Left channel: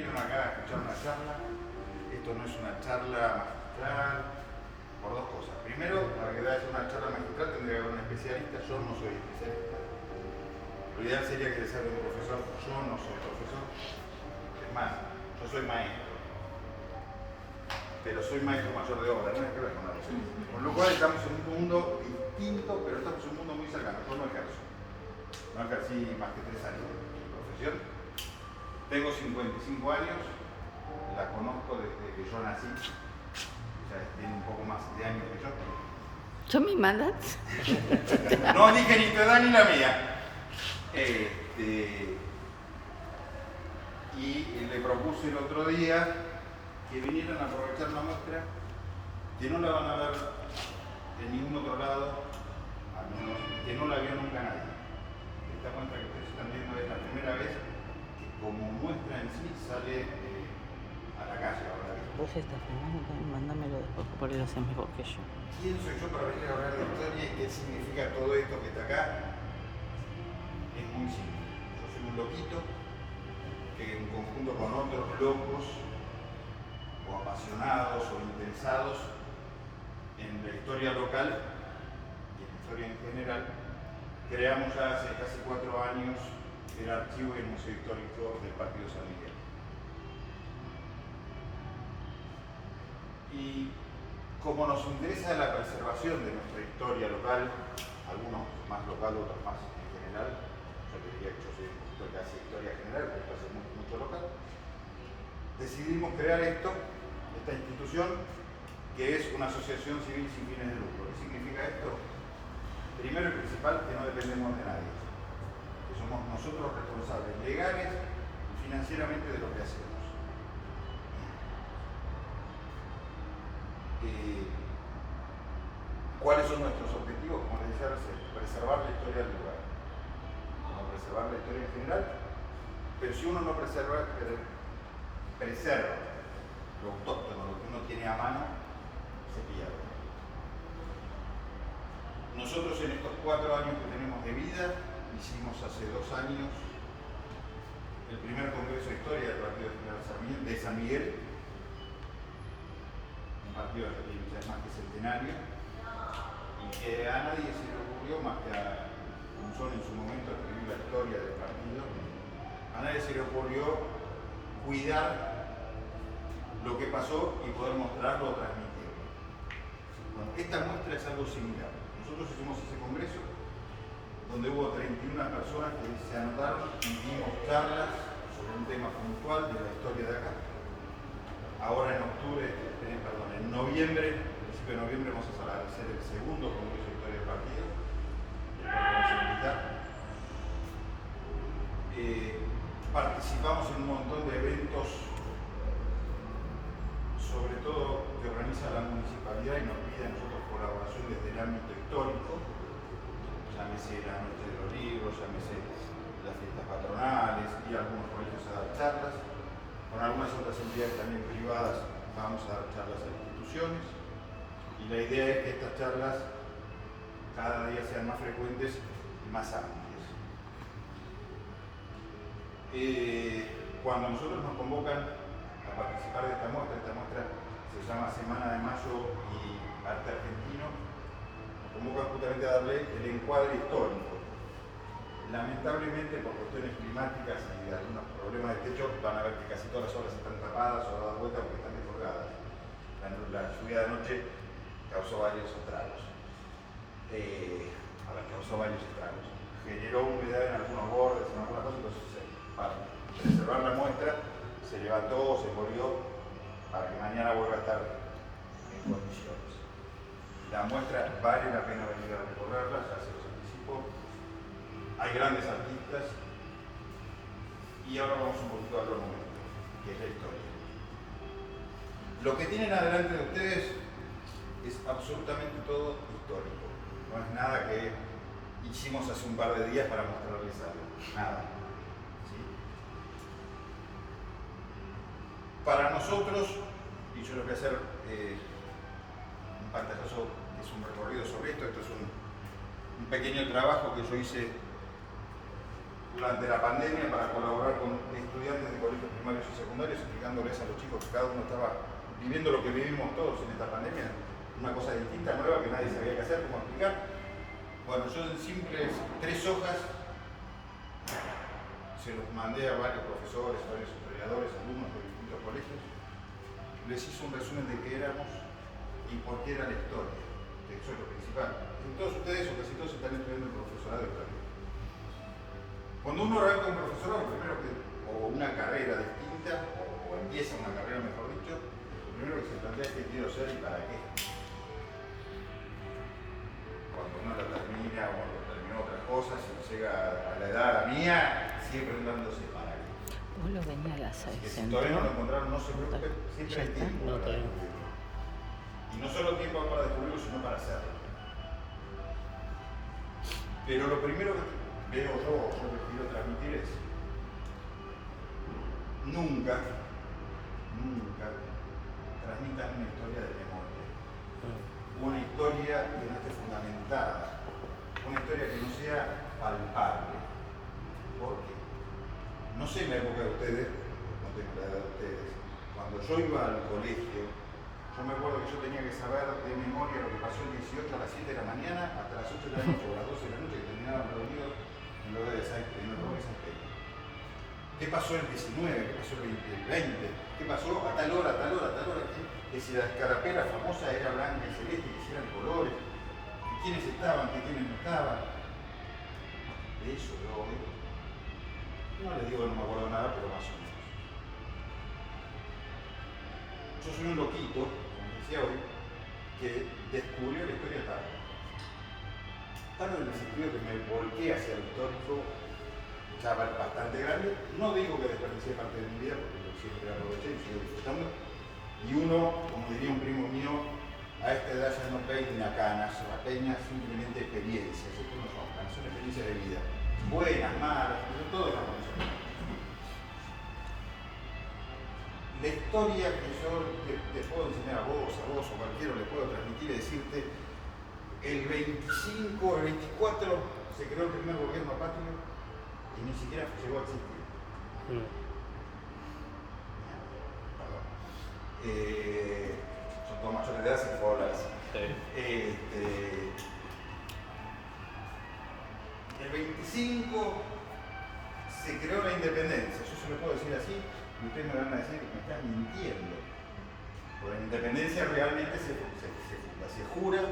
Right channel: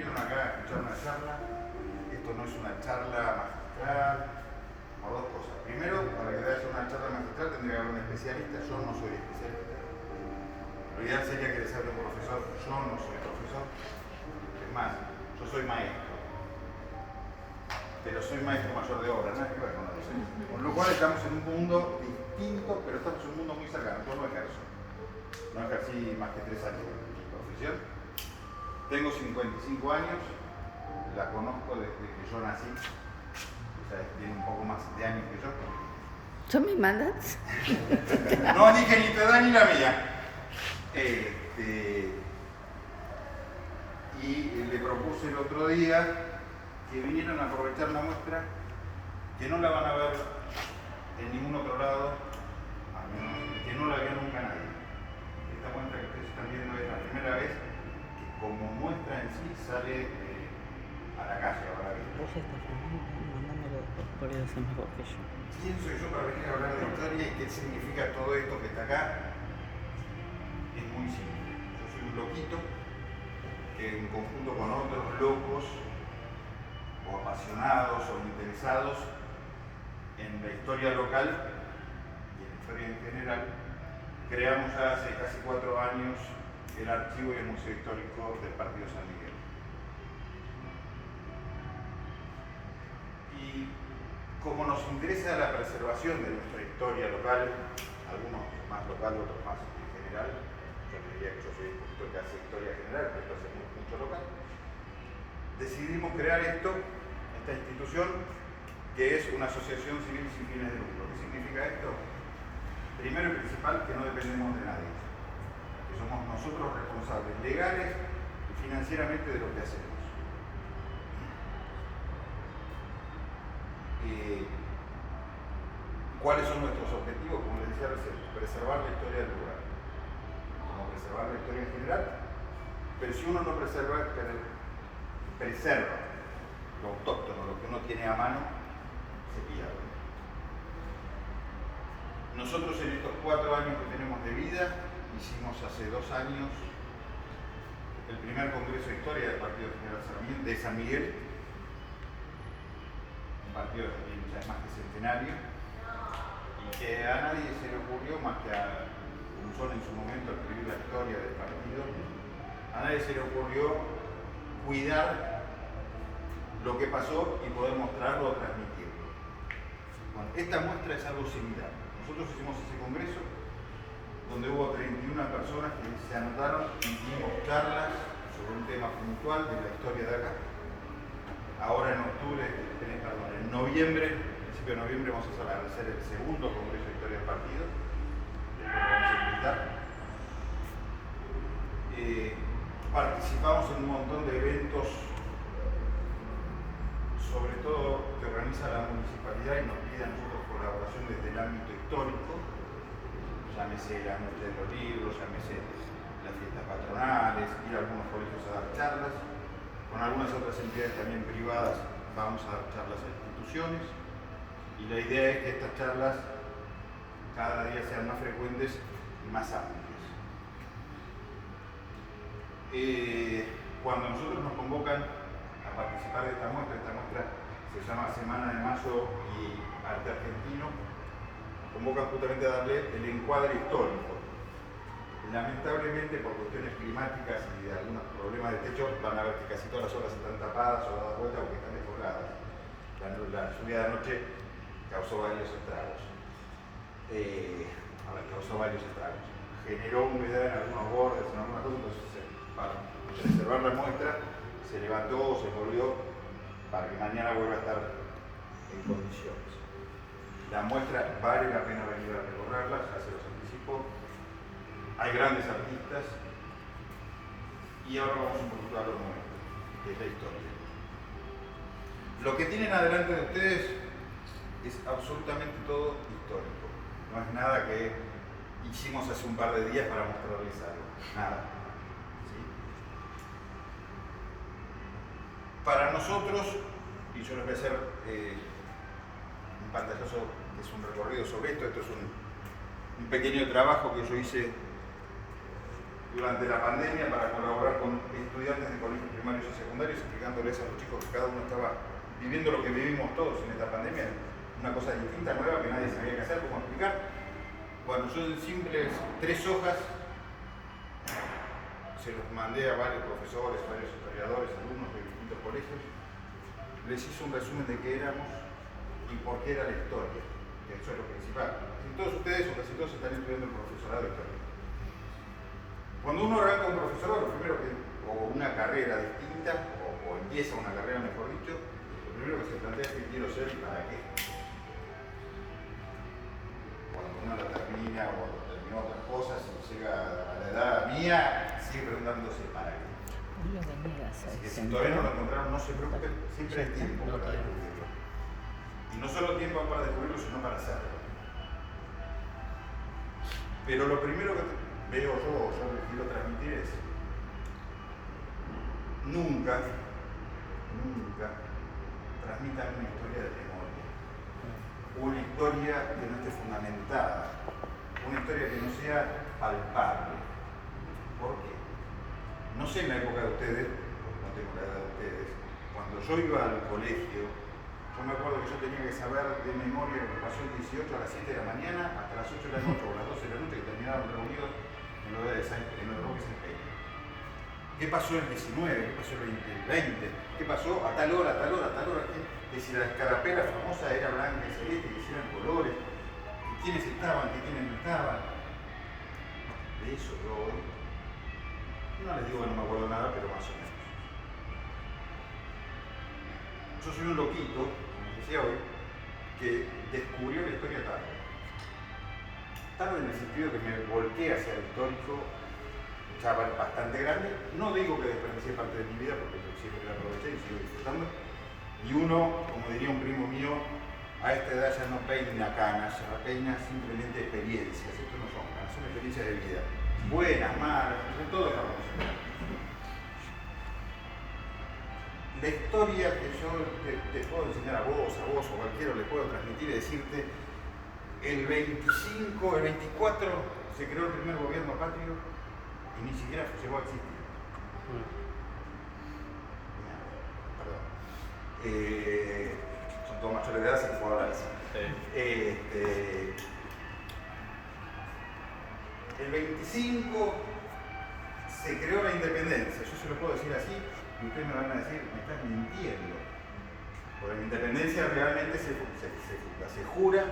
Vinieron acá a escuchar una charla. Esto no es una charla magistral, por dos cosas. Primero, para que haya una charla magistral tendría que haber un especialista. Yo no soy especialista. Lo ideal sería que les hable un profesor. Yo no soy profesor. Es más, yo soy maestro. Pero soy maestro mayor de obra, nada que ver con eso. Con lo cual estamos en un mundo distinto, pero estamos en un mundo muy cercano. Yo no ejerzo. No ejercí más que 3 años de profesión. Tengo 55 años, la conozco desde que yo nací, o sea, tiene un poco más de años que yo. ¿Tú me mandas? No dije ni tu edad ni la mía. Y le propuse el otro día que vinieran a aprovechar una muestra que no la van a ver en ningún otro lado, al menos que no la vio nunca nadie. Esta muestra que ustedes están viendo es la primera vez que como muestra en sí sale a la calle ahora. Vos estás filmando, mándamelo porque por ahí lo haces mejor que yo. ¿Quién soy yo para venir a hablar de la historia y qué significa todo esto que está acá? Es muy simple. Yo soy un loquito que en conjunto con otros locos o apasionados o interesados en la historia local y en la historia en general, creamos ya hace casi 4 años el archivo y el museo histórico del Partido San Miguel. Y como nos interesa la preservación de nuestra historia local, algunos más local, otros más en general, yo te diría que yo soy un poquito que hace historia general, pero que hace mucho local, decidimos crear esta institución que es una asociación civil sin fines de lucro. ¿Qué significa esto? Primero y principal, que no dependemos de nadie, que somos nosotros responsables legales y financieramente de lo que hacemos. ¿Cuáles son nuestros objetivos? Como les decía recién, preservar la historia del lugar, como preservar la historia en general, pero si uno no preserva lo autóctono, lo que uno tiene a mano, se pierde. Nosotros en estos 4 años que tenemos de vida, hicimos hace 2 años el primer Congreso de Historia del Partido General de San Miguel, un partido que ya es más que centenario, y que a nadie se le ocurrió, más que a Punzón en su momento, escribir la historia del partido, a nadie se le ocurrió cuidar lo que pasó y poder mostrarlo o transmitirlo. Bueno, esta muestra es algo similar. Nosotros hicimos ese congreso donde hubo 31 personas que se anotaron y dimos charlas sobre un tema puntual de la historia de acá. Ahora en noviembre, principio de noviembre, vamos a hacer el segundo congreso de historia del partido. Después lo vamos a invitar. Participamos en un montón de eventos, sobre todo que organiza la municipalidad y nos pide a nosotros colaboración desde el ámbito histórico, llámese la Noche de los Libros, llámese las fiestas patronales, ir a algunos colegios a dar charlas, con algunas otras entidades también privadas vamos a dar charlas a instituciones, y la idea es que estas charlas cada día sean más frecuentes y más amplias. Cuando nosotros nos convocan a participar de esta muestra se llama Semana de Mayo y Arte Argentino, nos convocan justamente a darle el encuadre histórico. Lamentablemente, por cuestiones climáticas y de algunos problemas de techo, van a ver que casi todas las obras están tapadas o dadas vuelta porque están descolgadas. La lluvia de anoche causó varios estragos. Generó humedad en algunos bordes, en algunas cosas, entonces para preservar la muestra se levantó o se volvió para que mañana vuelva a estar en condiciones. La muestra vale la pena venir a recorrerla, ya se los anticipo. Hay grandes artistas y ahora vamos un poquito a lo nuestro, que es la historia. Lo que tienen adelante de ustedes es absolutamente todo histórico. No es nada que hicimos hace un par de días para mostrarles algo. Nada. ¿Sí? Para nosotros, y yo les voy a hacer un pantallazo, que es un recorrido sobre esto, es un pequeño trabajo que yo hice durante la pandemia para colaborar con estudiantes de colegios primarios y secundarios, explicándoles a los chicos que cada uno estaba viviendo lo que vivimos todos en esta pandemia, una cosa distinta, nueva, que nadie sabía qué hacer, cómo explicar. Bueno, yo en simples 3 hojas se los mandé a varios profesores, varios historiadores, alumnos de distintos colegios, les hice un resumen de qué éramos y por qué era la historia, que eso es lo principal. Y todos ustedes, o casi todos, están estudiando el profesorado de historia. Cuando uno arranca un profesorado, lo primero que, o una carrera distinta, o empieza una carrera, mejor dicho, lo primero que se plantea es qué quiero ser y para qué. Cuando uno la termina o cuando terminó otras cosas y llega a la edad mía, sigue preguntándose para qué. Vos lo venía a Así que hacer. si todavía no lo encontraron, no se preocupen, siempre hay tiempo para descubrirlo. Y no solo tiempo para descubrirlo, sino para hacerlo. Pero lo primero que veo yo, o yo les quiero transmitir es nunca transmitan una historia de memoria. Una historia que no esté fundamentada. Una historia que no sea palpable. ¿Por qué? No sé en la época de ustedes, porque no tengo la edad de ustedes, cuando yo iba al colegio, yo me acuerdo que yo tenía que saber de memoria lo que pasó el 18 a las 7 de la mañana hasta las 8 de la noche o las 12 de la noche que terminaron reunidos en lo de San Pedro. ¿Qué pasó el 19? ¿Qué pasó el 20? ¿Qué pasó a tal hora, a tal hora, a tal hora? Que si la escarapela famosa era blanca y celeste, que si eran colores, que quiénes estaban, que quiénes no estaban. De eso yo hoy no les digo que no me acuerdo nada, pero más o menos. Yo soy un loquito, como decía hoy, que descubrió la historia tarde. Tarde en el sentido que me volqué hacia lo histórico ya bastante grande. No digo que desperdicié parte de mi vida, porque yo siempre la aproveché y sigo disfrutando. Y uno, como diría un primo mío, a esta edad ya no peina canas, ya peina simplemente experiencias. Esto no son canas, son experiencias de vida. Buenas, malas, de todo lo vamos a tener. La historia que yo te puedo enseñar a vos o cualquiera le puedo transmitir es decirte, el 25, el 24 se creó el primer gobierno patrio y ni siquiera llegó a existir. Perdón. Son todos mayores de edad, se puede hablar así. El 25 se creó la independencia, yo se lo puedo decir así, y ustedes me van a decir, me estás mintiendo. Porque la independencia realmente se jura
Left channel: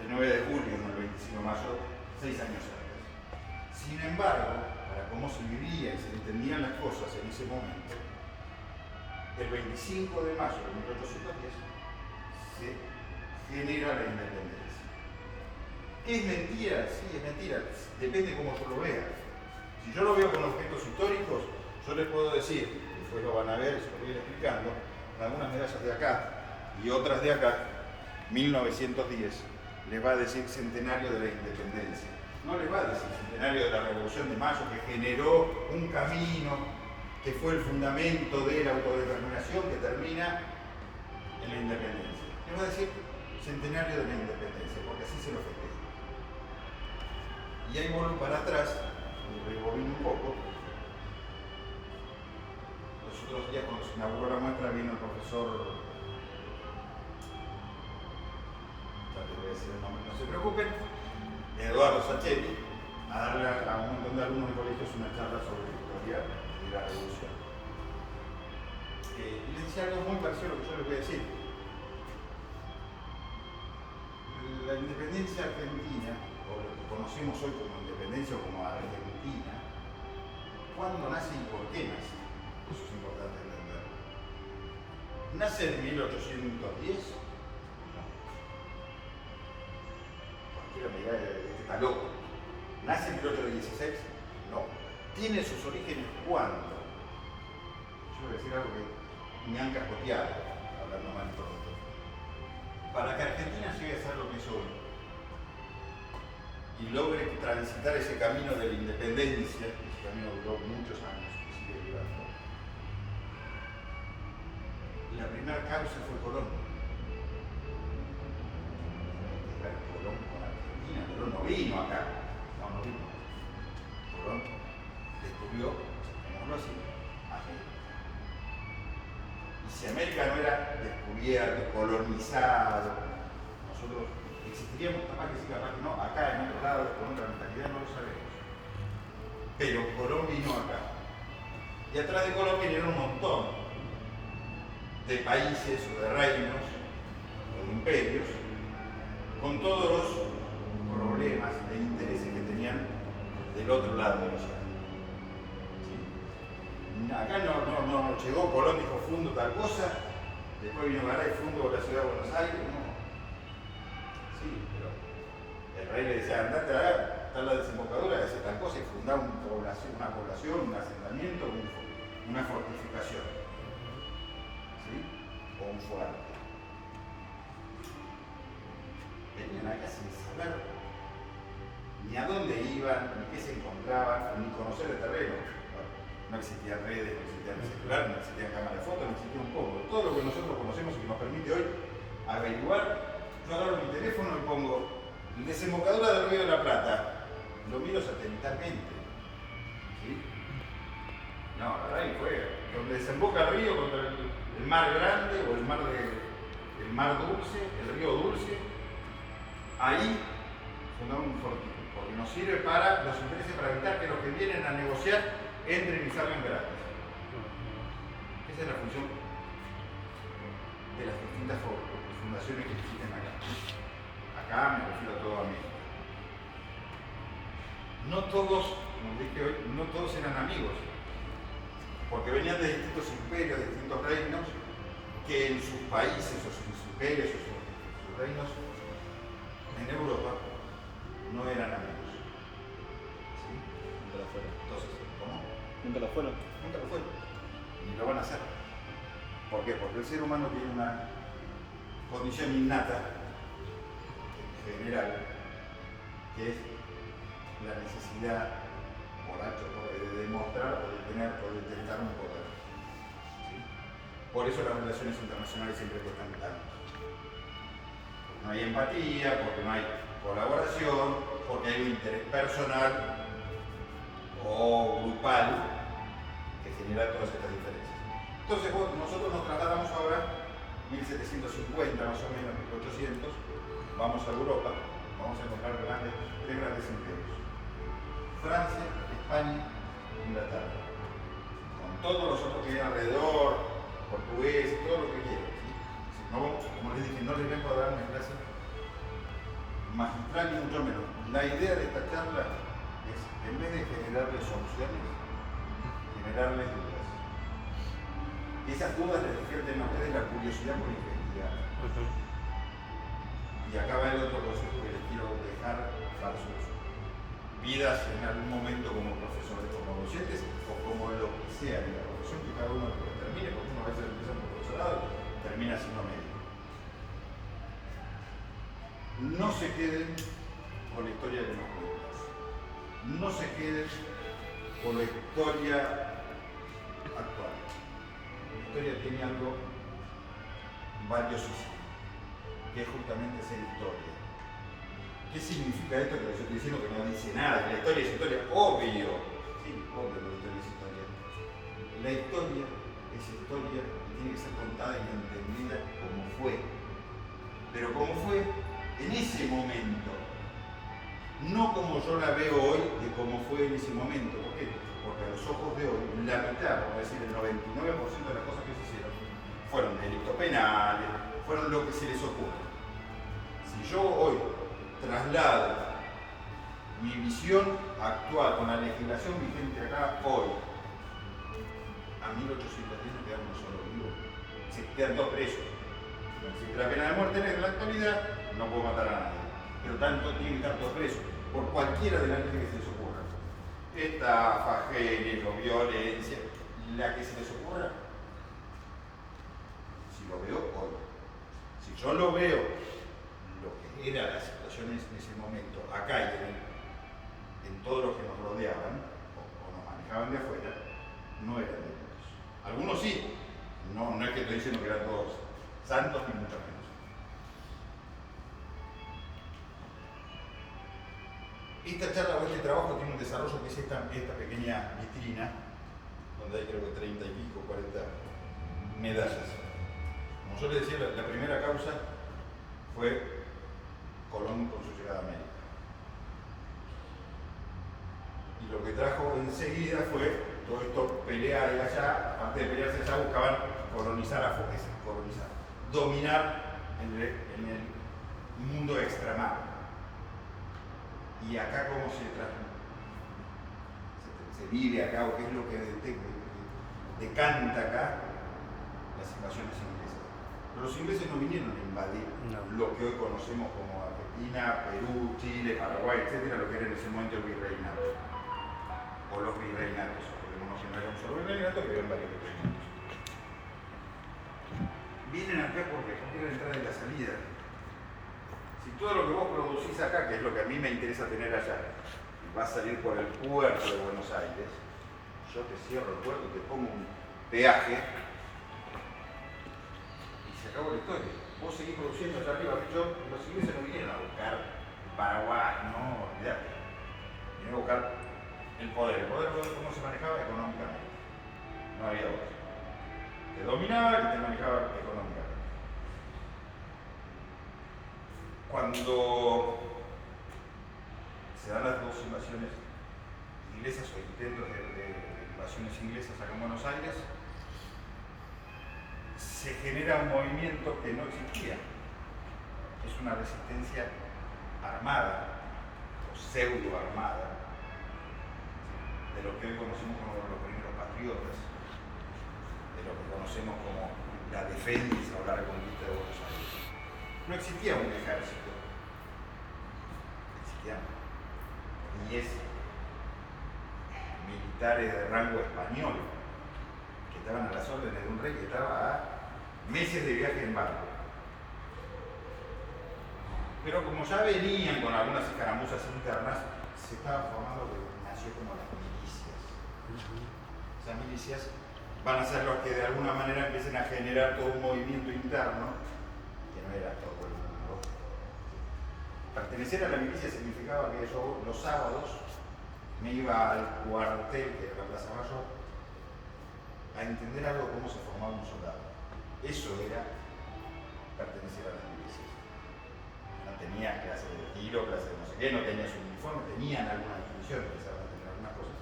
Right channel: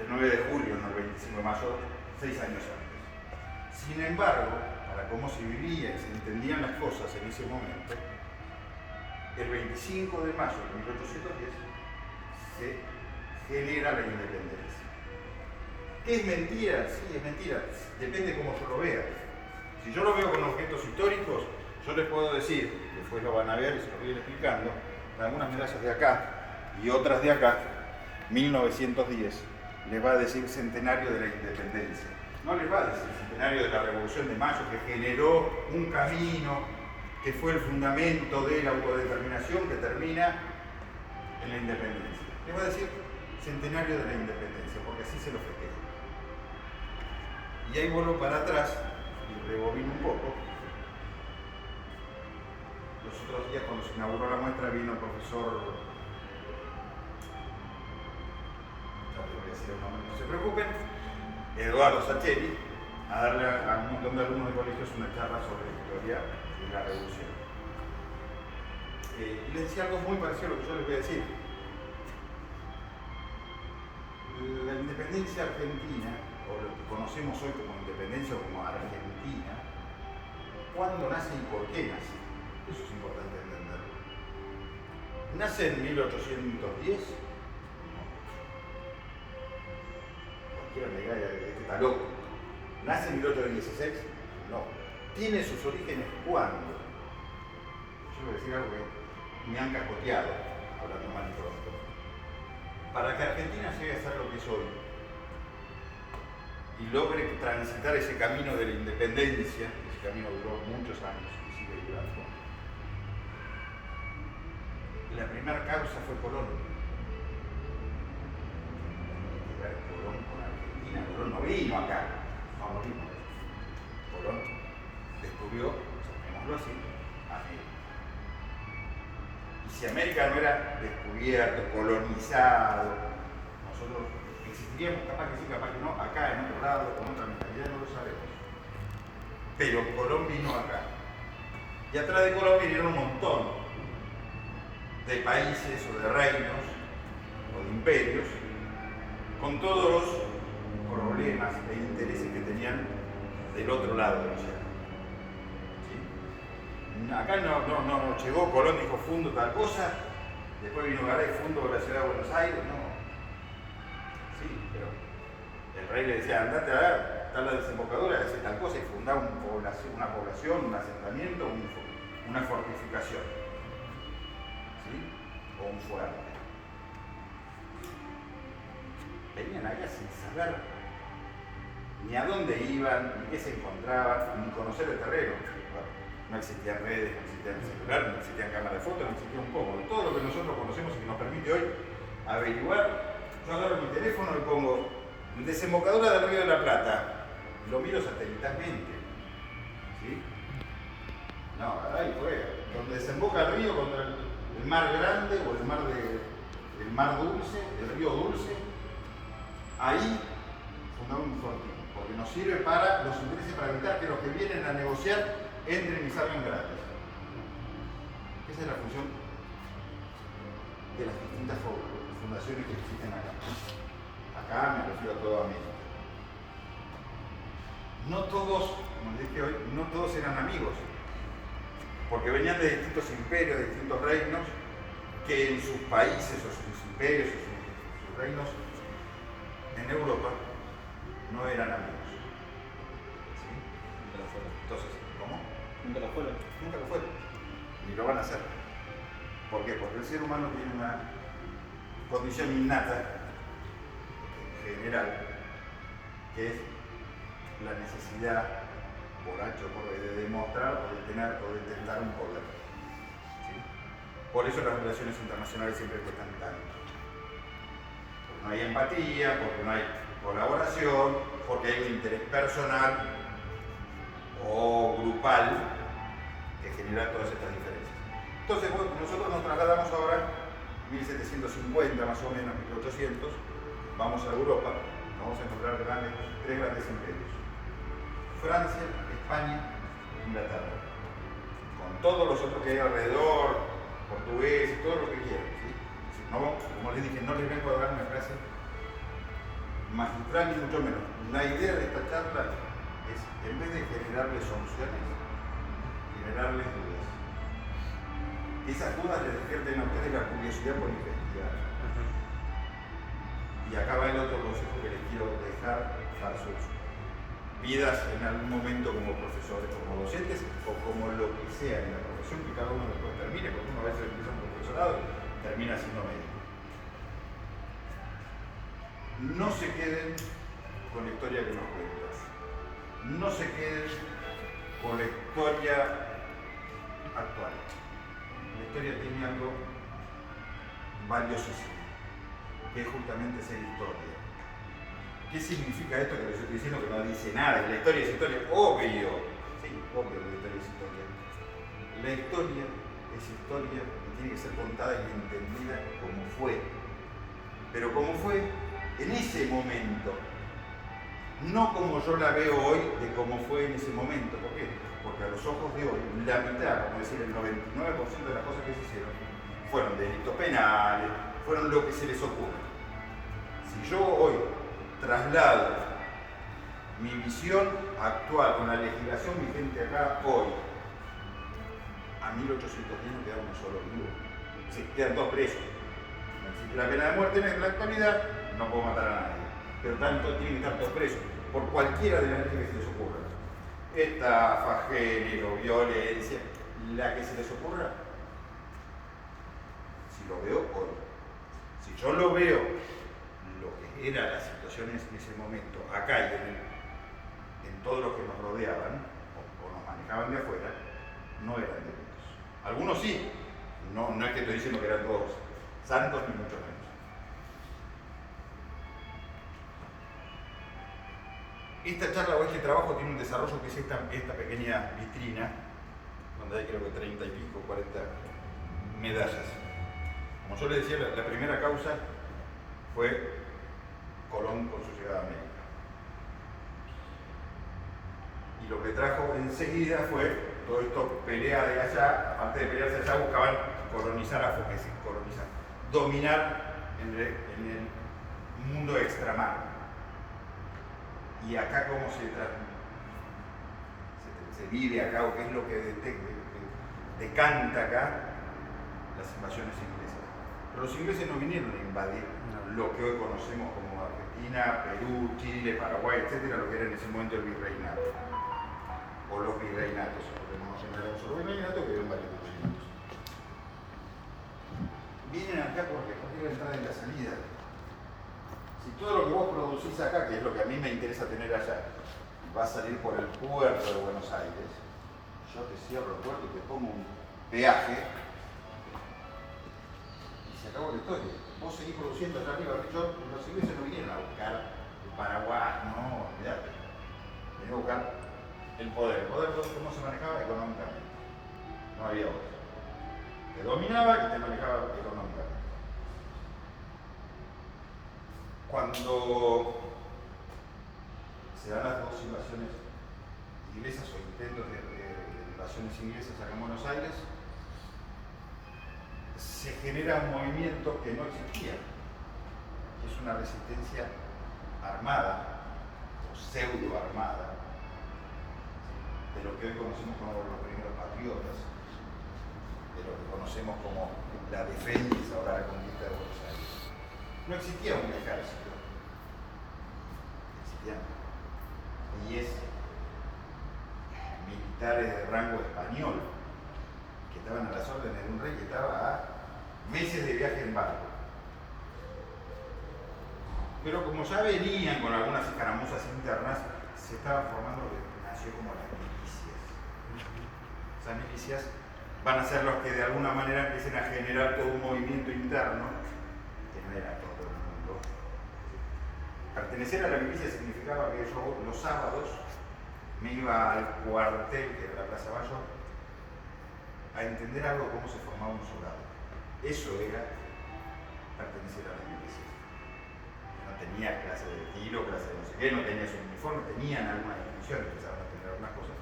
el 9 de julio, no el 25 de mayo, 6 años antes. Sin embargo, para cómo se vivía y se entendían las cosas en ese momento, el 25 de mayo de 1810 se genera la independencia. ¿Qué es mentira? Sí, es mentira. Depende cómo yo lo vea. Si yo lo veo con objetos históricos, yo les puedo decir, después lo van a ver y se lo voy a ir explicando, algunas medallas de acá y otras de acá, 1910, les va a decir centenario de la independencia. No les va a decir centenario de la Revolución de Mayo, que generó un camino, que fue el fundamento de la autodeterminación que termina en la independencia. Les va a decir centenario de la independencia, porque así se lo festeja. Y ahí vuelvo para atrás y rebobino un poco. Los otros días, cuando se inauguró la muestra, vino el profesor, ya les voy a decir el nombre, no se preocupen, Eduardo Sacheri, a darle a un montón de alumnos de colegios una charla sobre la historia de la revolución. Y les decía algo muy parecido a lo que yo les voy a decir. La independencia argentina, o lo que conocemos hoy como independencia o como Argentina, ¿cuándo nace y por qué nace? Eso es importante entenderlo. ¿Nace en 1810? No. Cualquiera me diga, este está loco. ¿Nace en 1816? No. ¿Tiene sus orígenes cuándo? Yo voy a decir algo que me han cascoteado, hablando más pronto. Para que Argentina llegue a ser lo que es hoy y logre transitar ese camino de la independencia, ese camino duró muchos años y sigue durando, la primera causa fue Colón. Colón con Argentina, Colón no vino acá, no vino. Colón descubrió, llamémoslo así, América. Y si América no era descubierto, colonizado, nosotros existiríamos, capaz que sí, capaz que no, acá en otro lado, con otra mentalidad, no lo sabemos. Pero Colón vino acá. Y atrás de Colón vinieron un montón de países o de reinos o de imperios con todos los problemas e intereses que tenían del otro lado del océano. ¿Sí? Acá no llegó Colón, dijo fundo tal cosa, después vino Garay, fundo la ciudad de Buenos Aires, no. Sí, pero el rey le decía, andate a dar la desembocadura y hacer tal cosa y fundar una población, un asentamiento, una fortificación. ¿Sí? O un fuerte. Venían acá sin saber ni a dónde iban, ni qué se encontraban, ni conocer el terreno. No existían redes, no existían celulares, no existían cámaras de fotos, no existía un poco. Todo lo que nosotros conocemos y que nos permite hoy averiguar, yo agarro mi teléfono y pongo desembocadura del Río de la Plata, lo miro satelitalmente. ¿Sí? No, ahí fue donde desemboca el río contra el mar grande o el mar dulce, el río dulce. Ahí fundamos un fortín, porque nos sirve para los intereses, para evitar que los que vienen a negociar entren y salgan gratis. Esa es la función de las distintas fundaciones que existen acá. Acá me refiero a toda América. No todos, como dije hoy, no todos eran amigos, porque venían de distintos imperios, de distintos reinos, que en sus países o sus imperios o sus reinos en Europa no eran amigos. ¿Sí? Nunca lo fueron. Entonces, ¿cómo? Nunca lo fueron. Nunca lo fueron, ni lo van a hacer. ¿Por qué? Porque el ser humano tiene una condición innata, en general, que es la necesidad, por H o por B, de demostrar o de tener o de tentar un poder. ¿Sí? Por eso las relaciones internacionales siempre cuestan tanto. Porque no hay empatía, porque no hay colaboración, porque hay un interés personal o grupal que genera todas estas diferencias. Entonces, nosotros nos trasladamos ahora, 1750 más o menos, 1800, vamos a Europa, vamos a encontrar tres grandes imperios. Francia, España, Inglaterra. Con todos los otros que hay alrededor, portugueses, todo lo que quieran. ¿Sí? No, como les dije, no les vengo a dar una clase magistral ni mucho menos. La idea de esta charla es, en vez de generarles soluciones, generarles dudas. Esas dudas les despierten a ustedes la curiosidad por investigar. Y acá va el otro consejo que les quiero dejar para sus vidas en algún momento como profesores, como docentes o como lo que sea en la profesión que cada uno después termine, porque uno a veces empieza un profesorado y termina siendo médico. No se queden con la historia que nos cuentas. No se queden con la historia actual. La historia tiene algo valiosísimo, que es justamente ser historia. ¿Qué significa esto que les estoy diciendo que no dice nada? La historia es historia, obvio. Sí, obvio que la historia es historia. La historia es historia y tiene que ser contada y entendida como fue. Pero como fue en ese momento. No como yo la veo hoy de cómo fue en ese momento. ¿Por qué? Porque a los ojos de hoy, la mitad, por decir el 99% de las cosas que se hicieron, fueron delitos penales, fueron lo que se les ocurra. Si yo hoy traslado mi visión actual con la legislación vigente acá hoy a 1810 no queda uno solo vivo, se quedan dos presos. No existe la pena de muerte en la actualidad, no puedo matar a nadie, pero tanto tienen que estar todos presos por cualquiera de las leyes que se les ocurra. Estafa, género, violencia, la que se les ocurra. Si lo veo hoy, si yo lo veo lo que era la situación en ese momento, acá y en todos los que nos rodeaban o nos manejaban de afuera, no eran delitos. Algunos sí, no es que estoy diciendo que eran todos santos ni mucho menos. Esta charla o este trabajo tiene un desarrollo que es esta pequeña vitrina, donde hay creo que 30 y pico, 40 medallas. Como yo le decía, la primera causa fue Colón con su llegada a América. Y lo que trajo enseguida fue todo esto, pelea de allá, antes de pelearse allá buscaban colonizar dominar en el mundo extramar. Y acá cómo se vive acá, o qué es lo que decanta acá las invasiones inglesas. Pero los ingleses no vinieron a invadir lo que hoy conocemos como Argentina, Perú, Chile, Paraguay, etcétera, lo que era en ese momento el virreinato. O los virreinatos, porque no era un solo virreinato, que eran varios virreinatos. Vienen acá porque es la entrada y la salida. Si todo lo que vos producís acá, que es lo que a mí me interesa tener allá, va a salir por el puerto de Buenos Aires, yo te cierro el puerto, te pongo un peaje y se acabó la historia. Vos seguís produciendo allá arriba. Los ingleses no vinieron a buscar el Paraguay, no, olvidate. Vinieron a buscar el poder. El poder cómo se manejaba económicamente. No había otro. Te dominaba y te manejaba económicamente. Cuando se dan las dos invasiones inglesas o intentos de invasiones inglesas acá en Buenos Aires, se genera un movimiento que no existía. Es una resistencia armada o pseudo armada de lo que hoy conocemos como los primeros patriotas, de lo que conocemos como la defensa o la reconquista de Buenos Aires. No existía un ejército, existían 10 militares de rango español que estaban a las órdenes de un rey que estaba a meses de viaje en barco. Pero como ya venían con algunas escaramuzas internas, se estaba formando lo que nació como las milicias. Esas milicias van a ser los que de alguna manera empiecen a generar todo un movimiento interno, que no era todo el mundo. Pertenecer a la milicia significaba que yo los sábados me iba al cuartel, que era la Plaza Bayo, a entender algo de cómo se formaba un soldado. Eso era pertenecer a las milicias. No tenía clase de tiro, clase de no sé qué, no tenía su uniforme, tenían algunas instituciones, empezaron a tener algunas cosas.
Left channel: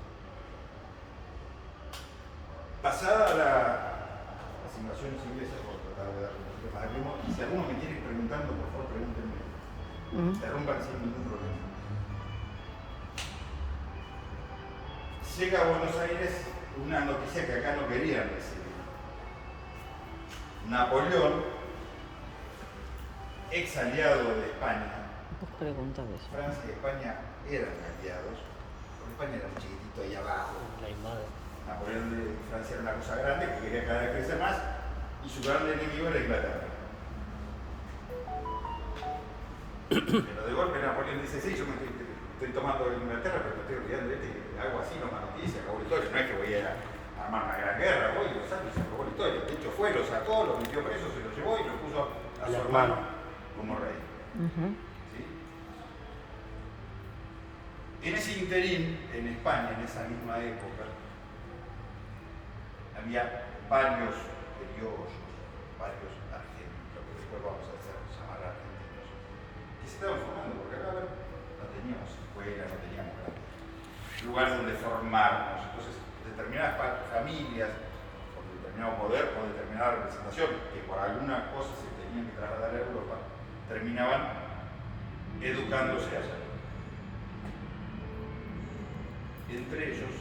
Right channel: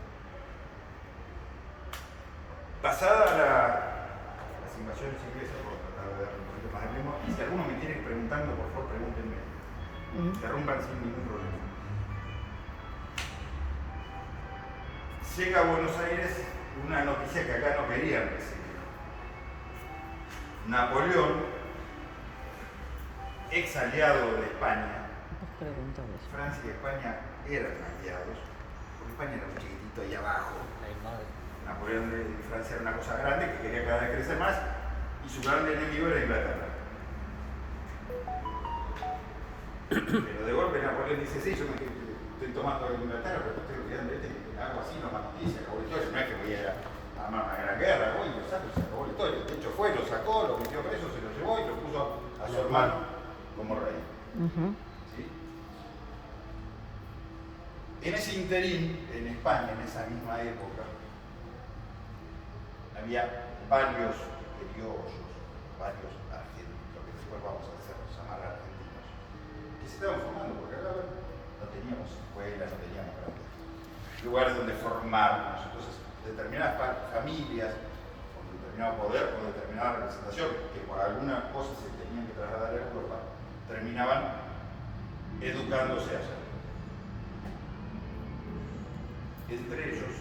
Pasada las invasiones inglesas, por tratar de dar un poquito más de ritmo, y si alguno me tiene preguntando, por favor pregúntenme. Interrumpan sin ningún problema. Llega a Buenos Aires una noticia que acá no querían recibir. Napoleón, ex aliado de España, Francia y España eran aliados, porque España era muy chiquitito ahí abajo. Napoleón de Francia era una cosa grande que quería cada vez crecer más, y su gran enemigo era Inglaterra. Pero de golpe Napoleón dice, sí, yo me estoy tomando Inglaterra, pero me estoy olvidando de hago así, no más noticias, acabó la historia. No es que voy a armar una gran guerra, voy, lo saco y se acabó la historia. De hecho fue, lo sacó, lo metió preso, se lo llevó y lo puso a su hermano como rey. ¿Sí? En ese interín, en España, en esa misma época, había varios criollos, varios argentinos, lo que después vamos a llamar argentinos, que se estaban formando, porque acá no teníamos escuelas, no teníamos grandes lugares donde formarnos. Entonces, determinadas familias, con determinado poder o determinada representación, que por alguna cosa se tenían que trasladar a Europa, terminaban educándose allá. Entre ellos,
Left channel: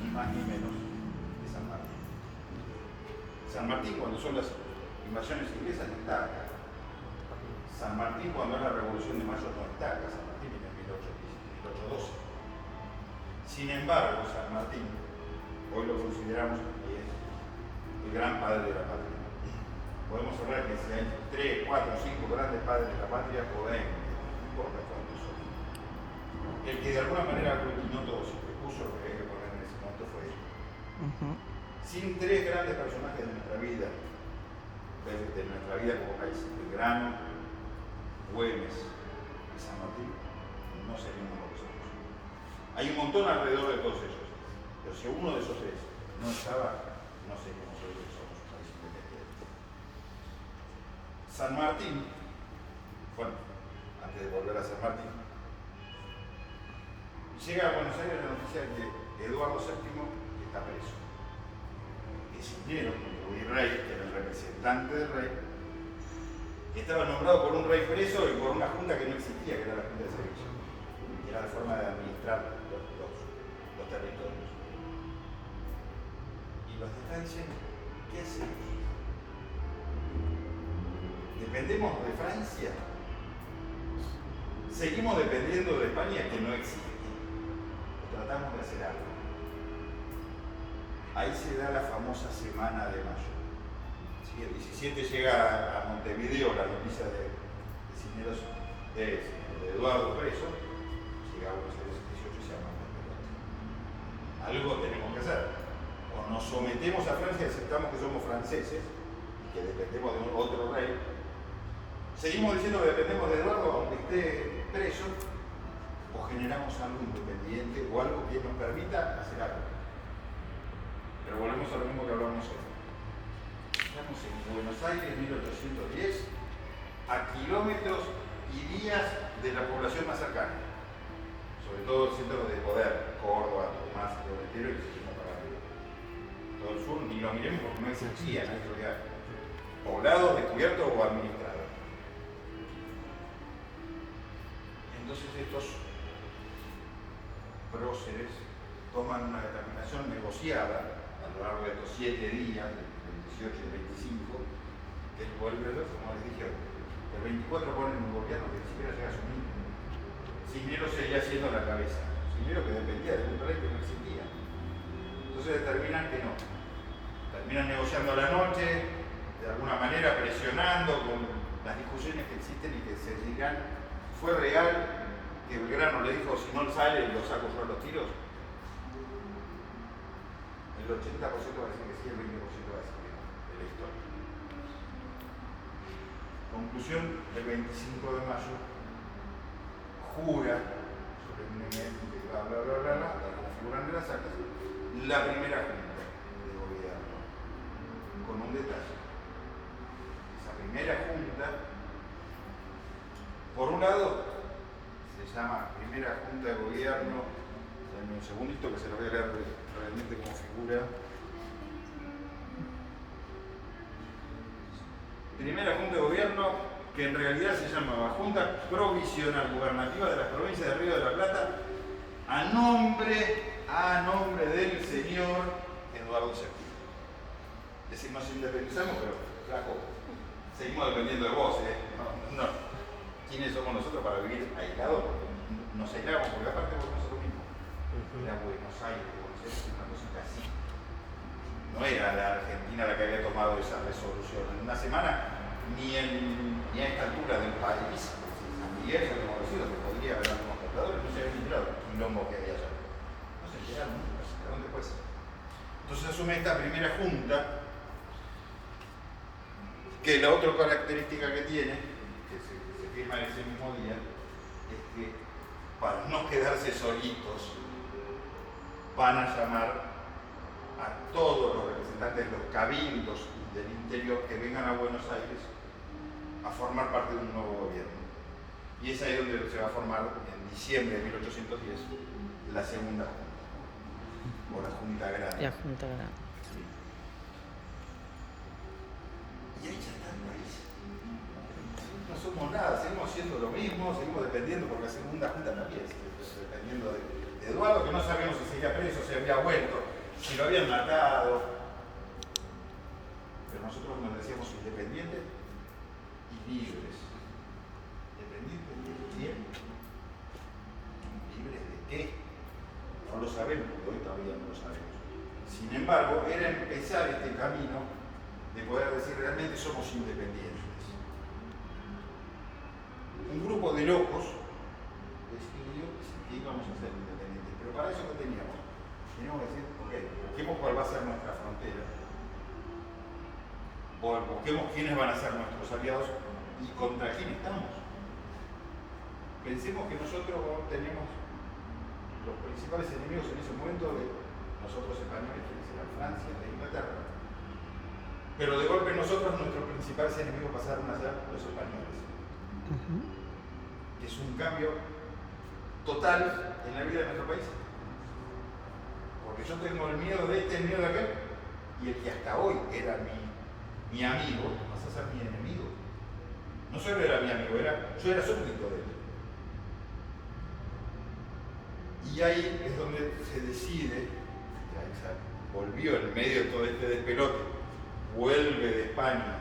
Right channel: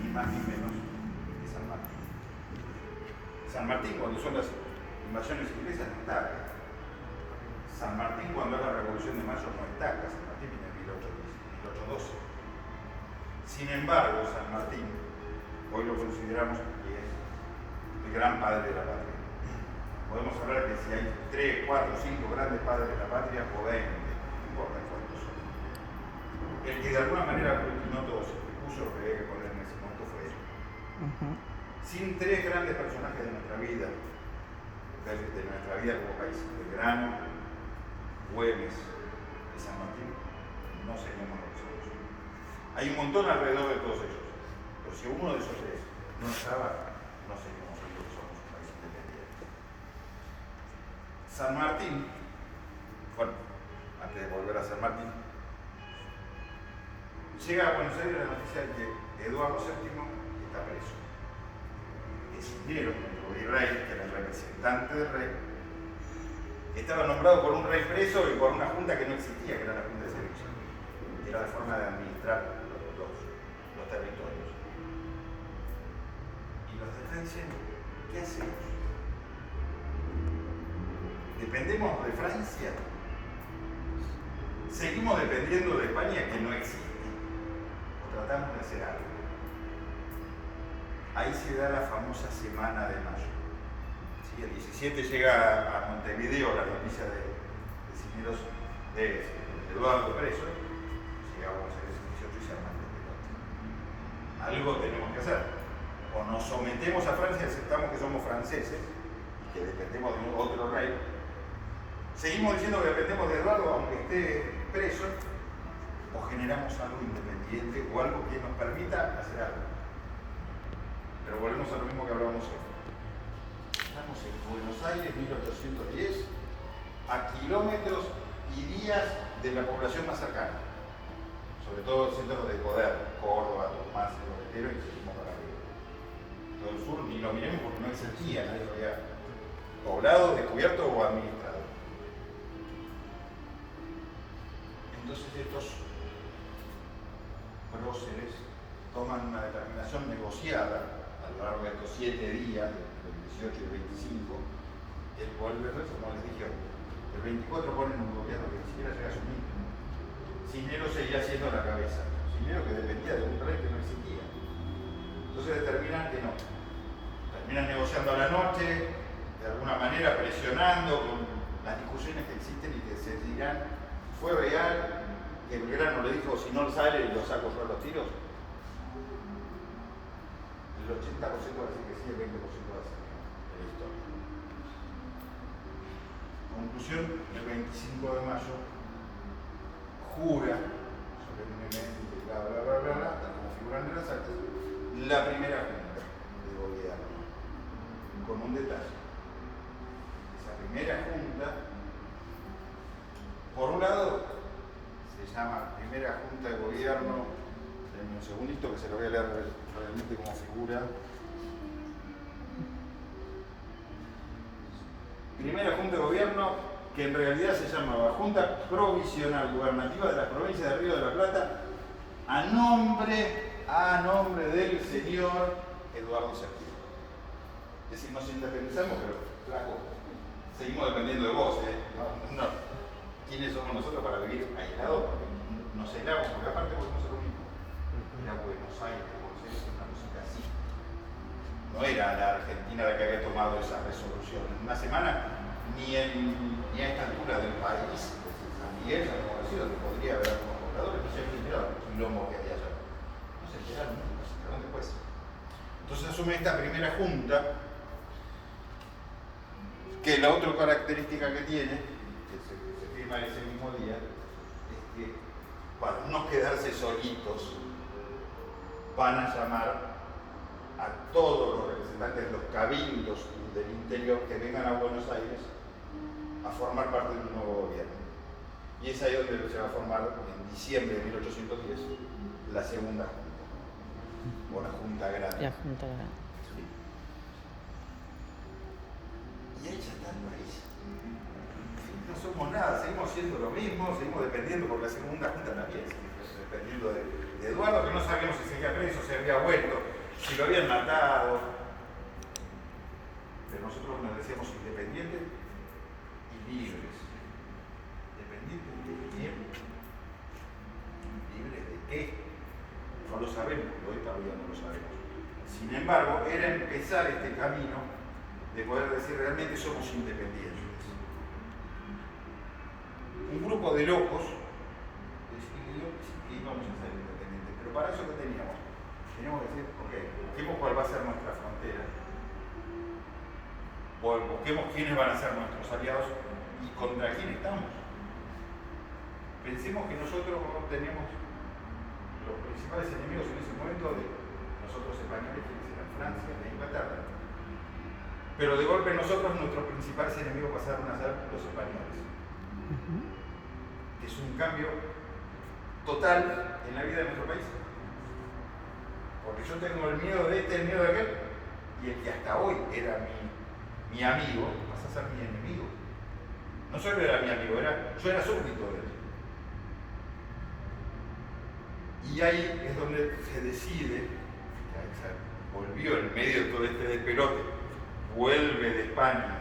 ni más ni menos que San Martín. San Martín, cuando son las invasiones inglesas, no está acá. San Martín, cuando es la Revolución de Mayo, no está acá. San Martín viene en 1812. Sin embargo, San Martín, hoy lo consideramos que es el gran padre de la patria. Podemos hablar que si hay 3, 4, 5 grandes padres de la patria, o 20, no importa cuántos son. El que de alguna manera aglutinó todo eso, que puso lo que había que poner en ese momento fue él. Sin 3 grandes personajes de nuestra vida como país, Belgrano, Güemes y San Martín, no seríamos lo que somos. Hay un montón alrededor de todos ellos, pero si uno de esos tres no estaba, no seríamos lo que somos, un país independiente. San Martín, bueno, antes de volver a San Martín, llega a Buenos Aires la noticia de que Eduardo VII está preso. Cisneros, nuestro virrey, que era el representante del rey, estaba nombrado por un rey preso y por una junta que no existía, que era la Junta de Sevilla, que era la forma de administrar los territorios. Y los de acá dicen, ¿qué hacemos? ¿Dependemos de Francia? ¿Seguimos dependiendo de España, que no existe? ¿O tratamos de hacer algo? Ahí se da la famosa Semana de Mayo. Sí, el 17 llega a Montevideo la noticia de Cisneros, de Eduardo preso, llega a Buenos Aires el 18 y se arma el despelote. Algo tenemos que hacer. O nos sometemos a Francia y aceptamos que somos franceses y que dependemos de otro rey. Seguimos diciendo que dependemos de Eduardo aunque esté preso, o generamos algo independiente o algo que nos permita hacer algo. Pero volvemos a lo mismo que hablábamos hoy. Estamos en Buenos Aires, 1810, a kilómetros y días de la población más cercana. Sobre todo centros de poder, Córdoba, Tucumán, Santiago del Estero, y seguimos para arriba. Todo el sur ni lo miremos porque no existía, nadie lo había poblado, descubierto o administrado. Entonces estos próceres toman una determinación negociada a lo largo de estos 7 días, del 18 y el 25, el volver, como les dije, el 24 ponen un gobierno que ni siquiera llega a asumir. Cisneros seguía siendo la cabeza, Cisneros que dependía de un rey que no existía. Entonces determinan que no. Terminan negociando a la noche, de alguna manera presionando con las discusiones que existen y que se dirán, ¿fue real que Belgrano le dijo si no sale lo saco yo a los tiros? El 80% va a decir que sí, el 20% va a decir que no, de la historia. Conclusión, el 25 de mayo jura solemnemente, bla bla bla bla, bla, como figuran en las actas, la primera junta de gobierno, con un detalle. Esa primera junta, por un lado, se llama Primera Junta de Gobierno. Un segundito que se lo voy a leer realmente como figura. Primera Junta de Gobierno, que en realidad se llamaba Junta Provisional Gubernativa de las Provincias del Río de la Plata, a nombre del señor Eduardo VII. Es decir, nos independizamos, pero flaco, seguimos dependiendo de vos, ¿eh? No. ¿Quiénes somos nosotros para vivir aislados? Nos aislamos, porque aparte volvemos a lo mismo. Era Buenos Aires, Buenos Aires es una cosita así. No era la Argentina la que había tomado esa resolución. En una semana, ni a esta altura del país, San Miguel ya habíamos decidido que podría haber algunos compradores, no se habían enterado del quilombo que había allá. No se enteraron nunca, se enteraron después. Entonces asume esta primera junta, que la otra característica que tiene, que se firma en ese mismo día, es que para no quedarse solitos, van a llamar a todos los representantes de los cabildos del interior que vengan a Buenos Aires a formar parte de un nuevo gobierno. Y es ahí donde se va a formar, en diciembre de 1810, la segunda junta, o la Junta Grande. La Junta Grande. Sí. Y ahí ya está el país. No somos nada, seguimos siendo lo mismo, seguimos dependiendo, porque la segunda junta también sigue dependiendo de Eduardo, que no sabemos si seguía preso, si había vuelto, si lo habían matado. Pero nosotros nos decíamos independientes y libres. ¿Dependientes de quién? ¿Libres de qué? No lo sabemos, porque hoy todavía no lo sabemos. Sin embargo, era empezar este camino de poder decir realmente somos independientes. Un grupo de locos decidió que íbamos a ser independientes, pero para eso ¿qué teníamos? Teníamos que decir, ok, busquemos cuál va a ser nuestra frontera, busquemos quiénes van a ser nuestros aliados y contra quién estamos. Pensemos que nosotros tenemos los principales enemigos en ese momento de nosotros españoles, quienes eran Francia e Inglaterra. Pero de golpe nosotros, nuestros principales enemigos pasaron a ser los españoles. Es un cambio total en la vida de nuestro país. Porque yo tengo el miedo de este, el miedo de aquel, y el que hasta hoy era mi amigo, pasa a ser mi enemigo. No solo era mi amigo, yo era súbdito de él. Y ahí es donde se decide, ahí se volvió en medio de todo este despelote, vuelve de España,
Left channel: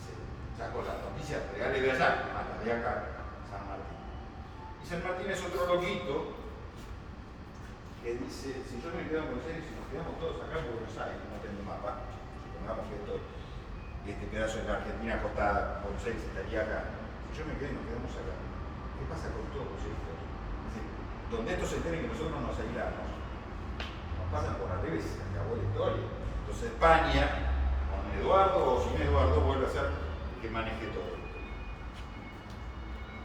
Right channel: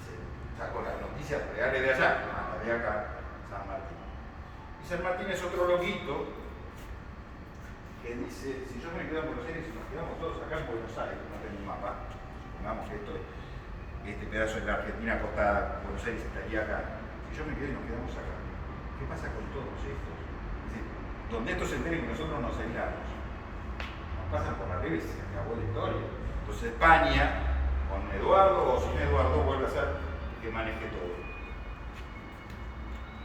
se sacó las noticias reales de allá, a la de acá, San Martín. Y San Martín es otro loquito que dice, si yo me quedo en Buenos Aires y nos quedamos todos acá en Buenos Aires, no tengo un mapa, supongamos que este pedazo de la Argentina acostada, Buenos Aires estaría acá, si yo me quedo y nos quedamos acá, ¿qué pasa con todos estos? Es decir, donde estos se enteren que nosotros nos aislamos, nos pasan por arriba y se acabó la historia. Entonces España, con Eduardo o sin Eduardo, vuelve a ser el que maneje todo.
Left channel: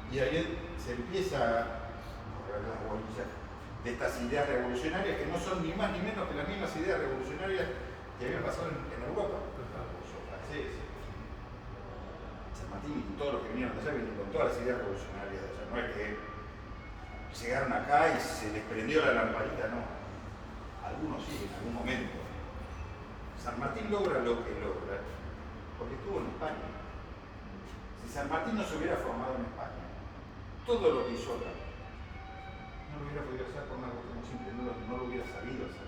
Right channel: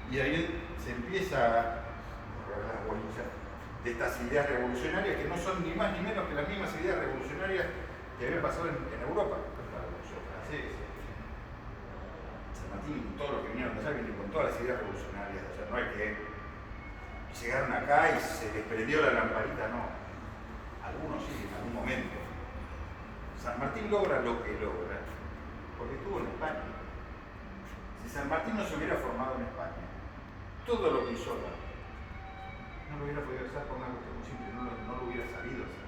Y ahí se empieza a correr las bolillas de estas ideas revolucionarias que no son ni más ni menos que las mismas ideas revolucionarias que habían pasado en Europa. La Revolución Francesa, San Martín y todos los que vinieron de allá vinieron con todas las ideas revolucionarias de allá. No es que llegaron acá y se les prendió la lamparita, no. Algunos sí, en algún momento. San Martín logra lo que logra porque estuvo en España. Si San Martín no se hubiera formado en España, todo lo que hizo acá no lo hubiera podido hacer por una cuestión muy simple, no lo hubiera sabido hacer.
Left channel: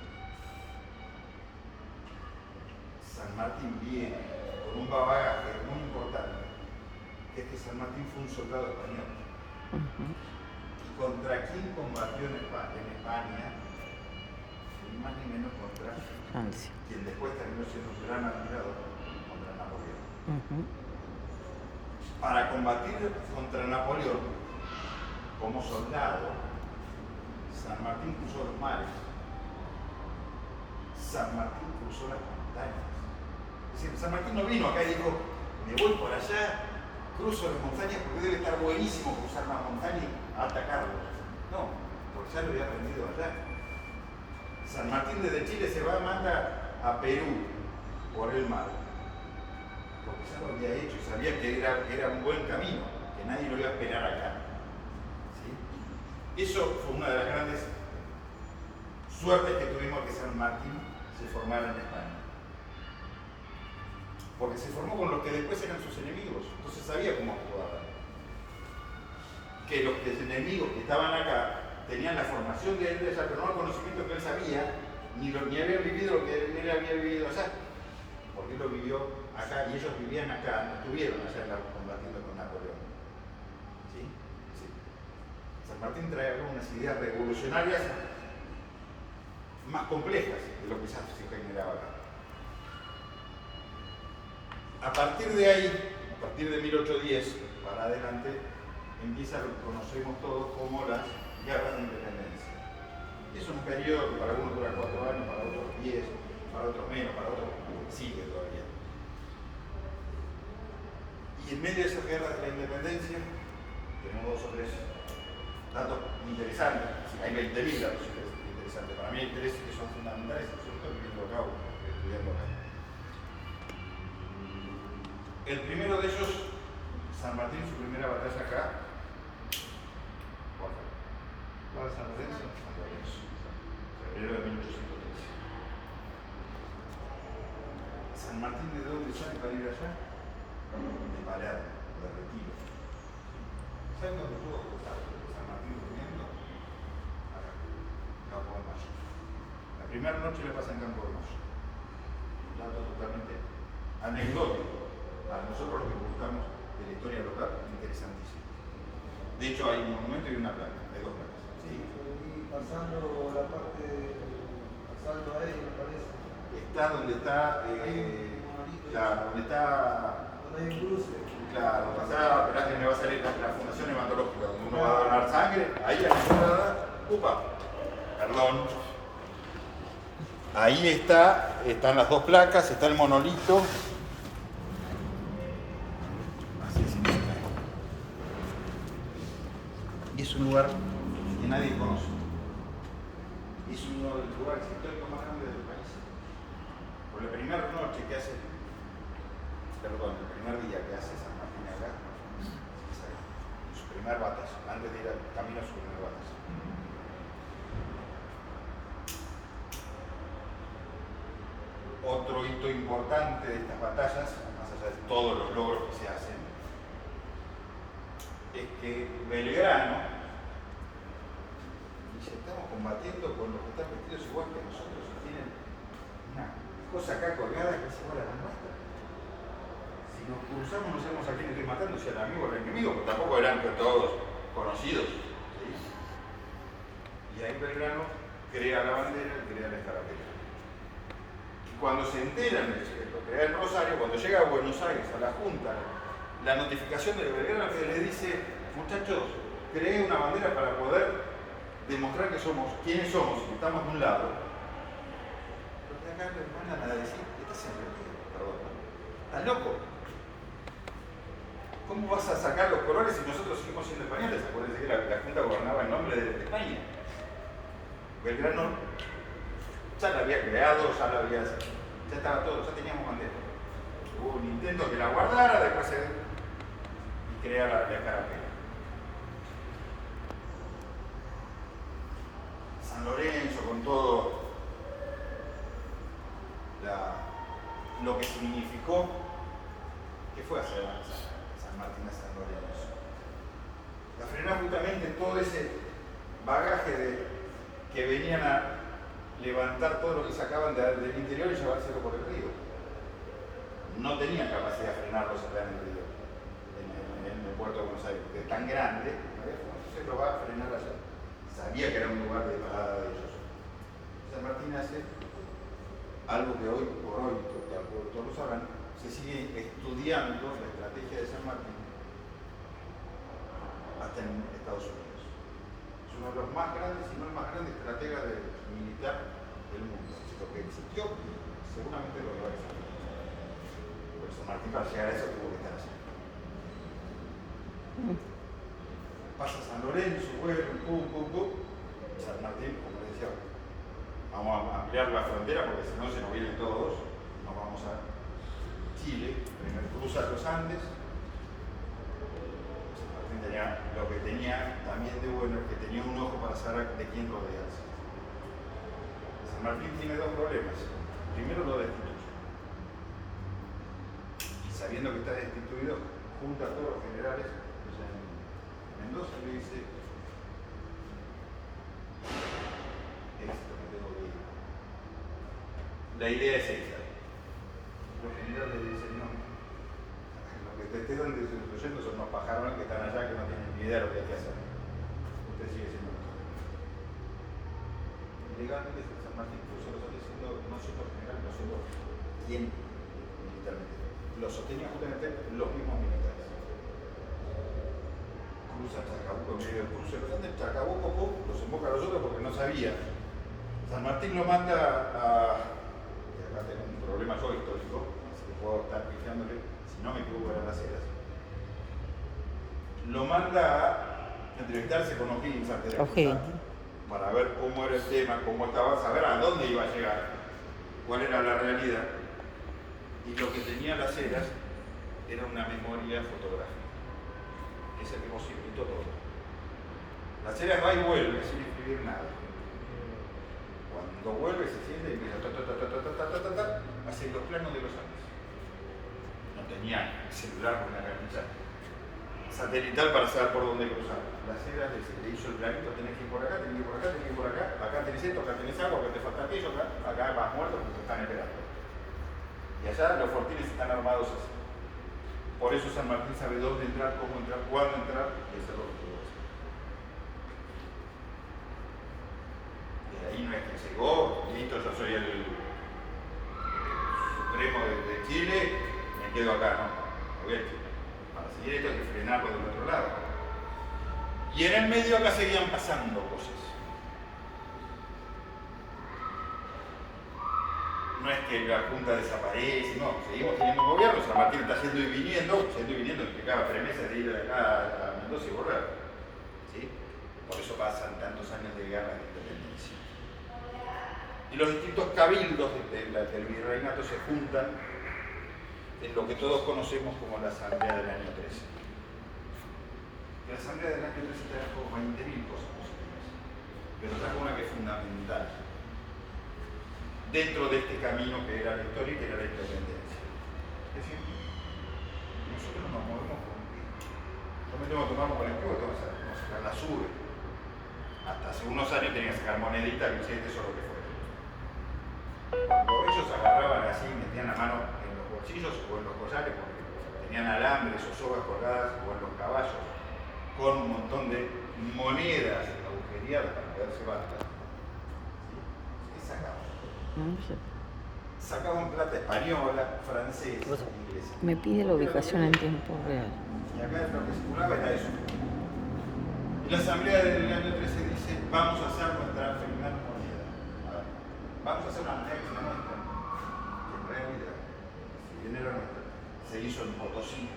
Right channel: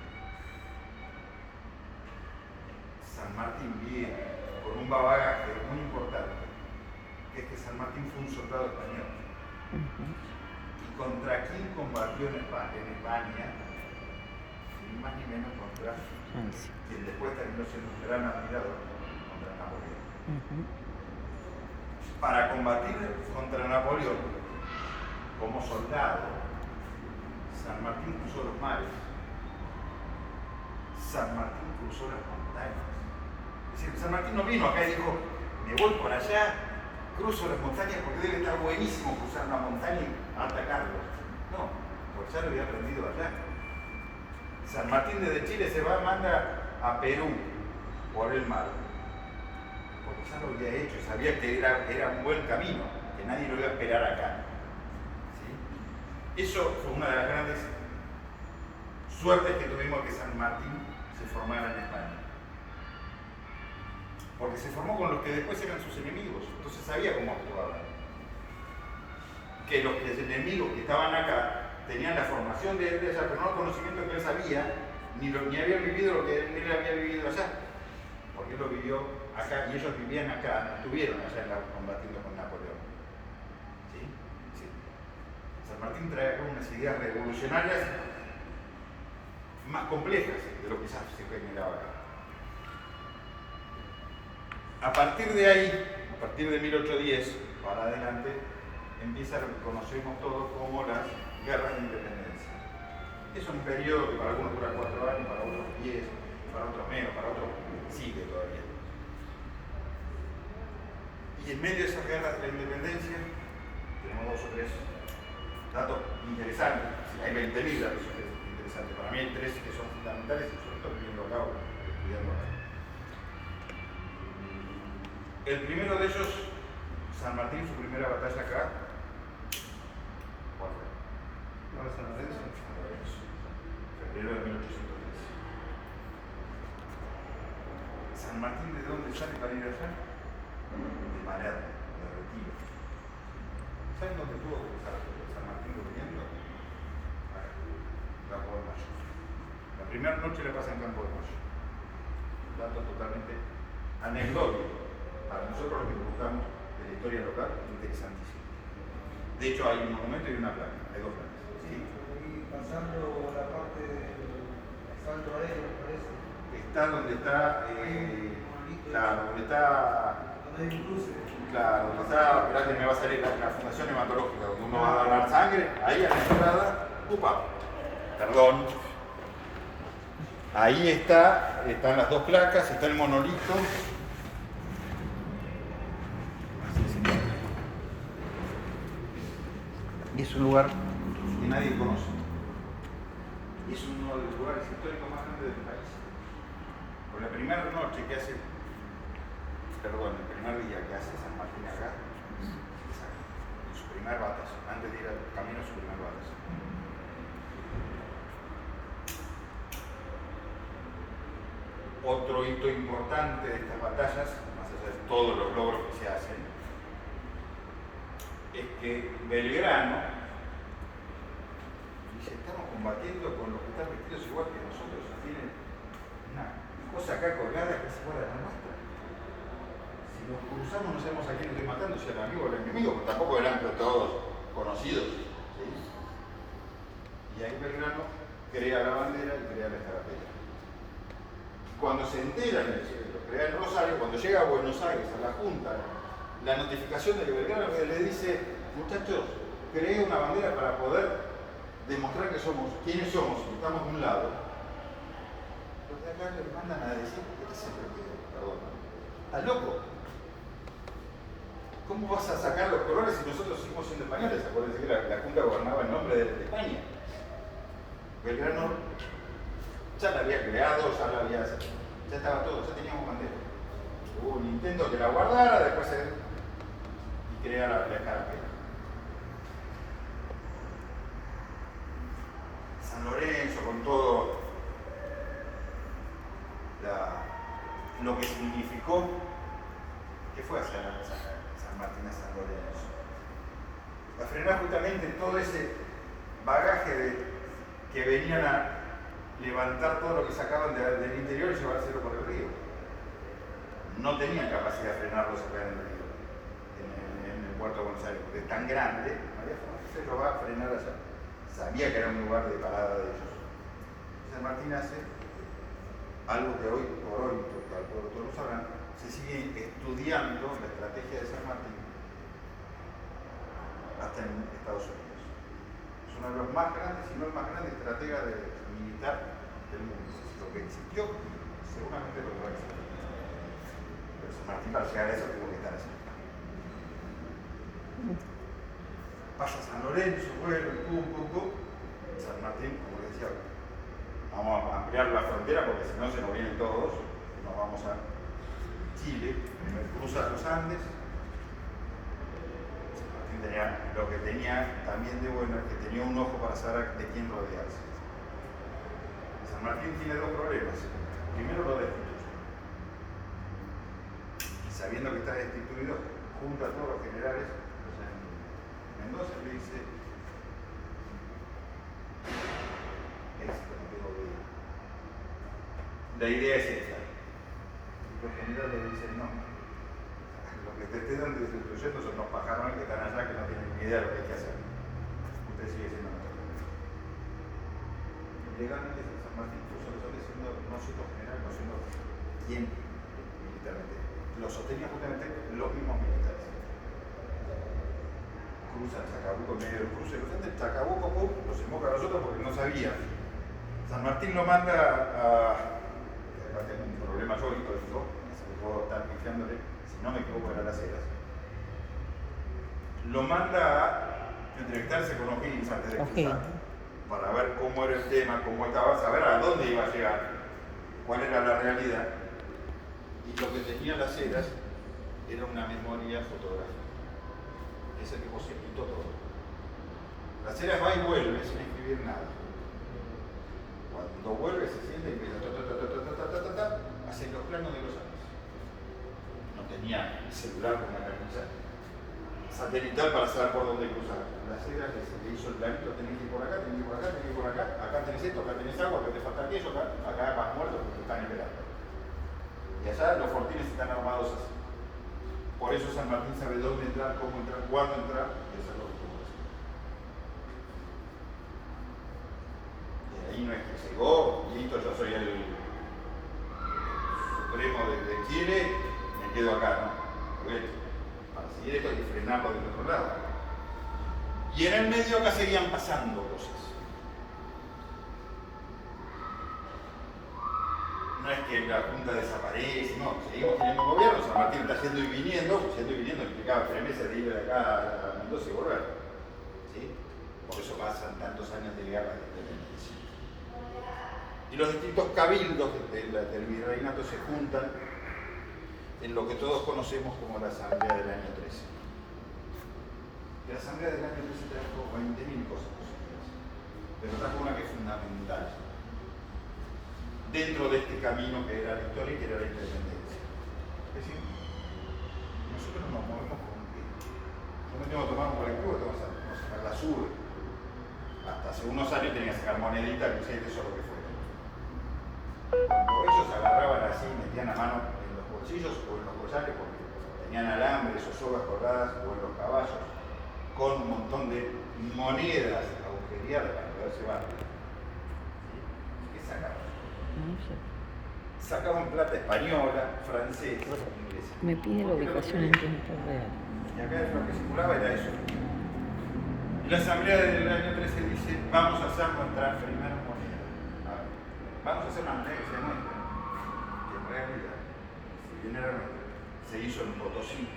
San Martín viene con un bagaje muy importante, que es que San Martín fue un soldado español. ¿Contra quién combatió en España? Ni más ni menos contra Francia. Quien después terminó siendo un gran admirador, contra Napoleón. Para combatir contra Napoleón, como soldado, San Martín cruzó los mares, San Martín cruzó las montañas. Es decir, San Martín no vino acá y dijo, me voy por allá, cruzo las montañas porque debe estar buenísimo cruzar una montaña y atacarlos. No, pues ya lo había aprendido allá. San Martín desde Chile se va, manda a Perú por el mar, porque ya lo había hecho, sabía que era un buen camino, que nadie lo iba a esperar acá. ¿Sí? Eso fue una de las grandes suertes que tuvimos, que San Martín se formara en España. Porque se formó con los que después eran sus enemigos, entonces sabía cómo actuaban. Que los enemigos que estaban acá tenían la formación de él allá, pero no el conocimiento que él sabía, ni habían vivido lo que él había vivido allá. Porque él lo vivió acá y ellos vivían acá, no estuvieron allá combatiendo con Napoleón. ¿Sí? Sí. San Martín trae acá unas ideas revolucionarias más complejas de lo que ya se generaba acá. A partir de ahí, a partir de 1810 para adelante, empieza lo que conocemos todos como las guerras de independencia. Es un periodo que para algunos dura 4 años, para otros 10, para otros menos, para otros sigue todavía. Y en medio de esas guerras de la independencia, tenemos 2 o 3 datos interesantes. Hay 20.000 datos interesantes. Para mí hay 3 que son fundamentales, y sobre todo viviendo acá o estudiando acá. El primero de ellos, San Martín, su primera batalla acá, ¿cuál fue? No, San Lorenzo. San Lorenzo, febrero de 1813. ¿San Martín de dónde sale para ir allá? De Palermo, o de Retiro. ¿Saben dónde tuvo que estar San Martín durmiendo? Acá, Campo de Mayo. La primera noche la pasa en Campo de Mayo. Un dato totalmente anecdótico. Para nosotros los que nos gustamos de la historia local, interesantísimo. De hecho hay un monumento y una placa, hay 2 placas. ¿Sí? Y pasando la parte del salto aéreo, me parece. Está donde está, claro, donde está, Donde hay un cruce. claro, donde está, esperá que me va a salir la fundación hematológica, donde uno va a donar sangre, ahí a la entrada, perdón. Ahí están las 2 placas, está el monolito. es un lugar que nadie conoce. Es uno de los lugares históricos más grandes del país. Por la primera noche que hace, perdón, el primer día que hace San Martín acá, en su primer batalla, antes de ir al camino a su primer batalla. Otro hito importante de estas batallas, más allá de todos los logros que se hacen, es que Belgrano dice, estamos combatiendo con los que están vestidos igual que nosotros y tienen una cosa acá colgada que es igual a la nuestra. Si nos cruzamos no sabemos a quién estoy matando, si al amigo o al enemigo, porque tampoco eran todos conocidos. ¿Sí? Y ahí Belgrano crea la bandera y crea la escarapela. Y cuando se enteran, lo crea el Rosario, cuando llega a Buenos Aires, a la Junta, la notificación de Belgrano le dice, muchachos, creé una bandera para poder demostrar que somos, quiénes somos, y estamos de un lado. Los de acá les mandan a decir, ¿qué estás entendido? Perdón, ¿estás loco? ¿Cómo vas a sacar los colores si nosotros seguimos siendo españoles? Acuérdense que la Junta gobernaba en nombre de España. Belgrano ya la había creado, ya estaba todo, ya teníamos bandera. Hubo un intento que la guardara, después y crea la escarapela. San Lorenzo, con todo lo que significó, ¿qué fue hacer San Martín a San Lorenzo? A frenar justamente todo ese bagaje que venían a levantar todo lo que sacaban del interior y llevárselo por el río. No tenían capacidad de frenarlos acá en el río, en el puerto de Buenos Aires, porque es tan grande, se lo va a frenar allá. Sabía que era un lugar de parada de ellos. San Martín hace algo que hoy por hoy, porque al pueblo todos lo sabrán, se sigue estudiando la estrategia de San Martín hasta en Estados Unidos. Es uno de los más grandes, si no el más grande estratega militar del mundo. Lo que existió, seguramente lo que va a existir. Pero San Martín para llegar a eso tuvo que estar así. Pasa San Lorenzo, vuelve, San Martín, como les decía, vamos a ampliar la frontera porque si no se nos vienen todos, nos vamos a Chile, primero cruza los Andes. San Martín tenía, lo que tenía también de bueno es que tenía un ojo para saber de quién rodearse. San Martín tiene dos problemas. Primero lo destituye. Y sabiendo que está destituido, junta a todos los generales Mendoza le dice, esto no tengo que ir. La idea es esta. Los generales le dicen, no, lo que te estén destruyendo son unos pajarones que están allá que no tienen ni idea de lo que hay que hacer. Usted sigue siendo nuestro general. Legalmente San Martín puso lo que está diciendo, no siendo general, no siendo quién militarmente. Lo sostenía justamente los mismos militares. Cruza Chacabuco en medio del cruce de los Andes, Chacabuco, los invoca a los otros porque no sabía. San Martín lo manda acá tengo un problema yo histórico, así que puedo estar pifiándole, si no me equivoco era Las Heras. Lo manda a entrevistarse con O'Higgins antes de cruzar, para ver cómo era el tema, cómo estaba, saber a dónde iba a llegar, cuál era la realidad. Y lo que tenía Las Heras era una memoria fotográfica. Es el que posibilitó todo. Las Heras va y vuelve sin escribir nada. Cuando vuelve se siente y empieza hace los planos de los Andes. No tenía el celular con una canilla satelital para saber por dónde cruzar. Las Heras le hizo el planito, tenés que ir por acá, tenés que ir por acá, tenés que ir por acá, acá tenés esto, acá tenés algo, acá te falta aquello, acá vas muerto porque te están esperando. Y allá los fortines están armados así. Por eso San Martín sabe dónde entrar, cómo entrar, cuándo entrar y hacer lo que tuvo que hacer. Y ahí no es que llegó, listo, yo soy el supremo de Chile, me quedo acá, ¿no? Porque para seguir esto hay que frenarlo del otro lado. Y en el medio acá seguían pasando cosas. No es que la Junta desaparece, no, seguimos teniendo un gobierno, San Martín está yendo y viniendo implicaba 3 meses de ir de acá a Mendoza y volver. ¿Sí? Por eso pasan tantos años de guerra de independencia. Y los distintos cabildos del virreinato se juntan en lo que todos conocemos como la Asamblea del año 13. La Asamblea del año 13 trajo 20.000 cosas positivas, pero trajo una que es fundamental dentro de este camino que era la historia y que era la independencia. Es decir, nosotros nos movemos por un pie. Yo me tengo que tomar por el cubo, tengo que sacar la sube. Hasta hace unos años tenía que sacar moneditas, billetes o lo que fuera. Cuando ellos agarraban así, metían la mano en los bolsillos o en los collares porque tenían alambres o sogas colgadas o en los caballos con un montón de monedas agujereadas para poder llevarlas. ¿Sí? ¿Qué sacaban? No sé. Sacaban plata española, francesa, inglesa. Me pide la ubicación en tiempo real. Y acá lo que circulaba era eso. Y la Asamblea del año 13 dice, vamos a hacer nuestra primera moneda. Vamos a hacer una moneda que sea nuestra, que en realidad, si bien era nuestra, se hizo en Potosí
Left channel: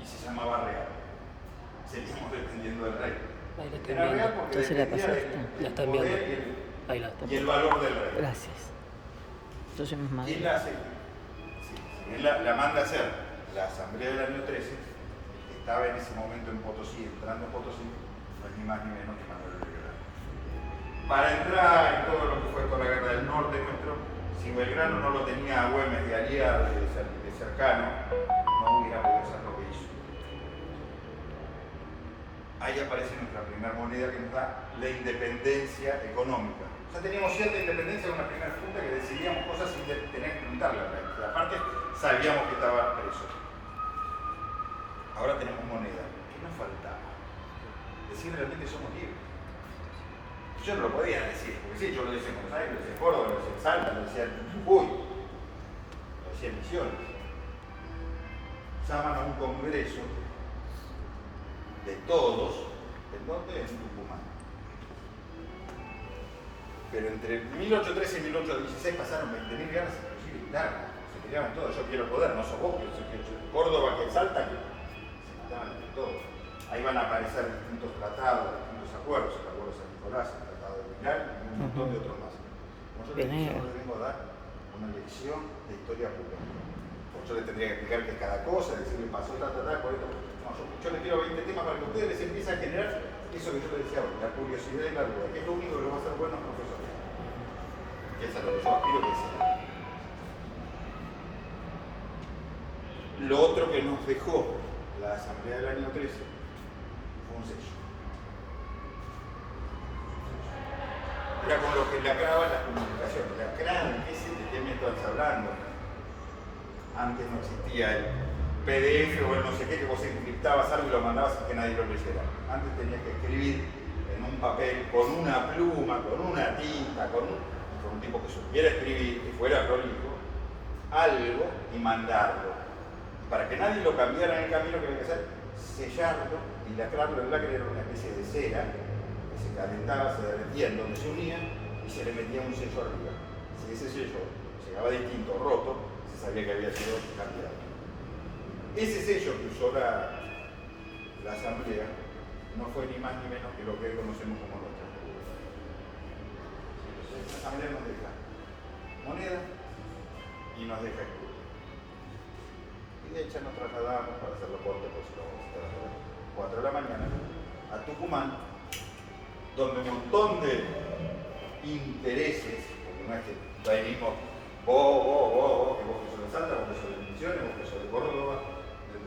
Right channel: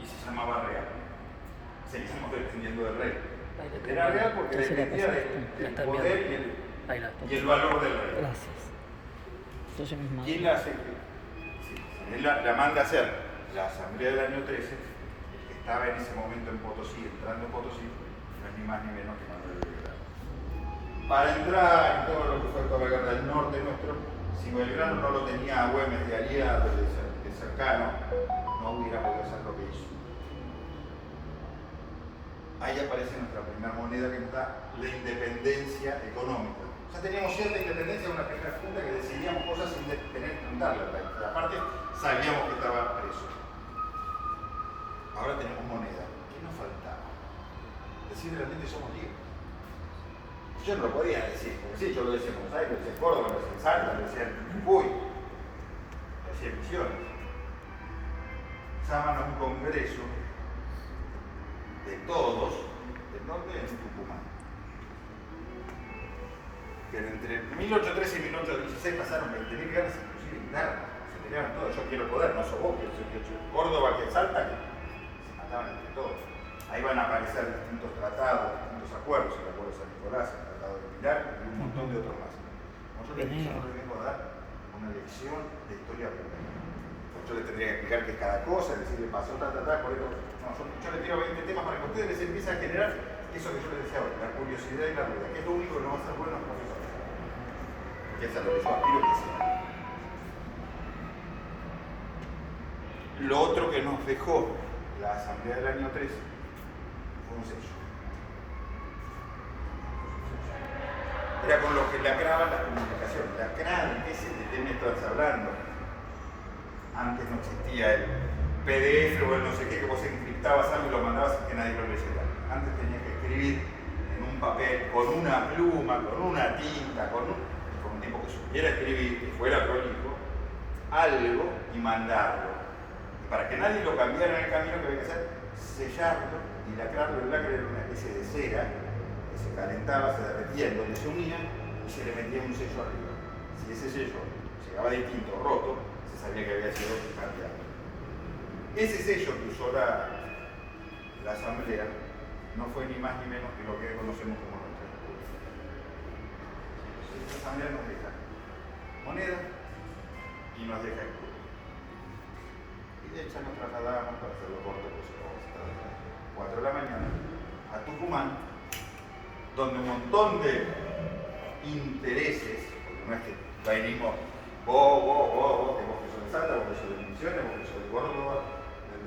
y se llamaba real. Seguimos dependiendo del rey. Era real porque Ya se la dependía pasaste. del poder y el valor del rey. Gracias. Entonces no es malo. ¿Quién la hace? Sí, la manda a hacer la Asamblea del año 13, el que estaba en ese momento en Potosí, entrando en Potosí, no es ni más ni menos que Manuel Belgrano. Para entrar en todo lo que fue toda la guerra del norte nuestro, si Belgrano no lo tenía a Güemes de aliado, de cercano, no hubiera podido hacer lo que hizo. Ahí aparece nuestra primera moneda que nos da la independencia económica. O sea, teníamos cierta independencia en una primera junta que decidíamos cosas sin tener que juntarla. Aparte, sabíamos que estaba preso. Ahora tenemos moneda. ¿Qué nos faltaba? Decir realmente somos libres. Yo no lo podía decir, porque sí, yo lo decía en Buenos Aires, lo decía en Córdoba, lo decía en Salta, lo decía en Jujuy, lo decía en Misiones. Llaman a un congreso de todos, ¿en dónde? En Tucumán. Pero entre 1813 y 1816 pasaron 20.000 guerras, inclusive internas, se pelearon todos, yo quiero poder, no sos vos, que Córdoba, que Salta, que se mataban entre todos. Ahí van a aparecer distintos tratados, distintos acuerdos, el acuerdo de San Nicolás, el tratado de Milán y un montón de otros más. Como yo le vengo a dar una lección de historia pura. Porque yo le tendría que explicar qué es cada cosa, decirle pasó, por esto. No, yo le tiro 20 temas para que ustedes les empiecen a generar eso que yo les decía ahora, la curiosidad y la duda, que es lo único que lo va a hacer buenos profesores. Que es a lo que yo aspiro que sea. Lo otro que nos dejó la Asamblea del año 13 fue un sello. Era con lo que lacraban las comunicaciones. Lacraban, ¿de qué me estás hablando? Antes no existía el PDF o el no sé qué, que vos encriptabas algo y lo mandabas sin que nadie lo leyera. Antes tenías que escribir en un papel, con una pluma, con una tinta, con un tipo que supiera escribir, que fuera prolijo, algo y mandarlo. Y para que nadie lo cambiara en el camino, que había que hacer, sellarlo y lacrarlo. El lacre era una especie de cera que se calentaba, se derretía en donde se unía y se le metía un sello arriba. Si ese sello llegaba distinto, roto, se sabía que había sido cambiado. Ese sello que usó la Asamblea no fue ni más ni menos que lo que hoy conocemos como nuestra escudo. Entonces esta Asamblea nos deja moneda y nos deja escudo. Y de hecho nos trasladamos, para hacerlo corto, pues si lo vamos a estar a las 4 de la mañana, a Tucumán, donde un montón de intereses, porque no es que venimos vos, que vos que sos de Salta, vos que sos de Misiones, vos que sos de Córdoba,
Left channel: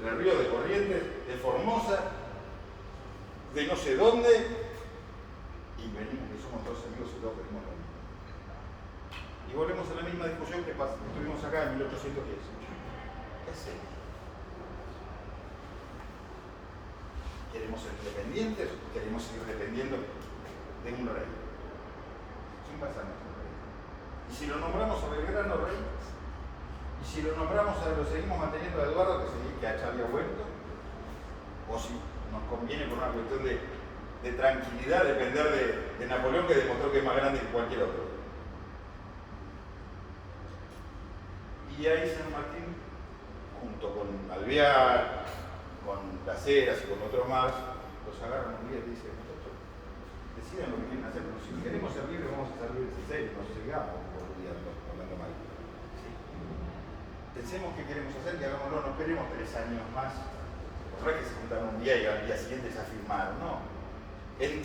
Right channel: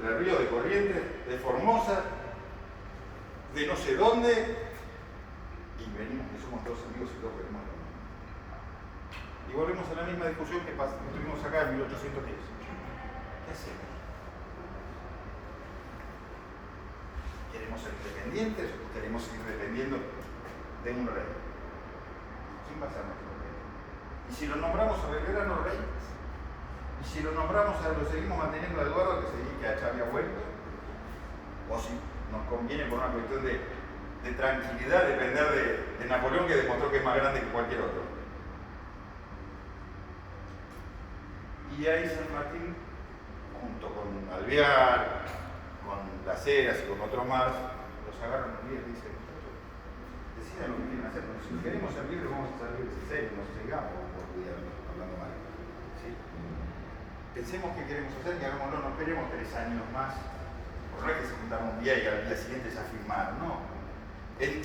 del Río, de Corrientes, de Formosa, de no sé dónde, y venimos que somos todos amigos y todos venimos a lo mismo. Y volvemos a la misma discusión que tuvimos acá en 1810. ¿Qué hacemos? ¿Queremos ser independientes o queremos seguir dependiendo de un rey? ¿Quién va a ser nuestro rey? Y si lo nombramos a Belgrano rey, y si lo nombramos lo seguimos manteniendo a Eduardo que se dedique a Charlie Wellington, o si nos conviene por una cuestión de tranquilidad depender de Napoleón, que demostró que es más grande que cualquier otro. Y ahí San Martín, junto con Alvear, con las Heras y con otros más, los agarran un día y dicen, decidan lo que quieren hacer, pero si queremos servir, vamos a servir en serio, no sigamos boludeando, hablando mal. ¿Sí? Pensemos qué queremos hacer y hagámoslo, no esperemos 3 años más, por no es que se juntaron un día y al día siguiente se firmaron, no. En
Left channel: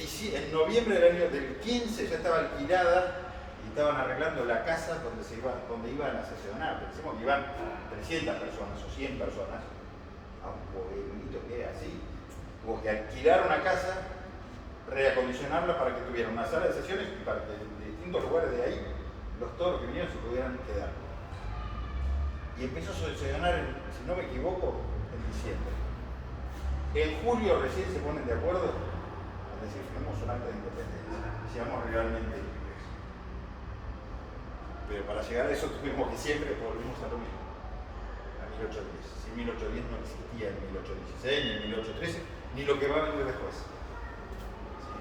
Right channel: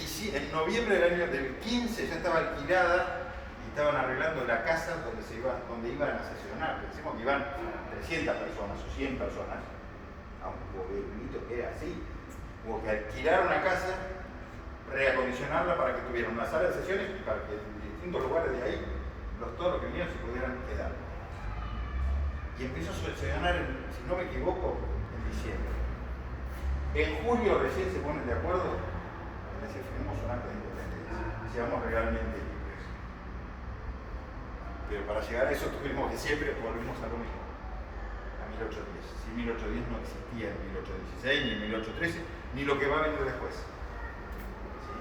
noviembre del 15 ya estaba alquilada y estaban arreglando la casa donde iban a sesionar. Pensemos que iban 300 personas o 100 personas a un pueblito que era así. Hubo que alquilar una casa, reacondicionarla para que tuviera una sala de sesiones y para que en distintos lugares de ahí todos los que vinieron se pudieran quedar. Y empezó a sesionar, si no me equivoco, en diciembre. En julio recién se ponen de acuerdo en decir, firmemos un acta de independencia y seamos realmente libres. Pero para llegar a eso tuvimos que siempre volvimos a lo mismo, a 1810. Si 1810 no existía en 1816, ni en 1813, ni lo que va a venir después. ¿Sí?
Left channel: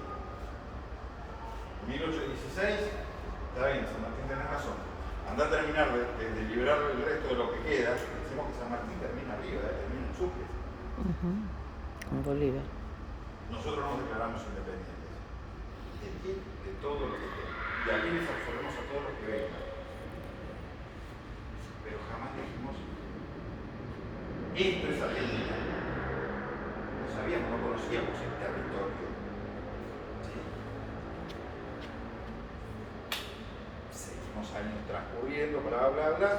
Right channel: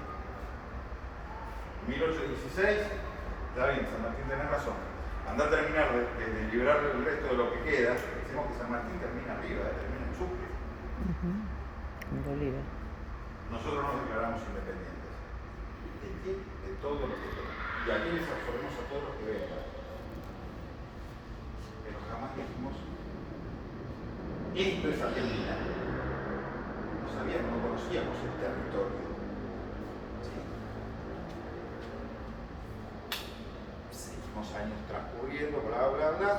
1816, está bien, San Martín tiene razón. Anda a terminar de liberar el resto de lo que queda. Pensemos que San Martín termina arriba, termina en Sucre. En Bolívar. Nosotros nos declaramos independientes. ¿De qué? De todo lo que tenemos. Y aquí les absorbemos a todos los que vengan. Pero jamás dijimos, esto es Argentina. No sabíamos, no conocíamos el territorio. ¿Sí? Seguimos años transcurriendo, bla, bla, bla.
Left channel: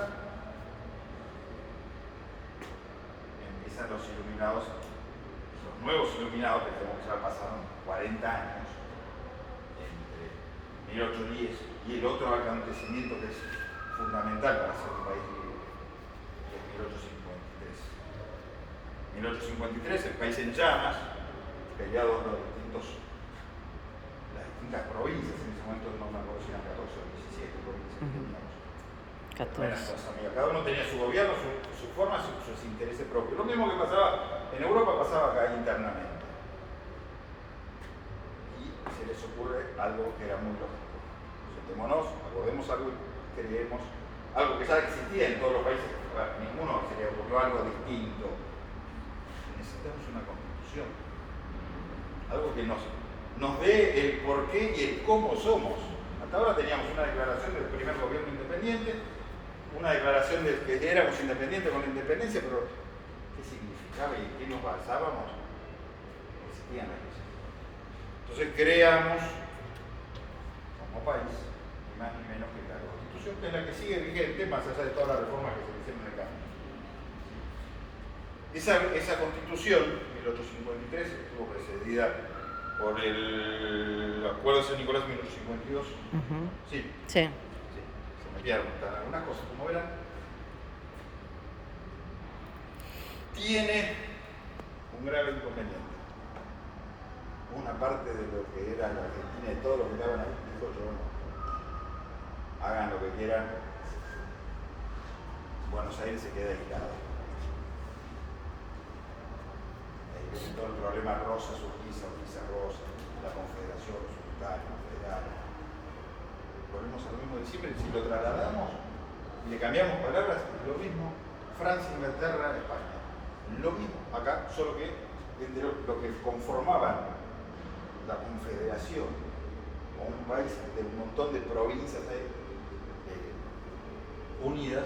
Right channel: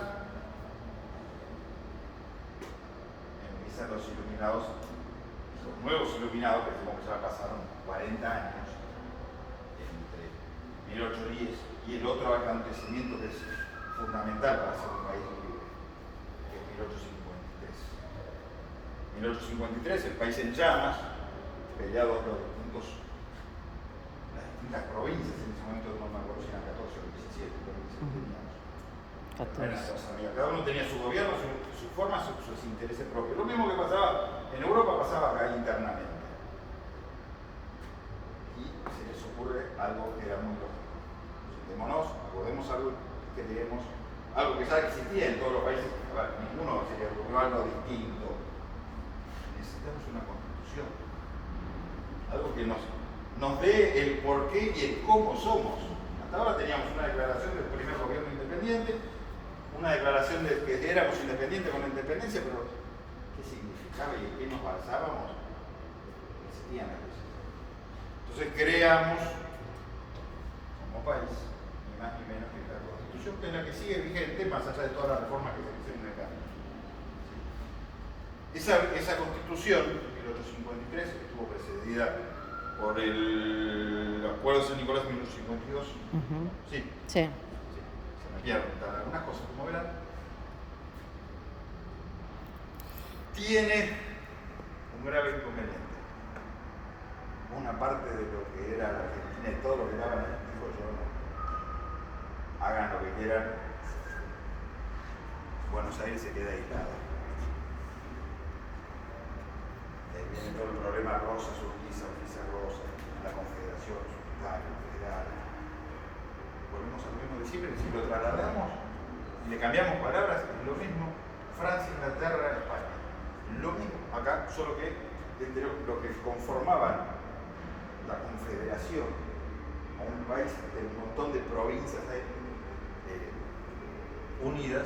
Empiezan los iluminados. Los nuevos iluminados, que tenemos que ya pasaron 40 años, entre 1810 y el otro acontecimiento que es fundamental para ser un país libre, que es 1853. 1853, el país en llamas, peleado entre las distintas provincias, en ese momento no me acuerdo si eran 14 o 17 provincias que teníamos. 14. Cada uno tenía su gobierno, su forma, sus intereses propios. Lo mismo que pasaba en Europa, pasaba acá internamente. Y se les ocurre algo que era muy lógico. Sentémonos, acordemos algo y creemos algo que ya existía en todos los países. A ver, ninguno se le ocurrió algo distinto. Necesitamos una constitución. Algo que nos dé el por qué y el cómo somos. Hasta ahora teníamos una declaración del primer gobierno independiente, una declaración de que éramos independientes con la independencia, pero ¿qué significaba y en qué nos basábamos? No existían aquellas. Entonces creamos, como país, ni más ni menos que la Constitución, que es la que sigue vigente, más allá de todas las reformas que se hicieron en el cambio. Esa Constitución, 1853, estuvo precedida por el Acuerdo de San Nicolás de 1852. Sí. Sí. Algunas cosas, como verán, tiene un grave inconveniente. Una parte de lo que era la Argentina y todo lo que daban ahí, dijo yo no. Hagan lo que quieran, Buenos Aires se queda aislado. Ahí viene todo el problema Rosa, Urquiza, Rosa, la Confederación, Sultano, Federal. Volvemos a lo mismo de siempre, si lo trasladamos y le cambiamos palabras, es lo mismo Francia, Inglaterra, España. Lo mismo acá, solo que entre lo que conformaban la Confederación, o un país de un montón de provincias unidas,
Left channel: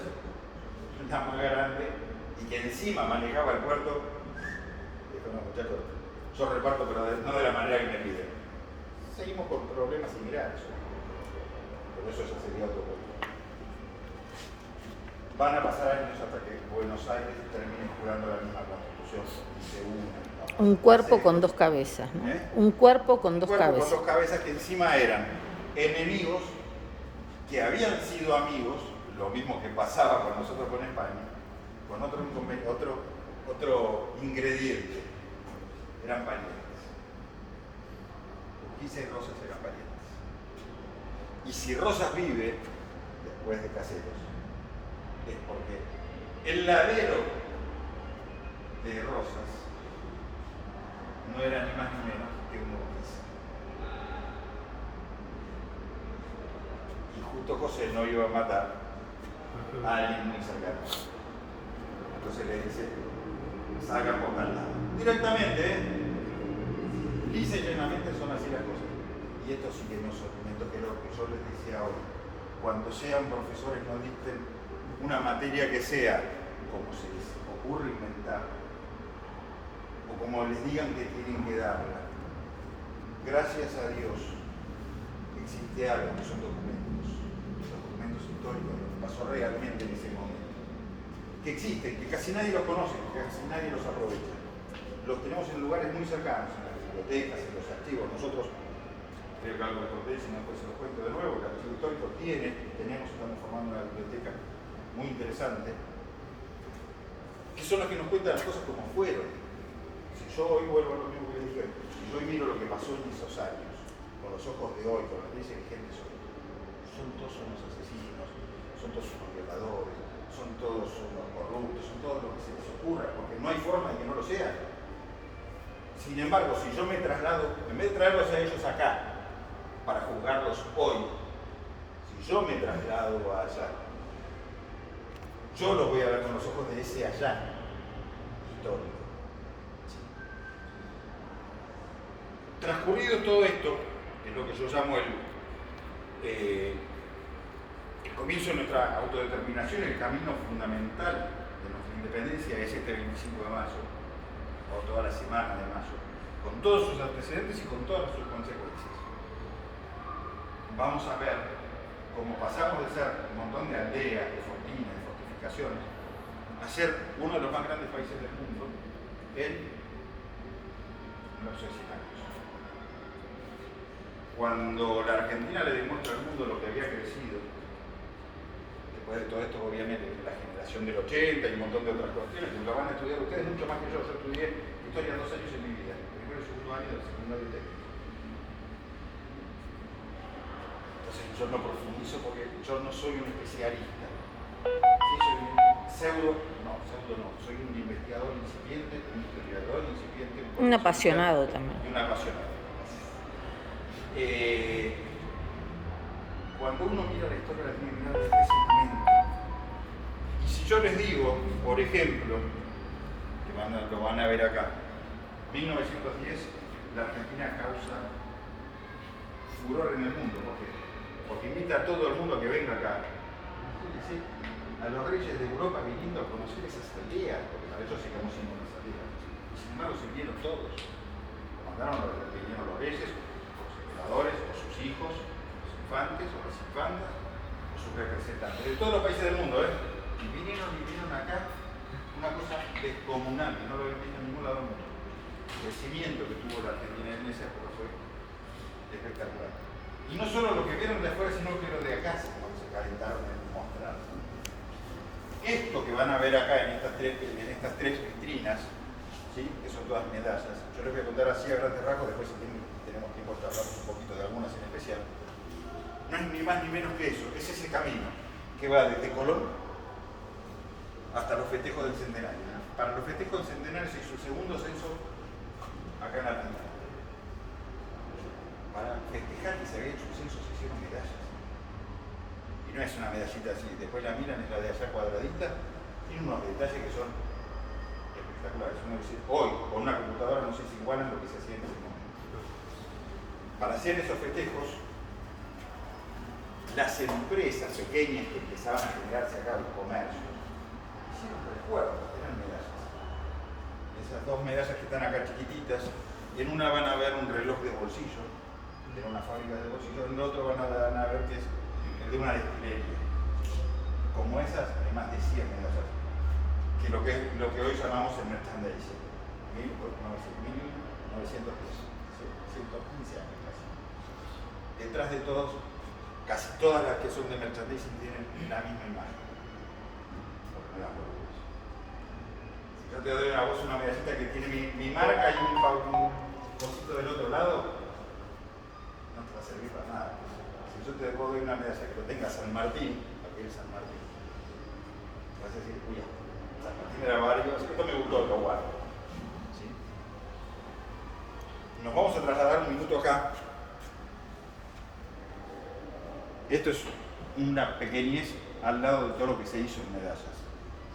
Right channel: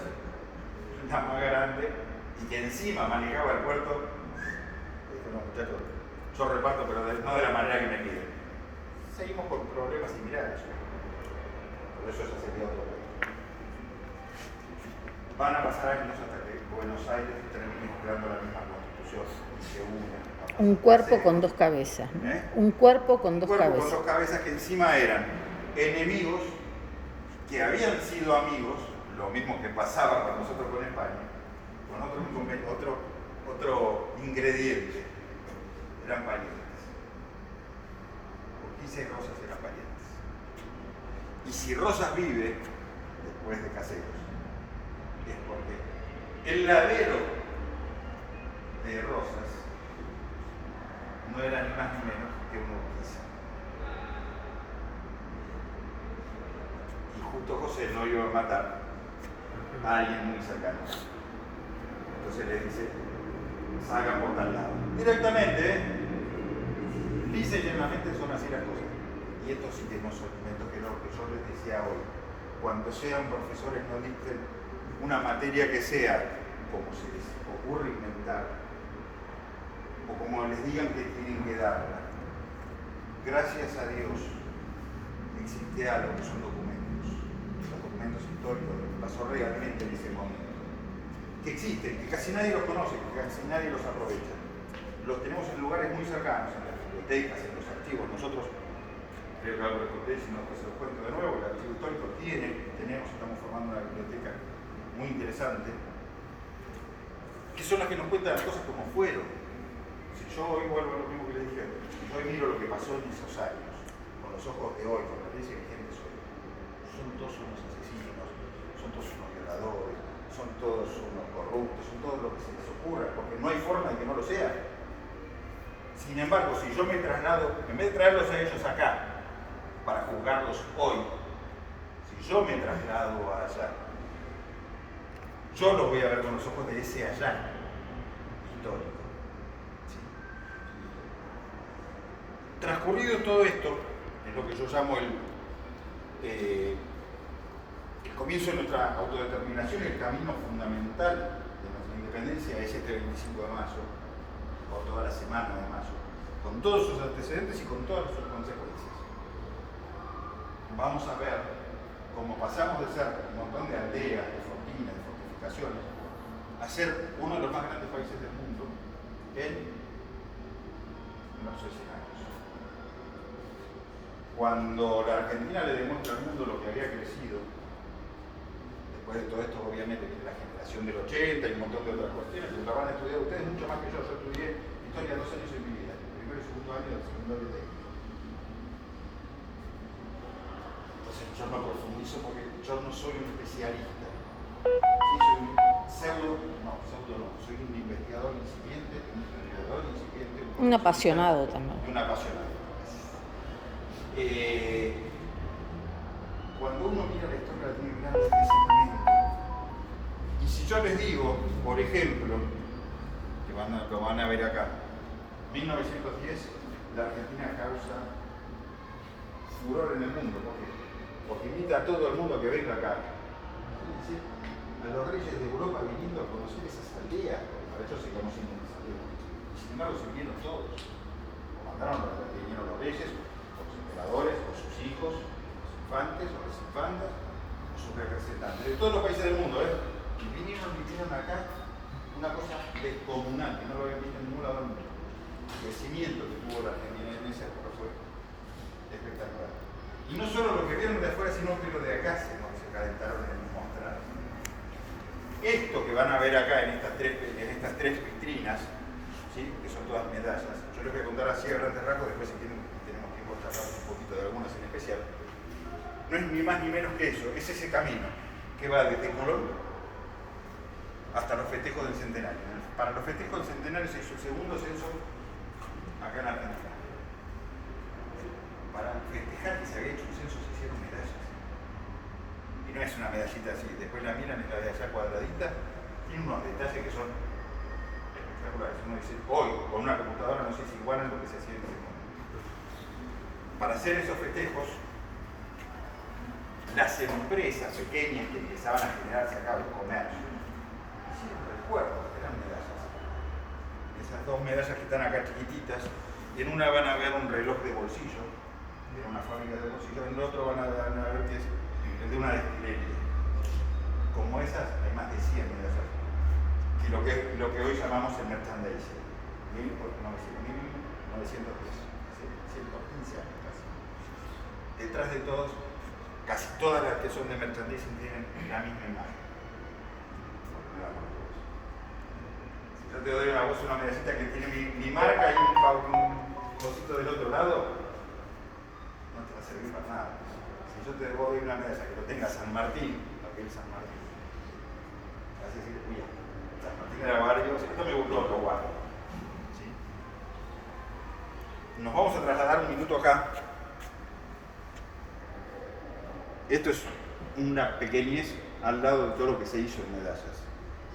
la más grande, y que encima manejaba el puerto, dijo, no muchachos, yo reparto, pero no de la manera que me piden. Seguimos con problemas similares. Pero eso ya sería otro país. Van a pasar años hasta que Buenos Aires termine jurando la misma Constitución y se una. Un cuerpo con dos cabezas, ¿no? Un cuerpo con dos cabezas. Con dos cabezas que encima eran enemigos que habían sido amigos, lo mismo que pasaba con nosotros con España, con otro ingrediente. Eran parientes. Urquiza y Rosas eran parientes. Y si Rosas vive, después de Caseros, es porque el ladero de Rosas no era ni más ni menos que un Urquiza. Y justo José no iba a matar a alguien muy cercano. Entonces le dice, salgan por tal lado. Directamente, lisa y llanamente son así las cosas. Y esto sí que no son inventos, que lo que yo les decía hoy. Cuando sean profesores no dicten una materia que sea como se les ocurre inventar, o como les digan que tienen que darla. Gracias a Dios existe algo que son documentos, los documentos históricos, lo que pasó realmente en ese momento, que existen, que casi nadie los conoce, que casi nadie los aprovecha. Los tenemos en lugares muy cercanos, en las bibliotecas, en los archivos. Nosotros, creo que algo les conté, si no después se los cuento de nuevo, el archivo histórico estamos formando una biblioteca muy interesante, que son las que nos cuentan las cosas como fueron. Si yo hoy vuelvo a lo mismo que les dije, si yo hoy miro lo que pasó en esos años, con los ojos de hoy, con las leyes vigentes hoy, son todos unos asesinos, son todos unos violadores, son todos unos corruptos, son todos lo que se les ocurra, porque no hay forma de que no lo sean. Sin embargo, si yo me traslado, en vez de traerlos a ellos acá, para juzgarlos hoy, si yo me traslado allá, yo los voy a ver con los ojos de ese allá histórico. ¿Sí? Transcurrido todo esto, es lo que yo llamo el comienzo de nuestra autodeterminación, el camino fundamental de nuestra independencia es este 25 de marzo, o toda la semana de marzo, con todos sus antecedentes y con todas sus consecuencias. Vamos a ver cómo pasamos de ser un montón de aldeas, de fortinas, de fortificaciones, a ser uno de los más grandes países del mundo en unos 100 años. Cuando la Argentina le demuestra al mundo lo que había crecido, después de todo esto obviamente viene la generación del 80 y un montón de otras cuestiones que lo van a estudiar ustedes mucho más que yo estudié historia 2 años en mi vida, el primero y segundo año del secundario técnico. Entonces yo no profundizo porque yo no soy un especialista. Sí, soy un pseudo no, soy un investigador incipiente, un historiador incipiente. Un apasionado también. Y un apasionado. Cuando uno mira la historia la tiene que mirar desde ese momento. Y si yo les digo, por ejemplo, que lo van a ver acá, 1910, la Argentina causa furor en el mundo. ¿Por qué? Porque invita a todo el mundo a que venga acá. ¿Sí? A los reyes de Europa viniendo a conocer esas aldeas, porque para ellos sigamos siendo unas aldeas. Y sin embargo se vinieron todos. O vinieron los reyes, o los emperadores, o sus hijos, los infantes, o las infantas, o sus representantes, de todos los países del mundo, y vinieron acá una cosa descomunal, que no lo habían visto en ningún lado del mundo. El crecimiento que tuvo la Argentina en esa época fue espectacular. Y no solo lo que vieron de afuera, sino que lo de acá se calentaron en el mostrado. Esto que van a ver acá en estas tres vitrinas, ¿sí? Que son todas medallas, yo les voy a contar así a grandes rasgos, después si tenemos tiempo de hablar un poquito de algunas en especial. No es ni más ni menos que eso, es ese camino que va desde Colón hasta los festejos del centenario. Para los festejos del centenario se hizo el segundo censo acá en Argentina. Para festejar que se había hecho un censo se hicieron medallas. Y no es una medallita así, después la miran en la de allá cuadradita, tiene unos detalles que son espectaculares. Uno dice, hoy con una computadora no sé si igualan lo que se hacía en ese momento. Para hacer esos festejos, las empresas pequeñas que empezaban a generarse acá, el comercio, hicieron recuerdos, eran medallas. Esas dos medallas que están acá chiquititas, y en una van a ver un reloj de bolsillo, que era una fábrica de bolsillo, en el otro van a ver que es el de una destilería. Como esas, hay más de 100 medallas, que lo que hoy llamamos el merchandising. 1910, 115 años casi. Detrás de todos, casi todas las que son de merchandising tienen la misma imagen. Si yo te doy a vos una medallita que tiene mi marca y un cosito del otro lado, no te va a servir para nada. Si yo te doy una medalla que lo tenga San Martín, aquel San Martín, vas a decir, uy, San Martín era varios, esto me gustó, lo guardo. ¿Sí? Nos vamos a trasladar un minuto acá. Esto es una pequeñez al lado de todo lo que se hizo en medallas.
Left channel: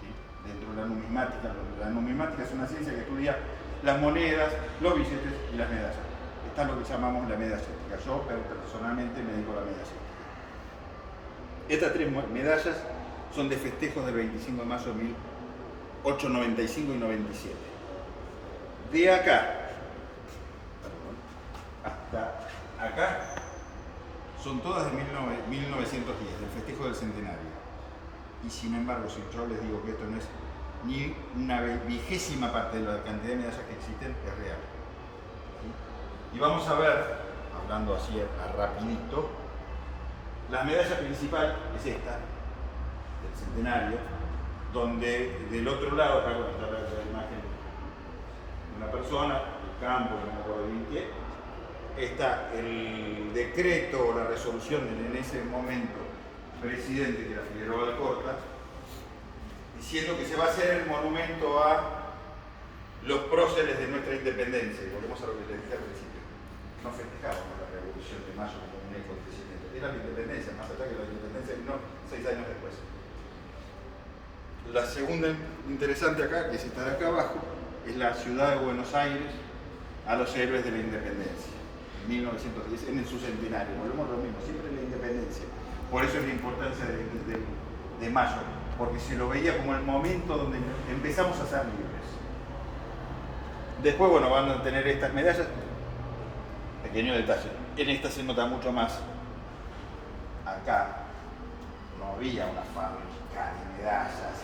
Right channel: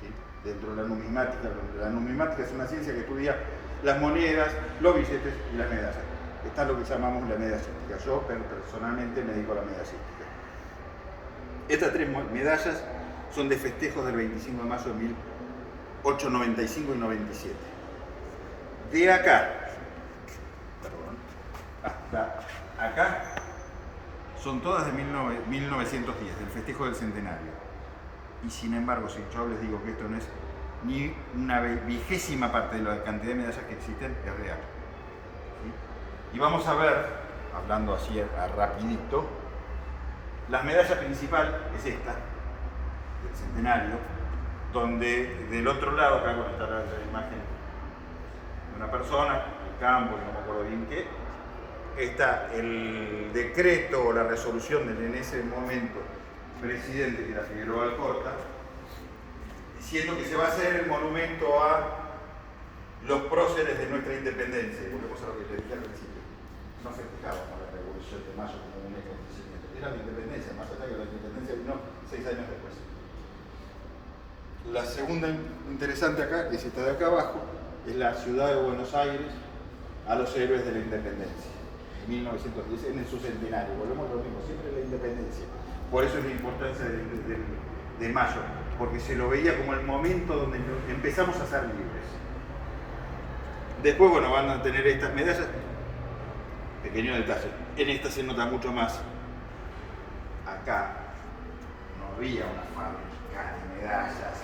¿Sí? dentro de la numismática. La numismática es una ciencia que estudia las monedas, los billetes y las medallas. Está lo que llamamos la medallística. Yo personalmente me dedico a la medallística. Estas tres medallas son de festejos del 25 de mayo de 1895 y 97. De acá, hasta acá, son todas de 1910, del festejo del centenario. Y sin embargo, si yo les digo que esto no es ni una 20ª parte de la cantidad de medallas que existen, es real. ¿Sí? Y vamos a ver, hablando así a rapidito, la medalla principal es esta, del centenario, donde del otro lado, acá está la imagen de una persona, el campo, no me acuerdo bien qué, está el decreto o la resolución del en ese momento presidente, que era Figueroa Alcorta, diciendo que se va a hacer el monumento a los próceres de nuestra independencia. Y volvemos a lo que les dije al principio. No festejamos la Revolución de Mayo como un acontecimiento. Era la independencia, más allá que la independencia vino 6 años después. La segunda interesante acá, que es esta de acá abajo, es la ciudad de Buenos Aires a los héroes de la independencia. 1910, en su centenario. Volvemos a lo mismo, siempre la independencia. Por eso es la importancia de Mayo, porque se lo veía como el momento donde empezamos a ser libres. Después, bueno, van a tener estas medallas. Pequeño detalle, en esta se nota mucho más. Acá no había una fábrica de medallas,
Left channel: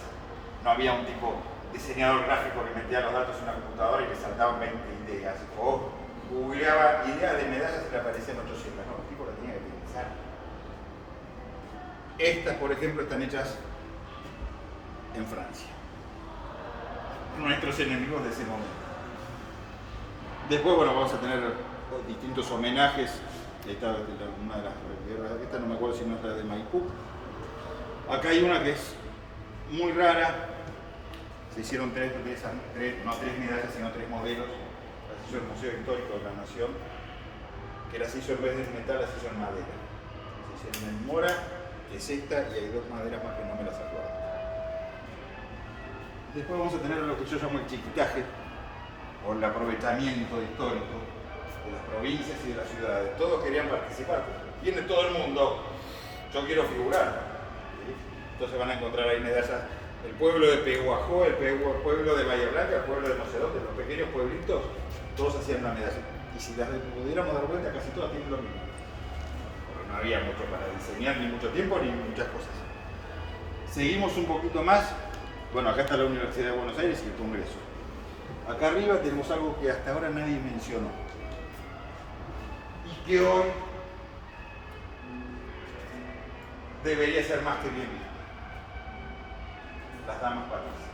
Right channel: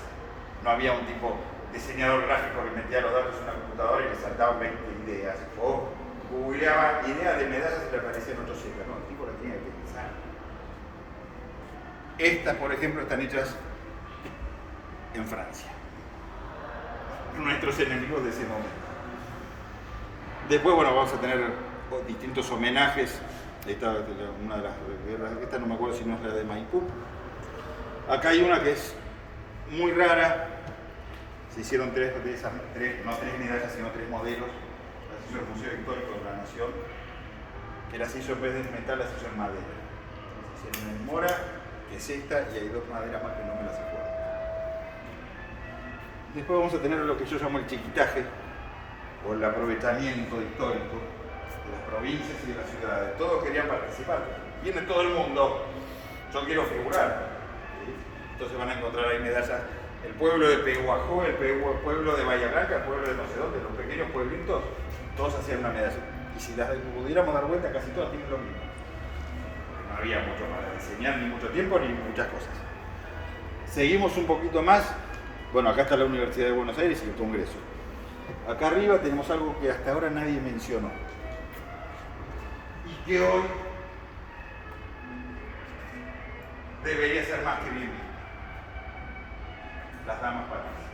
no había un tipo diseñador gráfico que metía los datos en la computadora y le saltaban 20 ideas. O googleaba ideas de medallas y le aparecían 800. No, el tipo la tenía que pensar. Estas, por ejemplo, están hechas en Francia. Nuestros enemigos de ese momento. Después, bueno, vamos a tener distintos homenajes. Esta es una de las guerras, esta no me acuerdo si no es la de Maipú. Acá hay una que es muy rara. Se hicieron tres medallas, sino 3 modelos. Las hizo el Museo Histórico de la Nación, que las hizo en vez de metal, las hizo en madera. Se hicieron en mora, que es esta, y hay 2 maderas más que no me las acuerdo. Después vamos a tener lo que yo llamo el chiquitaje, o el aprovechamiento histórico de las provincias y de las ciudades. Todos querían participar. Viene todo el mundo, yo quiero figurar. ¿Sí? Entonces van a encontrar ahí medallas. El pueblo de Pehuajó, el pueblo de Bahía Blanca, el pueblo de no sé dónde, los pequeños pueblitos, todos hacían una medalla. Y si las pudiéramos dar vuelta, casi todas tienen lo mismo. Porque no había mucho para diseñar, ni mucho tiempo, ni muchas cosas. Seguimos un poquito más. Bueno, acá está la Universidad de Buenos Aires y el Congreso. Acá arriba tenemos algo que hasta ahora nadie mencionó. Y que hoy debería ser más que bien visto. Las damas patricias.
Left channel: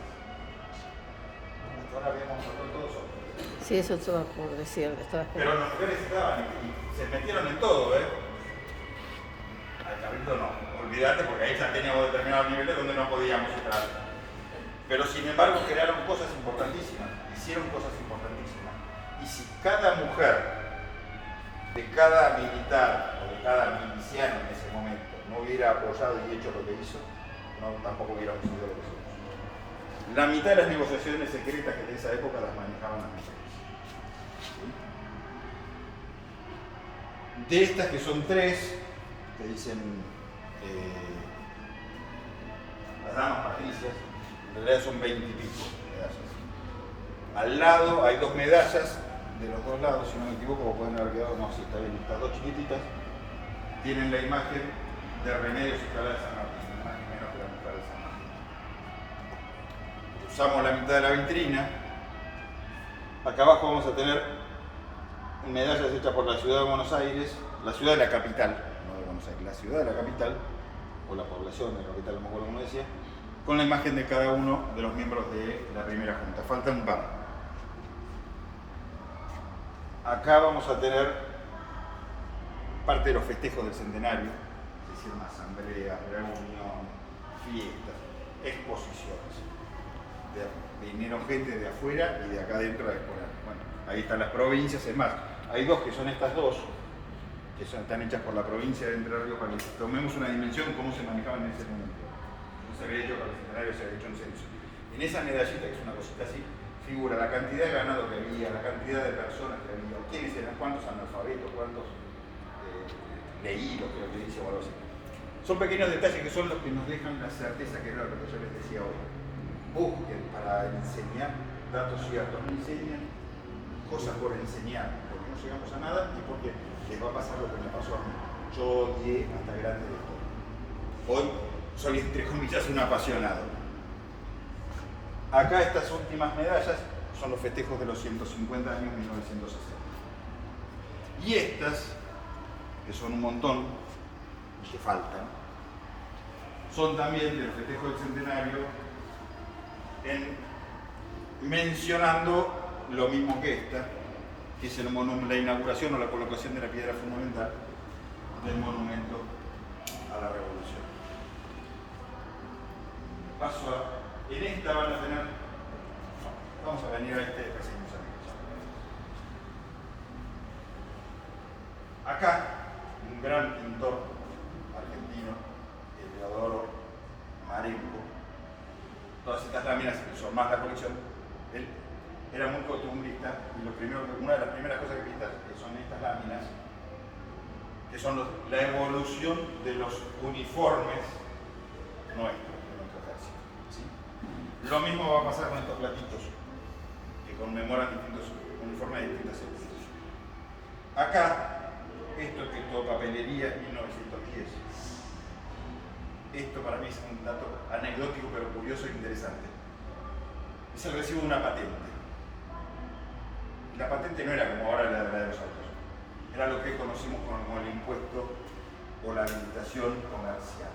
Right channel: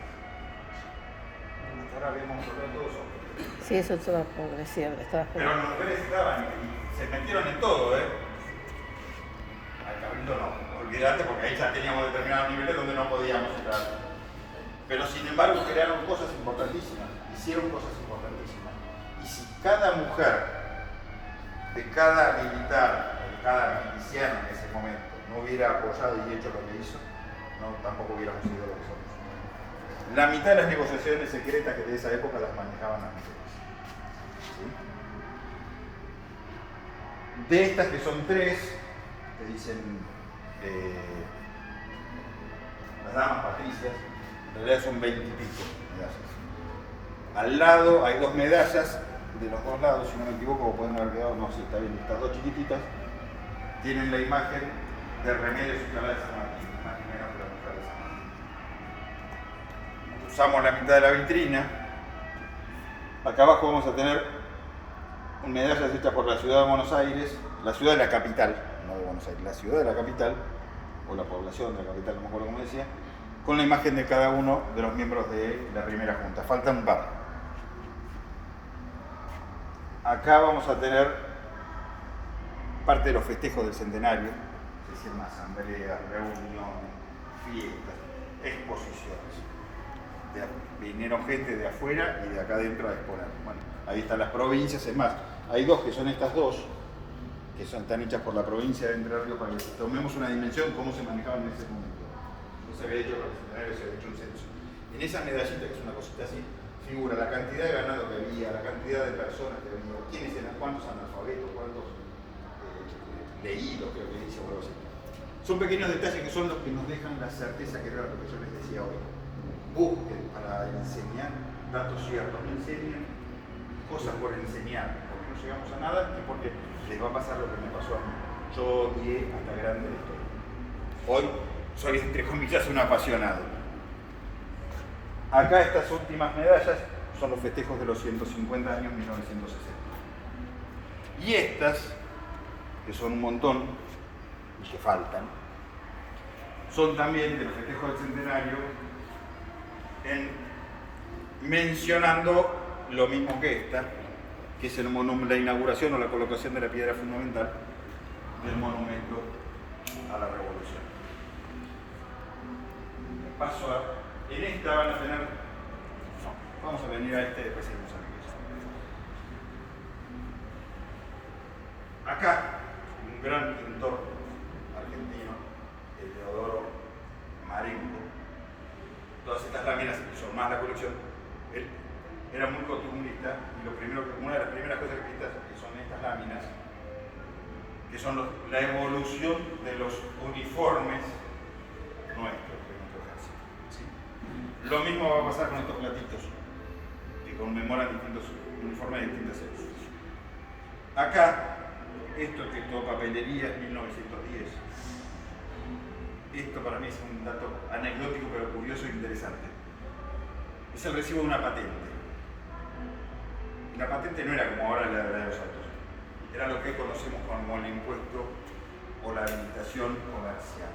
Hasta ahora habíamos hablado todos sobre. Sí, eso estaba por decir, estaba Pero esperando. las mujeres estaban y se metieron en todo, ¿eh? Al cabrito no, olvídate, porque ahí ya teníamos determinados niveles donde no podíamos entrar. Pero sin embargo crearon cosas importantísimas, hicieron cosas importantísimas. Y si cada mujer, de cada militar, o de cada miliciano en ese momento, no hubiera apoyado y hecho lo que hizo, no, tampoco hubiéramos sido lo que somos. La mitad de las negociaciones secretas que de esa época las manejaban las mujeres. ¿Sí? De estas que son 3, que dicen las damas patricias, en realidad son 20 y pico medallas. Al lado hay 2 medallas, de los 2 lados, si no me equivoco, o pueden haber quedado, no, sí, está bien, estas 2 chiquititas, tienen la imagen de Remedios y Clara de San Martín, imagen menos que la mujer de San Martín. Usamos la mitad de la vitrina. Acá abajo vamos a tener medallas hechas por la ciudad de Buenos Aires, la ciudad de la capital, no de Buenos Aires, la ciudad de la capital, o la población de la capital, no me acuerdo cómo decía, con la imagen de cada uno de los miembros de la primera junta. Faltan un par. Acá vamos a tener parte de los festejos del centenario, es decir, asambleas, reuniones, fiestas, exposiciones. Vinieron gente de afuera y de acá adentro a exponer. Bueno, ahí están las provincias, es más, hay 2 que son estas 2, que están hechas por la provincia de Entre Ríos, para que tomemos una dimensión de cómo se manejaban en ese momento. No se había hecho con el centenario, se había hecho un censo. En esa medallita, que es una cosita así, figura la cantidad de ganado que había, la cantidad de personas que había, quiénes eran, cuántos analfabetos, cuántos leídos, creo que dice, o algo así. Son pequeños detalles que son los que nos dejan la certeza, que era lo que yo les decía hoy. Busquen para enseñar datos ciertos, enseñen cosas por enseñar, porque no llegamos a nada y porque les va a pasar lo que me pasó a mí. Yo odié hasta grande la historia. Hoy soy, entre comillas, un apasionado. Acá estas últimas medallas son los festejos de los 150 años 1960. Y estas, que son un montón y que faltan, son también de los festejos del centenario, mencionando lo mismo que esta, que es la inauguración o la colocación de la piedra fundamental del monumento a la Revolución. En esta van a tener, vamos a venir a este después seguimos a acá, un gran pintor argentino, Teodoro Marengo. Todas estas láminas que son más la colección, él era muy costumbrista y una de las primeras cosas que pinta que son estas láminas, que son la evolución de los uniformes nuestros, de nuestro ejército. ¿Sí? Lo mismo va a pasar con estos platitos que conmemoran distintos uniformes de distintas épocas. Acá, esto que es todo papelería es 1910. Esto para mí es un dato anecdótico pero curioso e interesante. Es el recibo de una patente. Y la patente no era como ahora la de los autos. Era lo que conocemos como el impuesto o la habilitación comercial.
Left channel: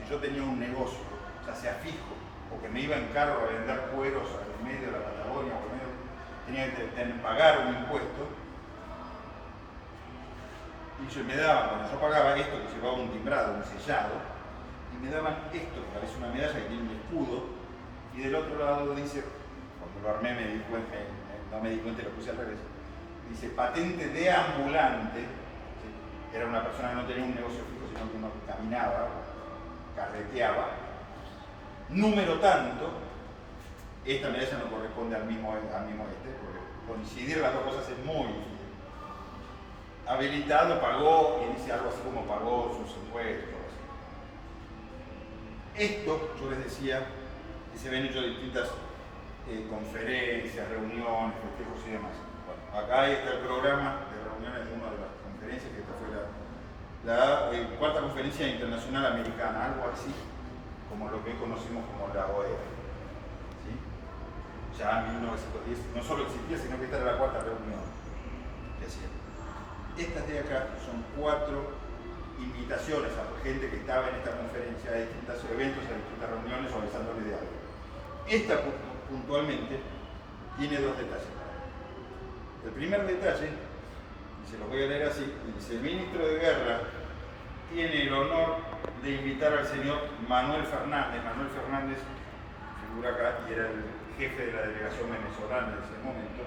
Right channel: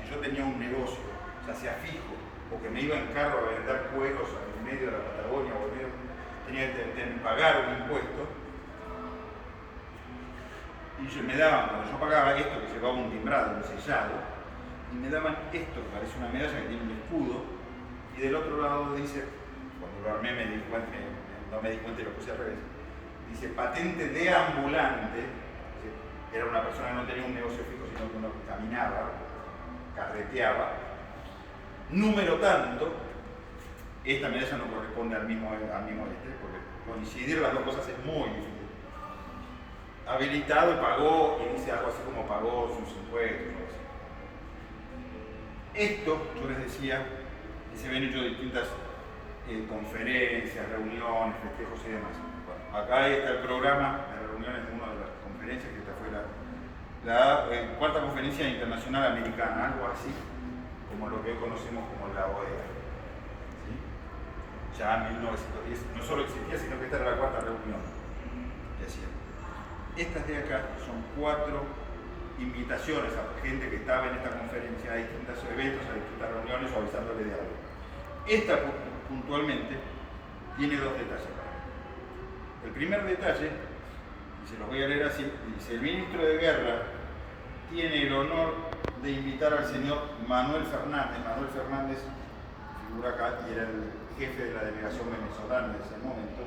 Si yo tenía un negocio, ya sea fijo, o que me iba en carro a vender cueros en medio de la Patagonia, o tenía que pagar un impuesto, y me daban, cuando yo pagaba esto que llevaba un timbrado, un sellado, y me daban esto que parece una medalla que tiene un escudo, y del otro lado dice, cuando lo armé no me di cuenta y lo puse al revés, dice patente de ambulante, que era una persona que no tenía un negocio fijo, sino que uno caminaba, carreteaba, número tanto. Esta medalla no corresponde al mismo porque coincidir las dos cosas es muy difícil. Habilitado, pagó, y dice algo así como pagó sus impuestos, algo así. Esto, yo les decía, que se ven hecho distintas conferencias, reuniones, festejos y demás. Bueno, acá está el programa de reuniones de una de las conferencias, que esta fue la cuarta conferencia internacional americana, algo así como lo que hoy conocemos como la OEA. ¿Sí? Ya en 1910 no solo existía, sino que esta era la cuarta reunión que hacían. Estas de acá son 4 invitaciones a gente que estaba en esta conferencia, a distintos eventos, a distintas reuniones o avisándole de algo. Esta puntualmente tiene 2 detalles para mí. El primer detalle, y se los voy a leer así, dice: el ministro de Guerra tiene el honor de invitar al señor Manuel Fernández. Manuel Fernández figura acá y era el jefe de la delegación venezolana en ese momento,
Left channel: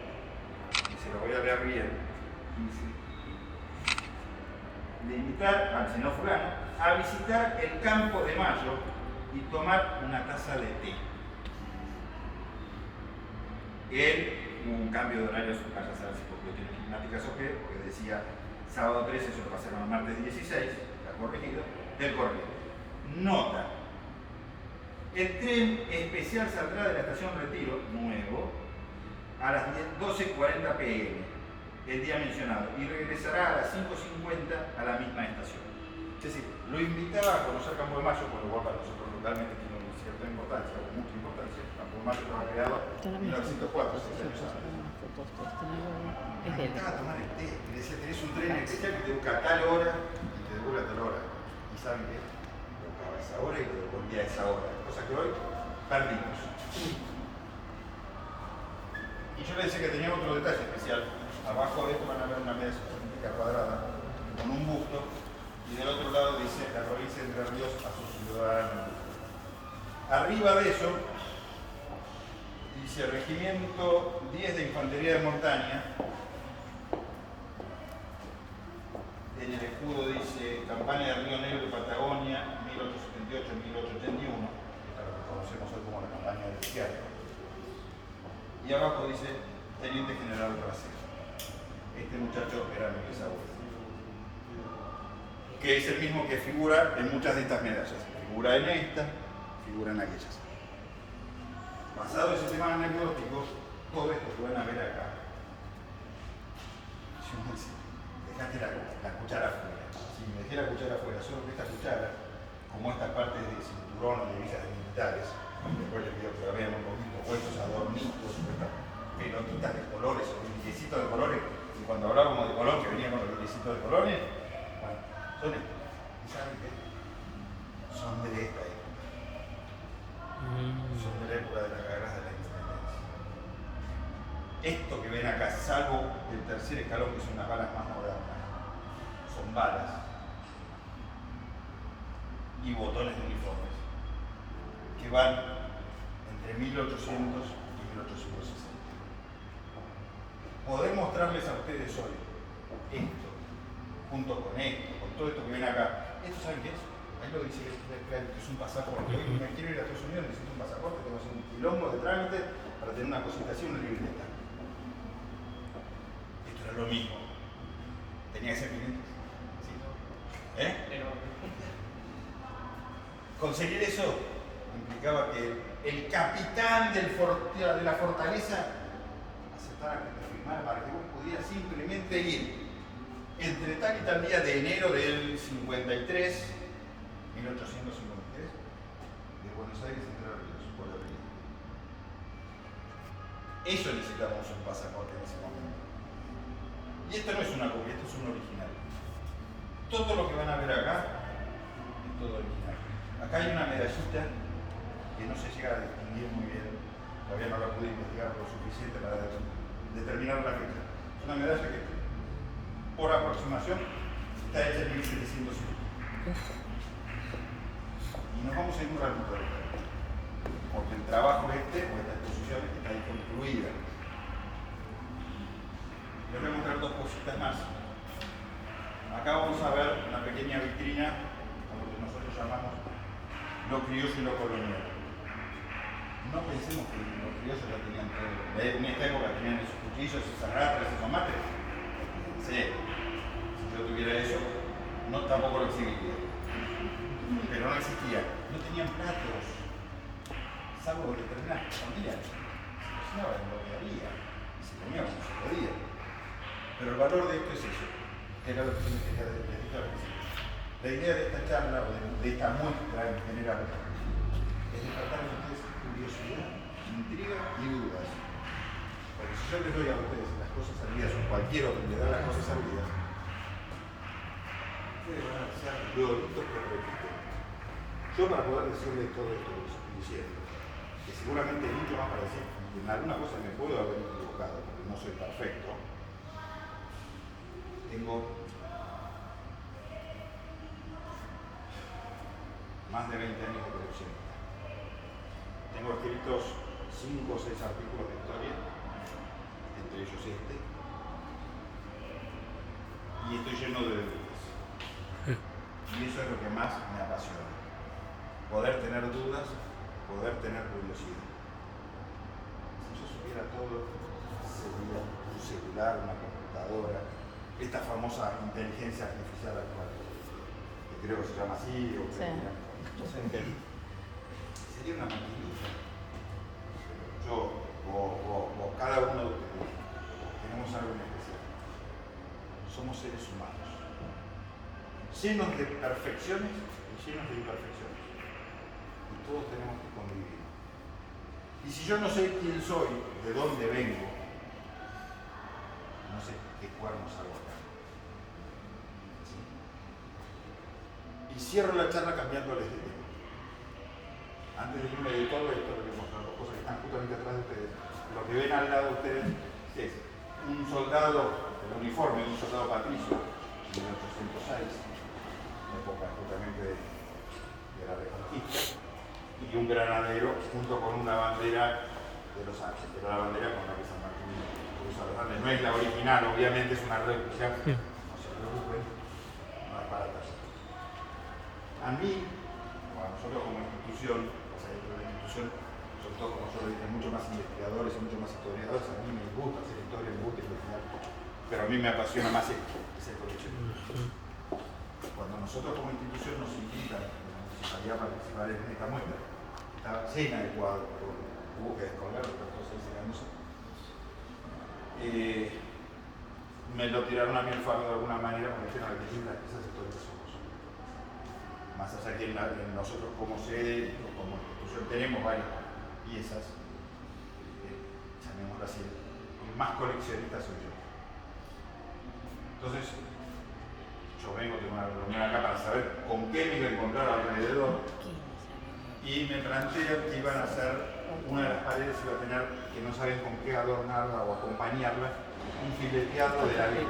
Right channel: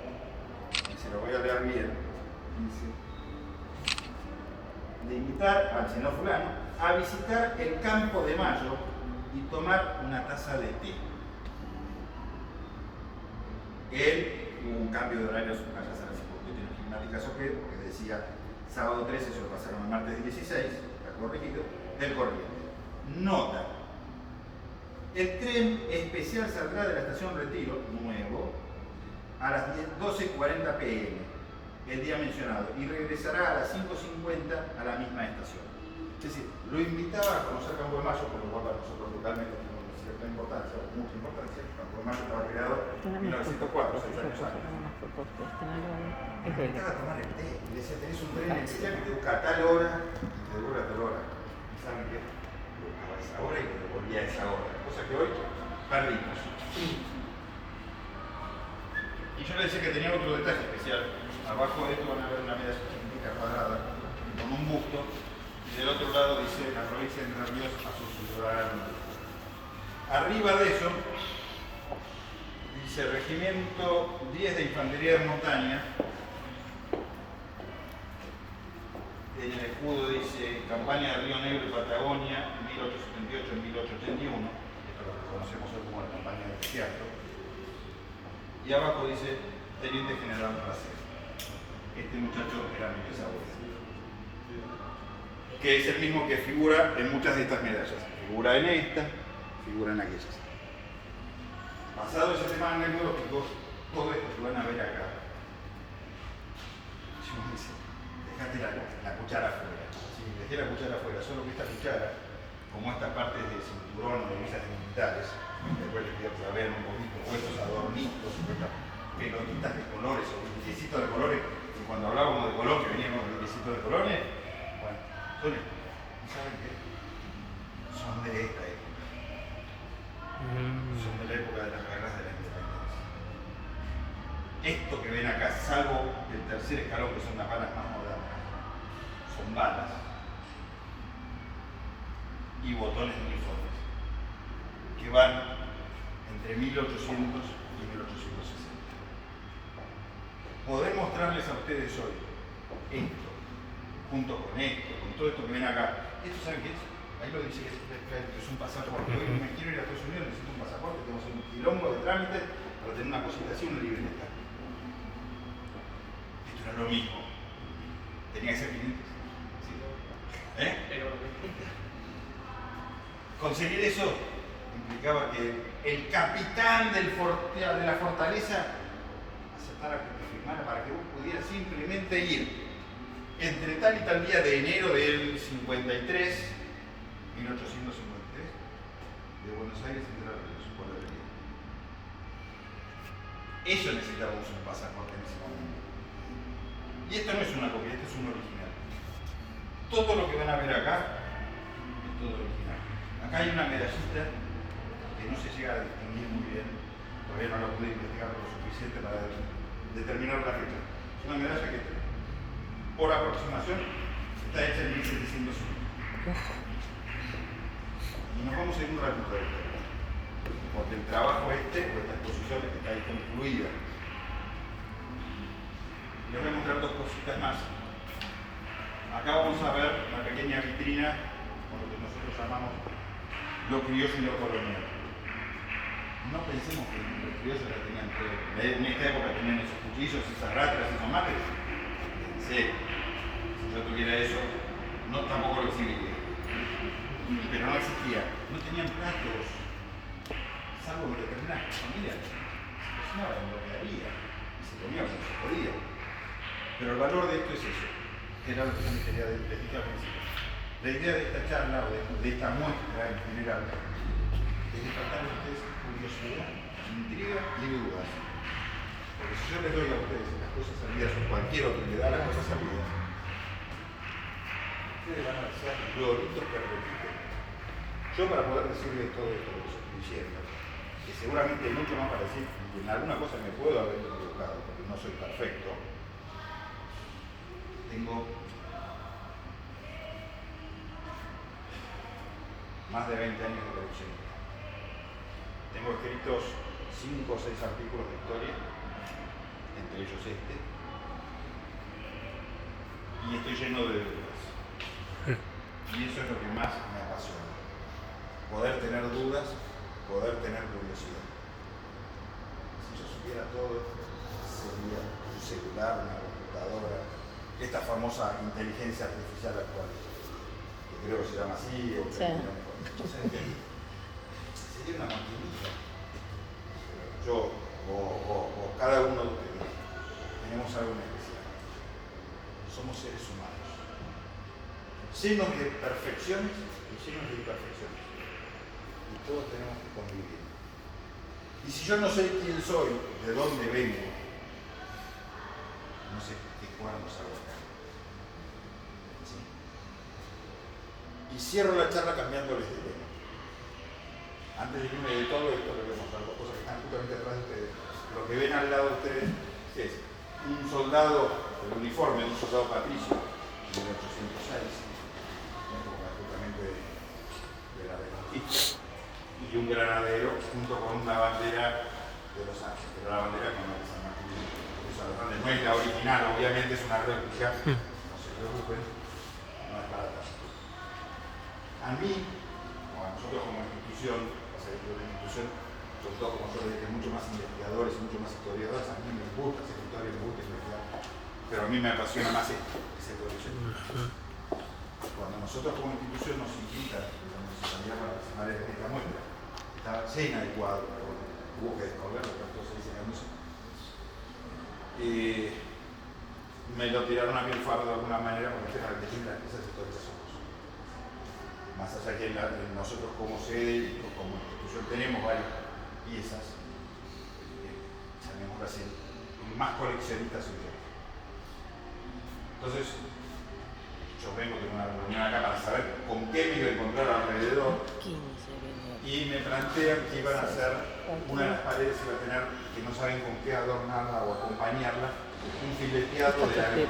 y se lo voy a leer bien. Dice: de invitar al señor fulano a visitar el Campo de Mayo y tomar una taza de té. Él hubo un cambio de horarios, vaya a saber si por cuestiones climáticas o qué, porque decía sábado 13, se lo pasaron a martes 16, está corregido, del correo. Nota: el tren especial saldrá de la estación Retiro, nuevo, a las 12:40 p.m. el día mencionado y regresará a las 5:50 a la misma estación. Es decir, lo invitaba a conocer Campo de Mayo, por lo cual para nosotros localmente tiene cierta importancia, o mucha importancia. Campo de Mayo estaba creado en 1904, 6 años antes. Invitaba a tomar el té, y decía: tenés un tren especial que te busca a tal hora y te devuelve a tal hora. ¿Y saben qué? Lo buscaba a esa hora y lo devolvía a esa hora, cosa que hoy perdimos. Y yo le decía que tenía otro detalle especial. Abajo de esto van a ver una medalla científica cuadrada con un busto, y del otro lado dice: la provincia de Entre Ríos a sus ciudadanos. Arriba de eso dice: Regimiento 10 de Infantería de Montaña. En el escudo dice: campaña de Río Negro y Patagonia 1878-1881. Esto es lo que conocemos hoy como la campaña de cierto. Y abajo dice Teniente General Bracero. Este muchacho era mi bisabuelo, que es el mismo que figura en muchas de estas medallas. Figura en esta, figura en aquellas. Pasado ese tema anecdótico, todo esto que van a ver acá, yo me dice, dejate la cuchara afuera. Si dejé la cuchara afuera, solo que esta cuchara, como estas partes de cinturón de visas de militares, después les pido que la vean un poquito, o estos adornitos, o estas pelotitas de colores, o brillecitos de colores, y cuando hablábamos de Colón, que veníamos con brillecitos de colores, bueno, son estos. ¿Y saben qué? Son de esta época. Son de la época de las guerras de la independencia. Esto que ven acá, salvo del tercer escalón, que son las balas más modernas, son balas y botones de uniformes que van entre 1800 y 1860. Poder mostrarles a ustedes hoy esto, junto con esto, con todo esto que ven acá, ¿esto saben qué es? Ahí lo dice, es un pasaporte. Hoy me quiero ir a Estados Unidos, necesito un pasaporte, tengo que hacer un quilombo de trámite para tener una cosita así, una libreta. Esto era lo mismo. Tenía que ser 500. ¿Sí? Conseguir eso implicaba que el capitán de la fortaleza aceptara que te firmara para que vos pudieras simplemente ir entre tal y tal día de enero del 53, 1853, de Buenos Aires a Entre Ríos, por el río. Eso necesitábamos un pasaporte en ese momento. Y esto no es una copia, esto es un original. Todo lo que van a ver acá es todo original. Acá hay una medallita que no se llega a distinguir muy bien, todavía no la pude investigar lo suficiente para determinar la fecha. Es una medalla que, por aproximación, está hecha en 1750. Y nos vamos a ir un ratito, porque el trabajo o esta exposición está ahí concluida. Les voy a mostrar dos cositas más. Acá vamos a ver una pequeña vitrina, con lo que nosotros llamamos lo criollo y lo colonial. No pensemos que los criollos la tenían todo. En esta época tenían esos cuchillos, esas ratras, esos mates. Sí. Si yo tuviera eso, no tampoco lo exhibiría. Pero no existía. No tenían platos. Salvo en determinadas familias. Se cocinaba en lo que había. Y se comía como se podía. Pero el valor de esto es eso. Era lo que les quería decir al principio. La idea de esta charla, o de esta muestra en general, es despertar a ustedes curiosidad, intriga y dudas. Porque si yo les doy a ustedes las cosas salidas, o cualquier otro le da las cosas salidas, ustedes van a ser gloritos que repiten. Yo, para poder decirles todo esto que les estoy diciendo, que seguramente hay mucho más para decir, y en alguna cosa me puedo haber equivocado, porque no soy perfecto, tengo más de 20 años de coleccionista. Tengo escritos 5 o 6 artículos de historia, entre ellos este, y estoy lleno de dudas. Y eso es lo que más me apasiona. Poder tener dudas, poder tener curiosidad. Si yo supiera todo, sería un celular, una computadora, esta famosa inteligencia artificial actual, que creo que se llama así, o que sería una maquinita. Yo o cada uno de ustedes tenemos algo en especial. Somos seres humanos, llenos de perfecciones y llenos de imperfecciones. Y todos tenemos que convivir. Y si yo no sé quién soy, de dónde vengo, no sé qué cuernos hago acá. ¿Sí? Y cierro la charla cambiándoles de tema. Antes de irme de todo esto, les voy a mostrar dos cosas que están justamente atrás de ustedes. Lo que ven al lado de ustedes es un soldado, el uniforme de un soldado patricio de 1806, época justamente de la Reconquista, y un granadero junto con una bandera de los Ángeles, pero la bandera con la que San Martín cruza los Andes. No es la original, obviamente es una réplica, no se preocupen, no es para el a mí, a nosotros como institución, o sea, una institución sobre todo como yo le dije, mucho más investigadores, mucho más historiadores. A mí me gusta hacer historia, me gusta investigar, pero a mí me apasiona más esto, que es el coleccionismo. Cuando nosotros como institución nos invitan a la municipalidad a participar en esta muestra, estaba llena de cuadros, pero bueno, hubo que descolgarlo, pero entonces ahí secándose. Me lo tiraron a mí el fardo de alguna manera con el tema de que las piezas históricas somos. Más allá que nosotros como sede o como institución tenemos varias piezas, llamémoslo así, el más coleccionista soy yo. Entonces, yo vengo de una reunión acá para saber con qué me iba a encontrar alrededor y me plantean que iban a hacer una de las paredes, iba a tener, que no saben con qué adornarla o acompañarla, un fileteado de la Biblia.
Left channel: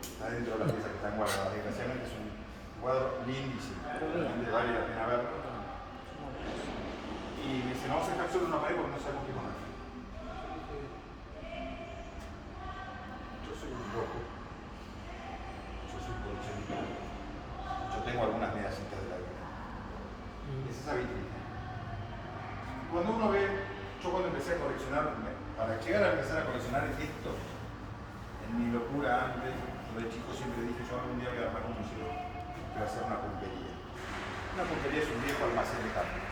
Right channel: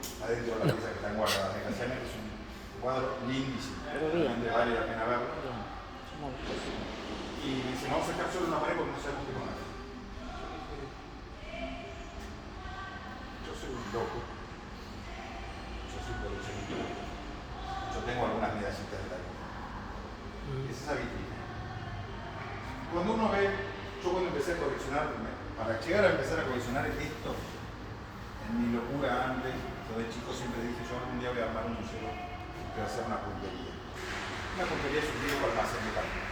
Está dentro de las piezas que están guardadas. Desgraciadamente es un cuadro lindísimo, realmente vale la pena verlo. Y me dicen, no vamos a dejar solo una pared porque no sabemos qué poner. Yo soy un loco. Yo soy coleccionista. Yo tengo algunas medallitas de la Biblia. Es esa vitrina. Cuando uno ve, yo cuando empecé a coleccionar, para llegar a empezar a coleccionar esto, en mi locura antes, yo de chico siempre dije, yo algún día voy a armar un museo que va a ser una pulpería. Una pulpería es un viejo almacén de carne.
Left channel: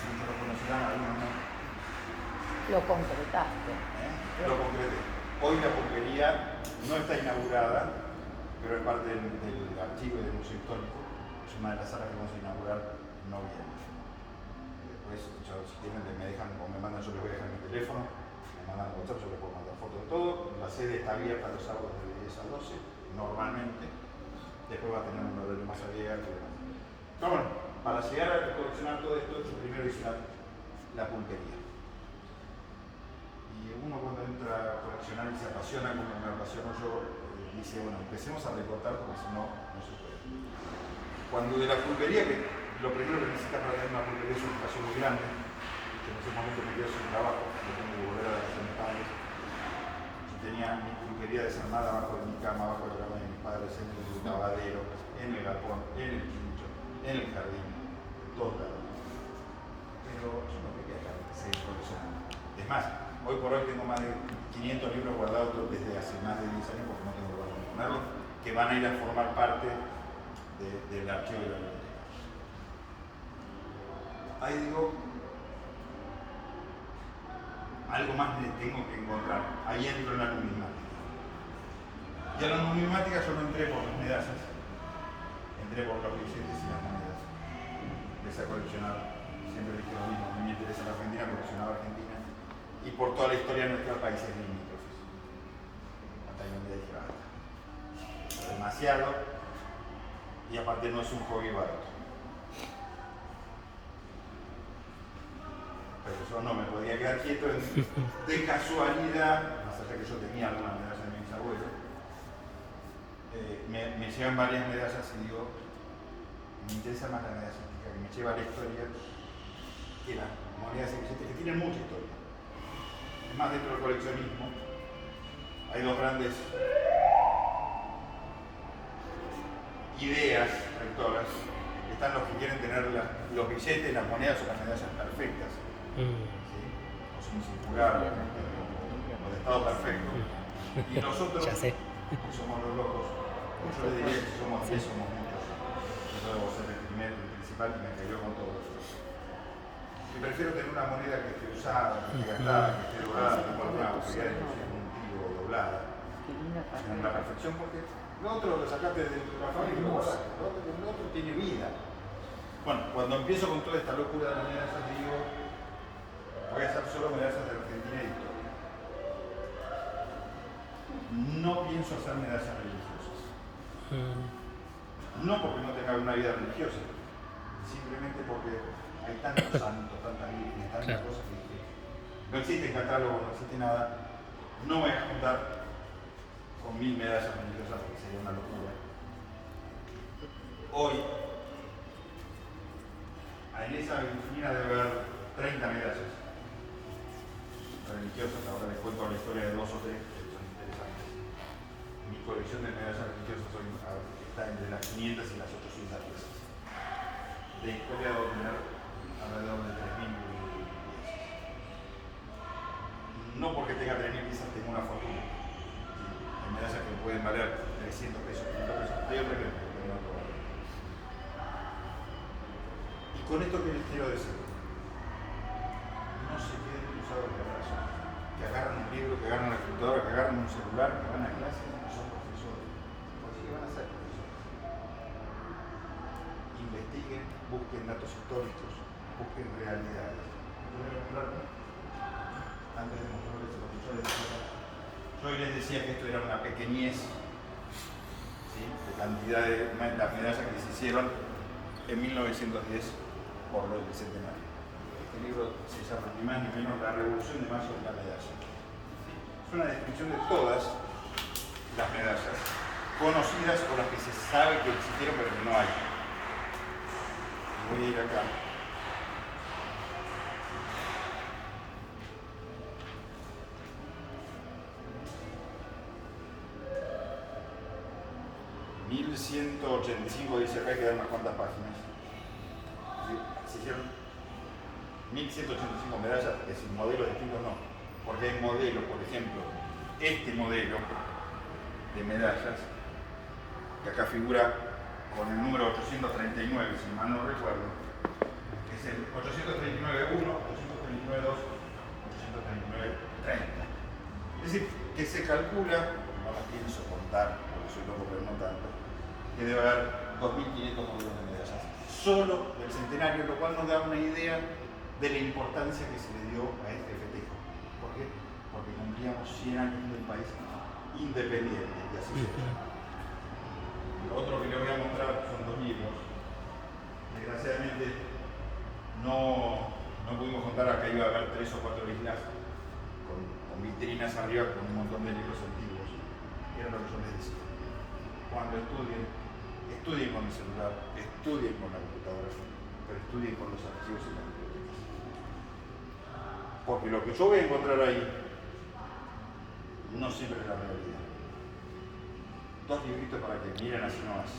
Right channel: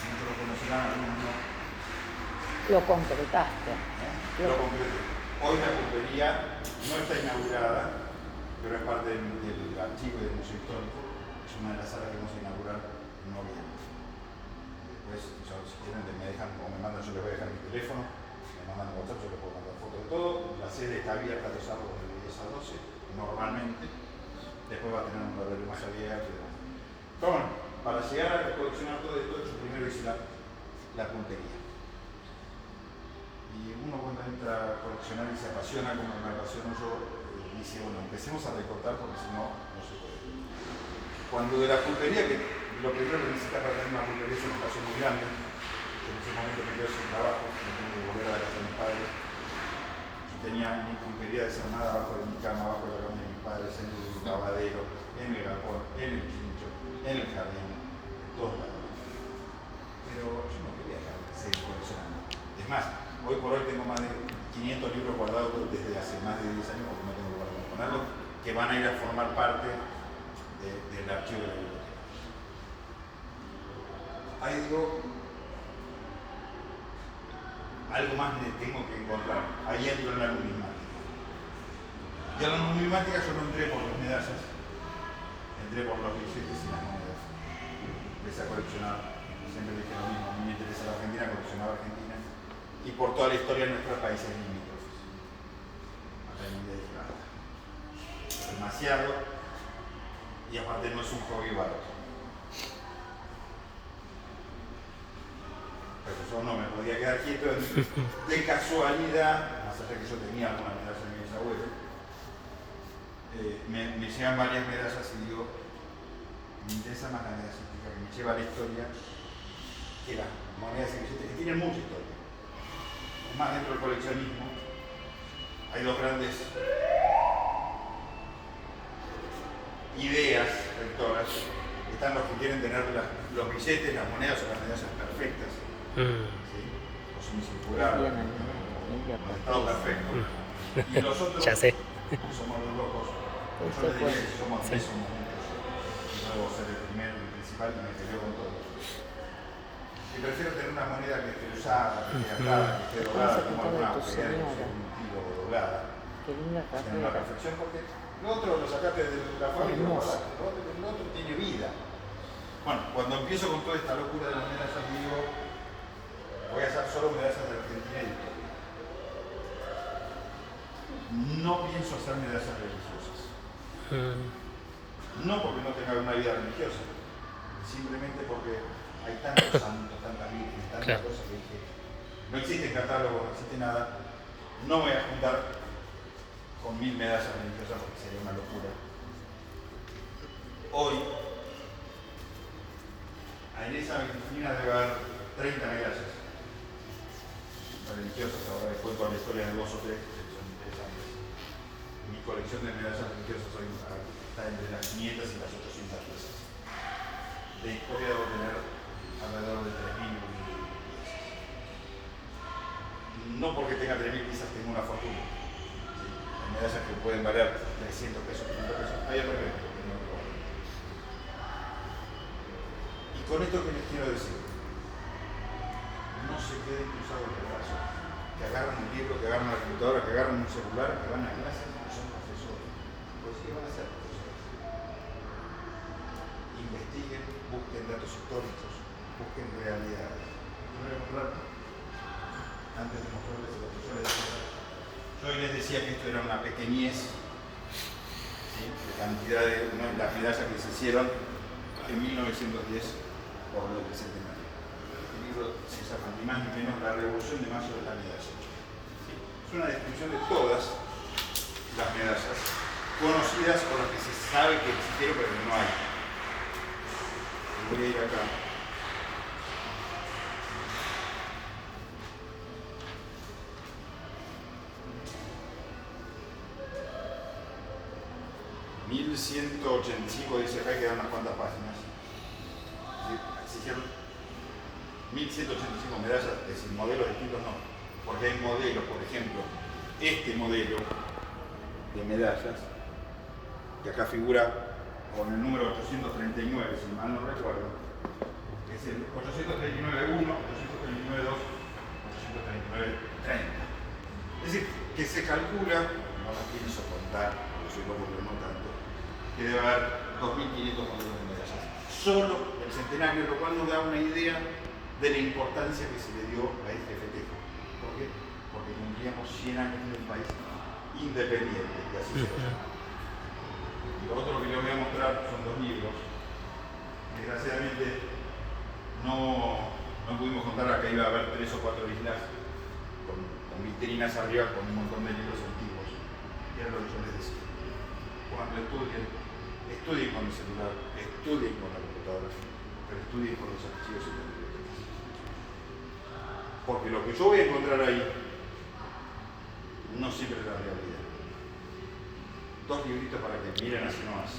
Muchos lo conocerán, algunos no. Lo concretaste. Lo concreté. Hoy la pulpería no está inaugurada, pero es parte del archivo y del museo histórico. Es una de las salas que vamos a inaugurar en noviembre. Después, ellos si quieren, me dejan o me mandan, yo les voy a dejar mi teléfono, me mandan un WhatsApp, yo les puedo mandar fotos de todo. La sede está abierta los sábados de 10 a 12, normalmente. Después va a tener un horario más abierto. Pero bueno, para llegar a coleccionar todo esto, yo primero hice la pulpería. Y uno cuando entra a coleccionar y se apasiona, como me apasiono yo, dice, bueno, empecemos a recortar porque si no, no se puede. Cuando de la pulpería, que lo primero que necesita para tener una pulpería es un espacio muy grande, que en ese momento me quedo sin trabajo, me tengo que volver a la casa de mis padres, y tenía mi pulpería desarmada abajo de mi cama, abajo de la cama de mis padres, en el lavadero, en el galpón, en el quincho, en el jardín, en todos lados. Pero yo no quería seguir coleccionando. Es más, hoy por hoy tengo más de 500 libros guardados desde hace más de 10 años, porque no tengo lugar para ponerlos, que van a ir a formar parte del archivo de la biblioteca. Ahí digo, algo más me tengo que encontrar. Ahí entro en la numismática. Y a la numismática yo no entré por las medallas, entré por los billetes y las monedas. Empecé a coleccionar, siempre dije lo mismo, a mí me interesa la Argentina, coleccionaba Argentina. Y por toda la historia de nuestros países limítrofes. Hasta que un día dije, es demasiado, y aparte no es un hobby barato. Pero yo no me podía quedar quieto de casualidad, más allá que yo tenía algunas medallas de mis abuelos, me llegan varias medallas y digo, me interesa más la medallística que me lleva a la historia que las monedas y billetes que tienen mucha historia. Es más, dentro del coleccionismo hay dos grandes ideas rectoras. Están los que quieren tener los billetes, las monedas o las medallas perfectas, ¿sí? O sin circular, o de estado perfecto. Y los otros, Ya sé. que somos los locos, yo les diría que si somos 10 somos muchos. Yo debo ser el primero, el principal, que me cayó con todos. Y prefiero tener una moneda que esté usada, que esté gastada, que esté doblada, como alguna agujería de un tiro doblada. Tener la perfección, porque lo otro lo sacaste de la fábrica y lo guardaste. Lo otro tiene vida. Bueno, cuando empiezo con toda esta locura de las medallas, digo, voy a hacer solo medallas de Argentina y historia. No pienso hacer medallas religiosas. No porque no tenga una vida religiosa, simplemente porque hay tantos santos, tantas vírgenes, tantas cosas que no existe catálogo, no existe nada. No me voy a juntar con 1000 medallas religiosas porque sería una locura. Hoy, en esa vitrina debe haber 30 medallas religiosas. Ahora les cuento la historia de 2 o 3 que son interesantes. Mi colección de medallas religiosas hoy está entre las 500 y las 800 piezas. De historia debo tener alrededor de 3000 quizás tenga una fortuna. ¿Sí? Hay medallas que pueden valer 300 pesos, 500 pesos. Hay otras que tienen otro valor. Y con esto que les quiero decir, no se queden cruzados de brazos, que agarran un libro, que agarran una computadora, que agarran un celular, que van a clases y son profesores. Pues sí, van a ser profesores. Investiguen, busquen datos históricos, busquen realidades. Voy a mostrar, antes de mostrarles a los profesores, yo hoy les decía que esto era una pequeñez, ¿sí?, de cantidad de las medallas que se hicieron en 1910 por lo del centenario. El libro se llama ni más ni menos La Revolución de Mayo de la Medalla. ¿Sí? Es una descripción de todas las medallas conocidas o las que se sabe que existieron pero que no hay. Voy a ir acá. (1185) dice acá, quedan unas cuantas páginas. Se hicieron 1185 medallas, es decir, modelos distintos no. Porque hay modelos, por ejemplo, este modelo de medallas, que acá figura con el número 839, si mal no recuerdo, es el 839-1, 839-2, 839-30. Es decir, que se calcula, no la pienso contar, porque soy loco pero no tanto, que debe haber 2.500 modelos de medallas. Solo el centenario, lo cual nos da una idea de la importancia que se le dio a este festejo. ¿Por qué? Porque cumplíamos 100 años de un país independiente, y así se lo llamaba. Lo otro que yo voy a mostrar son dos libros. Desgraciadamente no pudimos contar, acá iba a haber 3 o 4 islas con vitrinas arriba con un montón de libros antiguos. Y era lo que yo les decía. Cuando estudien con el celular, estudien con la computadora, pero estudien con los archivos y las bibliotecas. Porque lo que yo voy a encontrar ahí no siempre es la realidad. 2 libritos para que miren así nomás.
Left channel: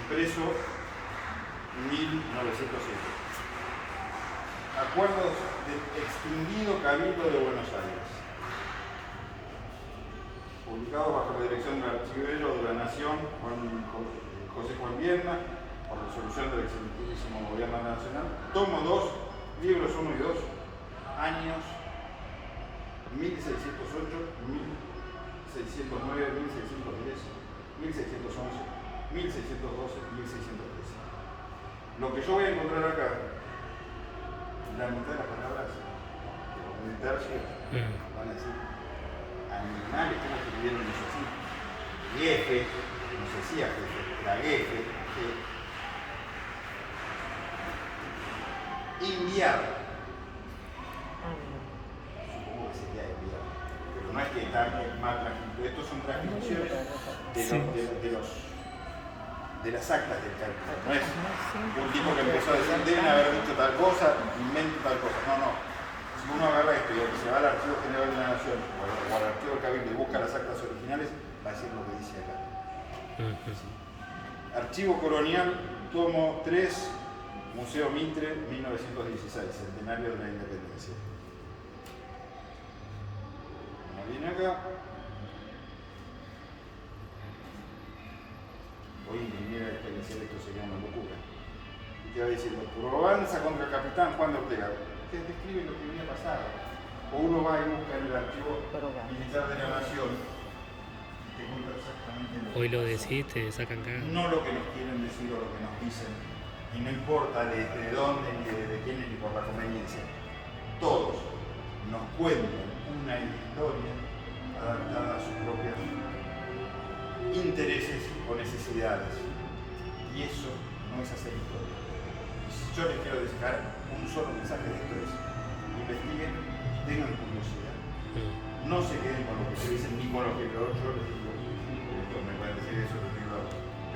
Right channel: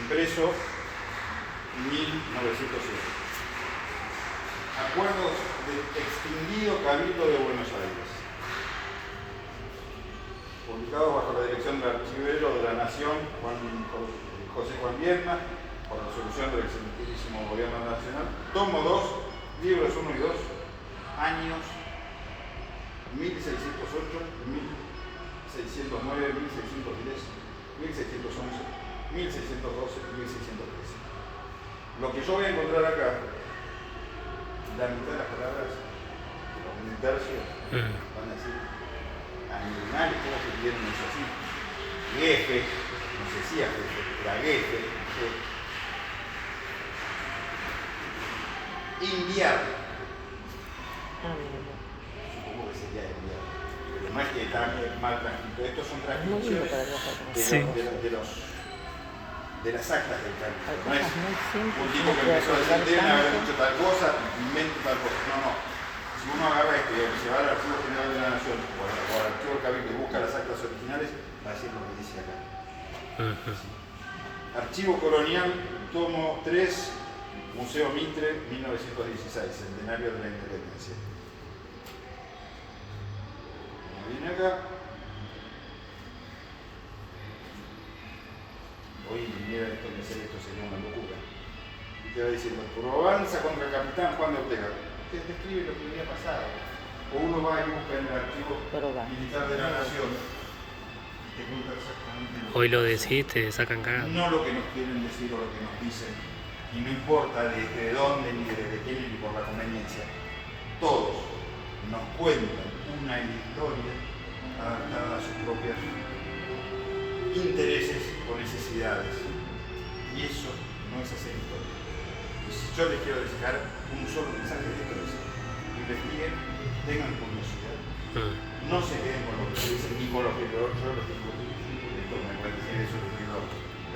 Impreso 1907. Acuerdos del extinguido Cabildo de Buenos Aires. Publicado bajo la dirección del archivero de la Nación, José Juan Vierna, por resolución del excelentísimo Gobierno Nacional. Tomo 2, libros 1 y 2, años 1608, 1609, 1610, 1611, 1612, 1613. Lo que yo voy a encontrar acá, la mitad de las palabras, un tercio, van a decir animales, ¿cómo se pidieron eso así? Jefe, no se decía jefe, era jefe. Invierno. Supongo que sería invierno. Pero no es que está mal transcrito. Estos son transcripciones de las actas del Cabildo. No es un tipo que empezó a decir, deben haber dicho tal cosa, invento tal cosa. No. Si uno agarra esto y se va al Archivo General de la Nación o al Archivo del Cabildo y busca las actas originales, va a decir lo que dice acá. Sí. Archivo Colonial, tomo 3, Museo Mitre, 1916, centenario de la Independencia. Viene acá. Hoy viniera esto y hacer esto sería una locura. Y te va diciendo, Provenza contra el capitán Juan de Ortega. Te describe lo que había pasado. O uno va y busca en el archivo militar de la Nación y te cuenta exactamente lo que Hoy lo decís, te sacan cagada. no lo que nos quieren decir o lo que nos dicen. Y no importa de dónde, ni de quién, ni por la conveniencia. Todos nos cuentan una historia adaptada a sus propios intereses o necesidades. Y eso no es hacer historia. Yo les quiero dejar un solo mensaje de esto: es: investiguen, tengan curiosidad, no se queden con lo que dicen ni con lo que yo les digo. Esto me va a decir eso, lo digo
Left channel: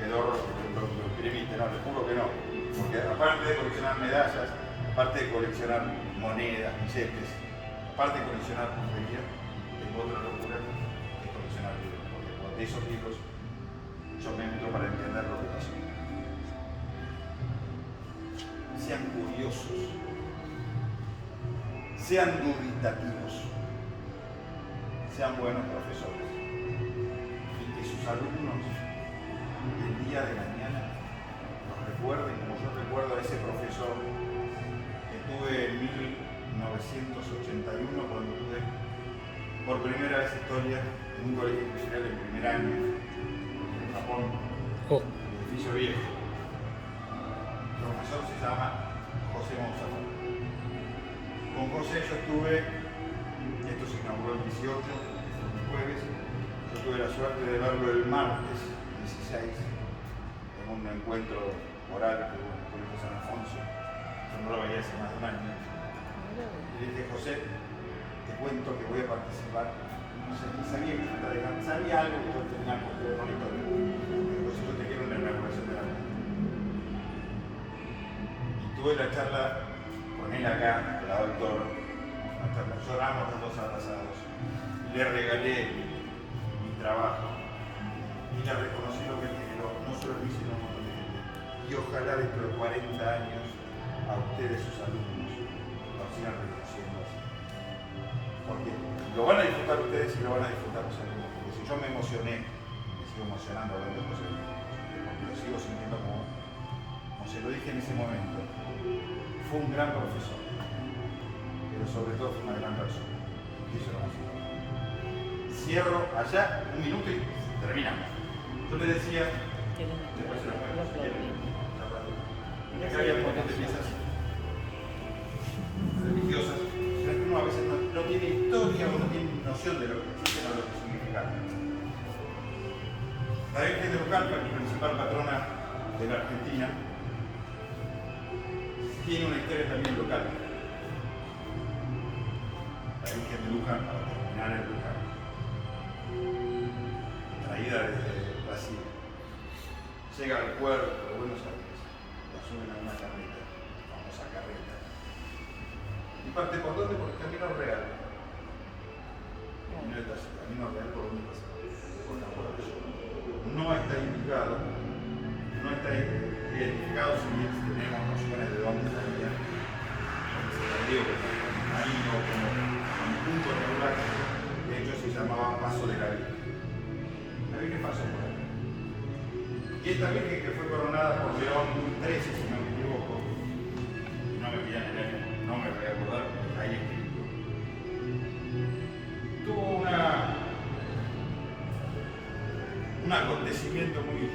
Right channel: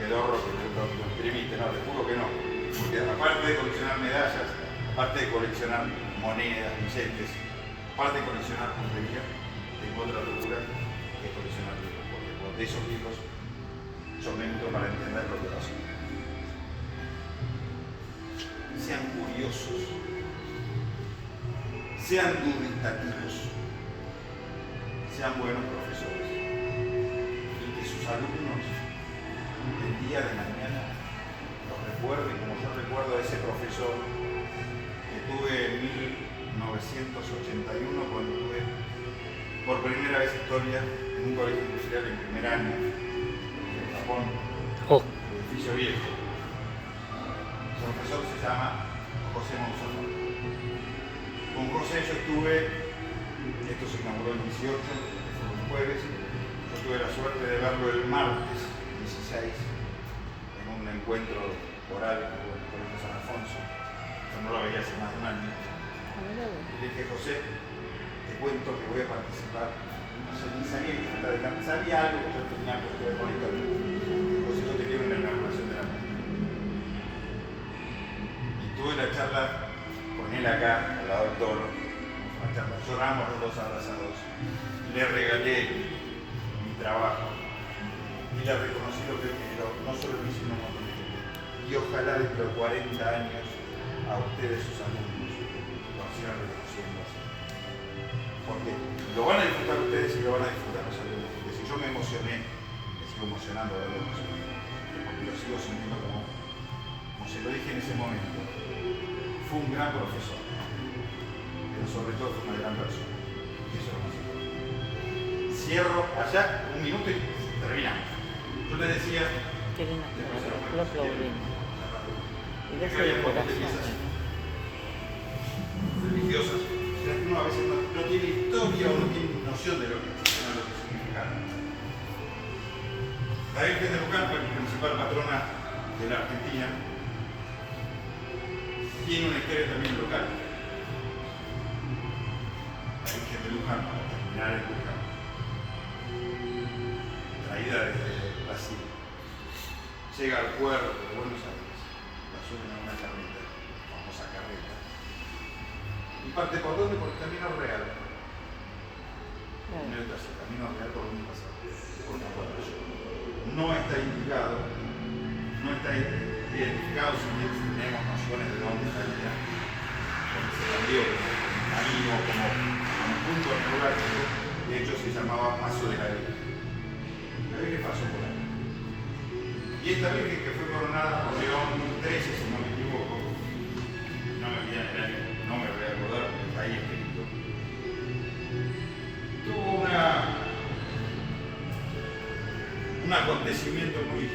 pedorro, que lo imprimiste, no, les juro que no. Porque aparte de coleccionar medallas, aparte de coleccionar monedas, billetes, aparte de coleccionar puntería, tengo otra locura que es coleccionar libros, porque de esos libros son útiles para entender lo que pasó. sean curiosos, sean dubitativos, sean buenos profesores y que sus alumnos del día de mañana los recuerden como yo recuerdo a ese profesor que tuve en 1981 cuando tuve por primera vez historia en un colegio industrial en primer año en Japón, Oh, edificio viejo. El profesor se llama José Monsalvat. Con José yo estuve, esto se inauguró el 18, que fue un jueves, yo tuve la suerte de verlo el martes 16 en un encuentro oral que hubo en el Colegio San Alfonso. Yo no lo veía hace más de un año. Y le dije, José, te cuento que voy a participar. No sé, ni sabía que estaba adelante, sabía algo que yo tenía que ver con la historia. José, yo te quiero en la inauguración de la mujer. Y tuve la charla con él acá, al lado del toro. Lloramos los dos abrazados. Le regalé mi trabajo. Y le reconocí lo que él generó, no solo lo hizo, sino un montón de gente. Y ojalá dentro de 40 años a ustedes, sus alumnos, los sigan reconociendo así. Porque lo van a disfrutar ustedes y lo van a disfrutar los alumnos. Porque si yo me emocioné, me sigo emocionando hablando de José, porque lo sigo sintiendo como se lo dije en ese momento, fue un gran profesor, pero sobre todo fue una gran persona. Y eso es lo más importante. Cierro allá un minuto y terminamos. Yo te decía, Qué lindo. Lo aplaudí. acá había un montón de piezas religiosas. Uno a veces no tiene historia o no tiene noción de lo que existe o lo que significa. La Virgen de Luján, la principal patrona de la Argentina, tiene una historia también local. La Virgen de Luján, para terminar en Luján, traída desde Brasil, llega al puerto de Buenos Aires, la suben en una carreta, la famosa carreta. ¿Y parte por dónde? Por el camino real. No está ese camino real por donde pasa. Por la puerta. No está indicado, no está identificado si bien tenemos nociones de dónde salía. Se salió como camino, como punto neurálgico. De hecho se llamaba Paso de la Virgen. La Virgen pasó por ahí. Y esta Virgen que fue coronada por León XIII, si no me equivoco, no me viene el año, no me voy a acordar, porque está ahí escrito. Tuvo un acontecimiento muy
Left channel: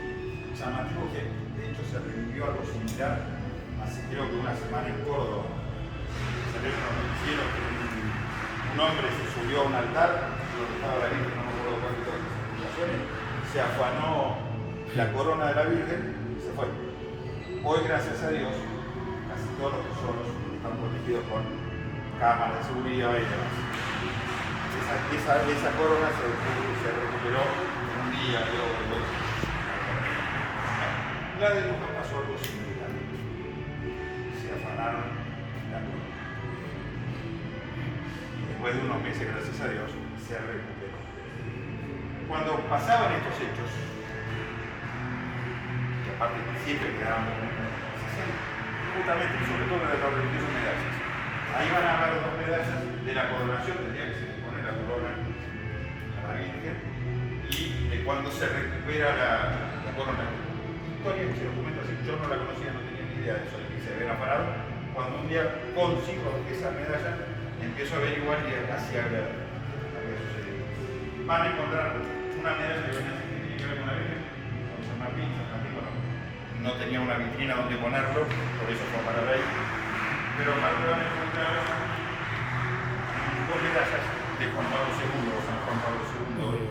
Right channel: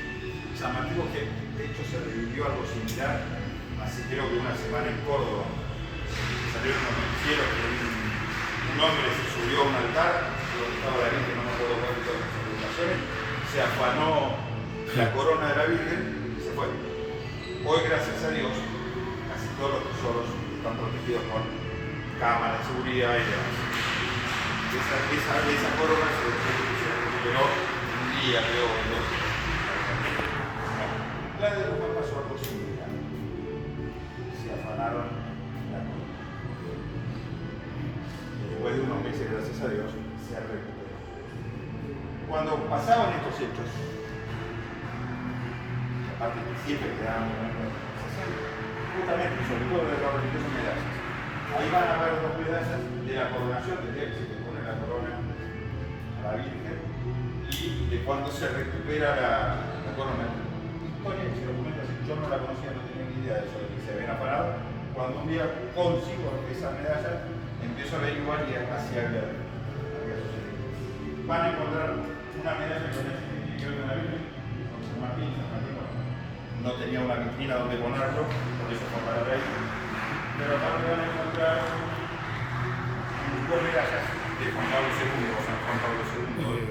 llamativo que de hecho se revivió algo similar hace creo que una semana en Córdoba. Salieron unos noticieros que un hombre se subió a un altar donde estaba la Virgen, no me acuerdo cuál de todas las circunstancias, se afanó la corona de la Virgen y se fue. Hoy, gracias a Dios, casi todos los tesoros están protegidos con cámaras de seguridad y demás. Esa corona se recuperó en un día, creo, en dos. La de Luján pasó algo similar. Se afanaron la corona. Después de unos meses, gracias a Dios, se recuperó. Cuando pasaban estos hechos, que aparte siempre quedaban como justamente y sobre todo de los religiosos medallas. Ahí van a ver dos medallas de la coronación, del día que se le pone la corona a la Virgen y de cuando se recupera la corona. Historia que se documenta así, yo no la conocía, no tenía ni idea de eso, de que se habían parado. Cuando un día consigo esa medalla, empiezo a averiguar y así había sucedido. Van a encontrar una medalla que venía que ver con la Virgen, con San Martín, no tenía una vitrina donde ponerlo, por eso fue a parar ahí. Pero aparte van a encontrar dos medallas de Juan Pablo II, San Juan Pablo II,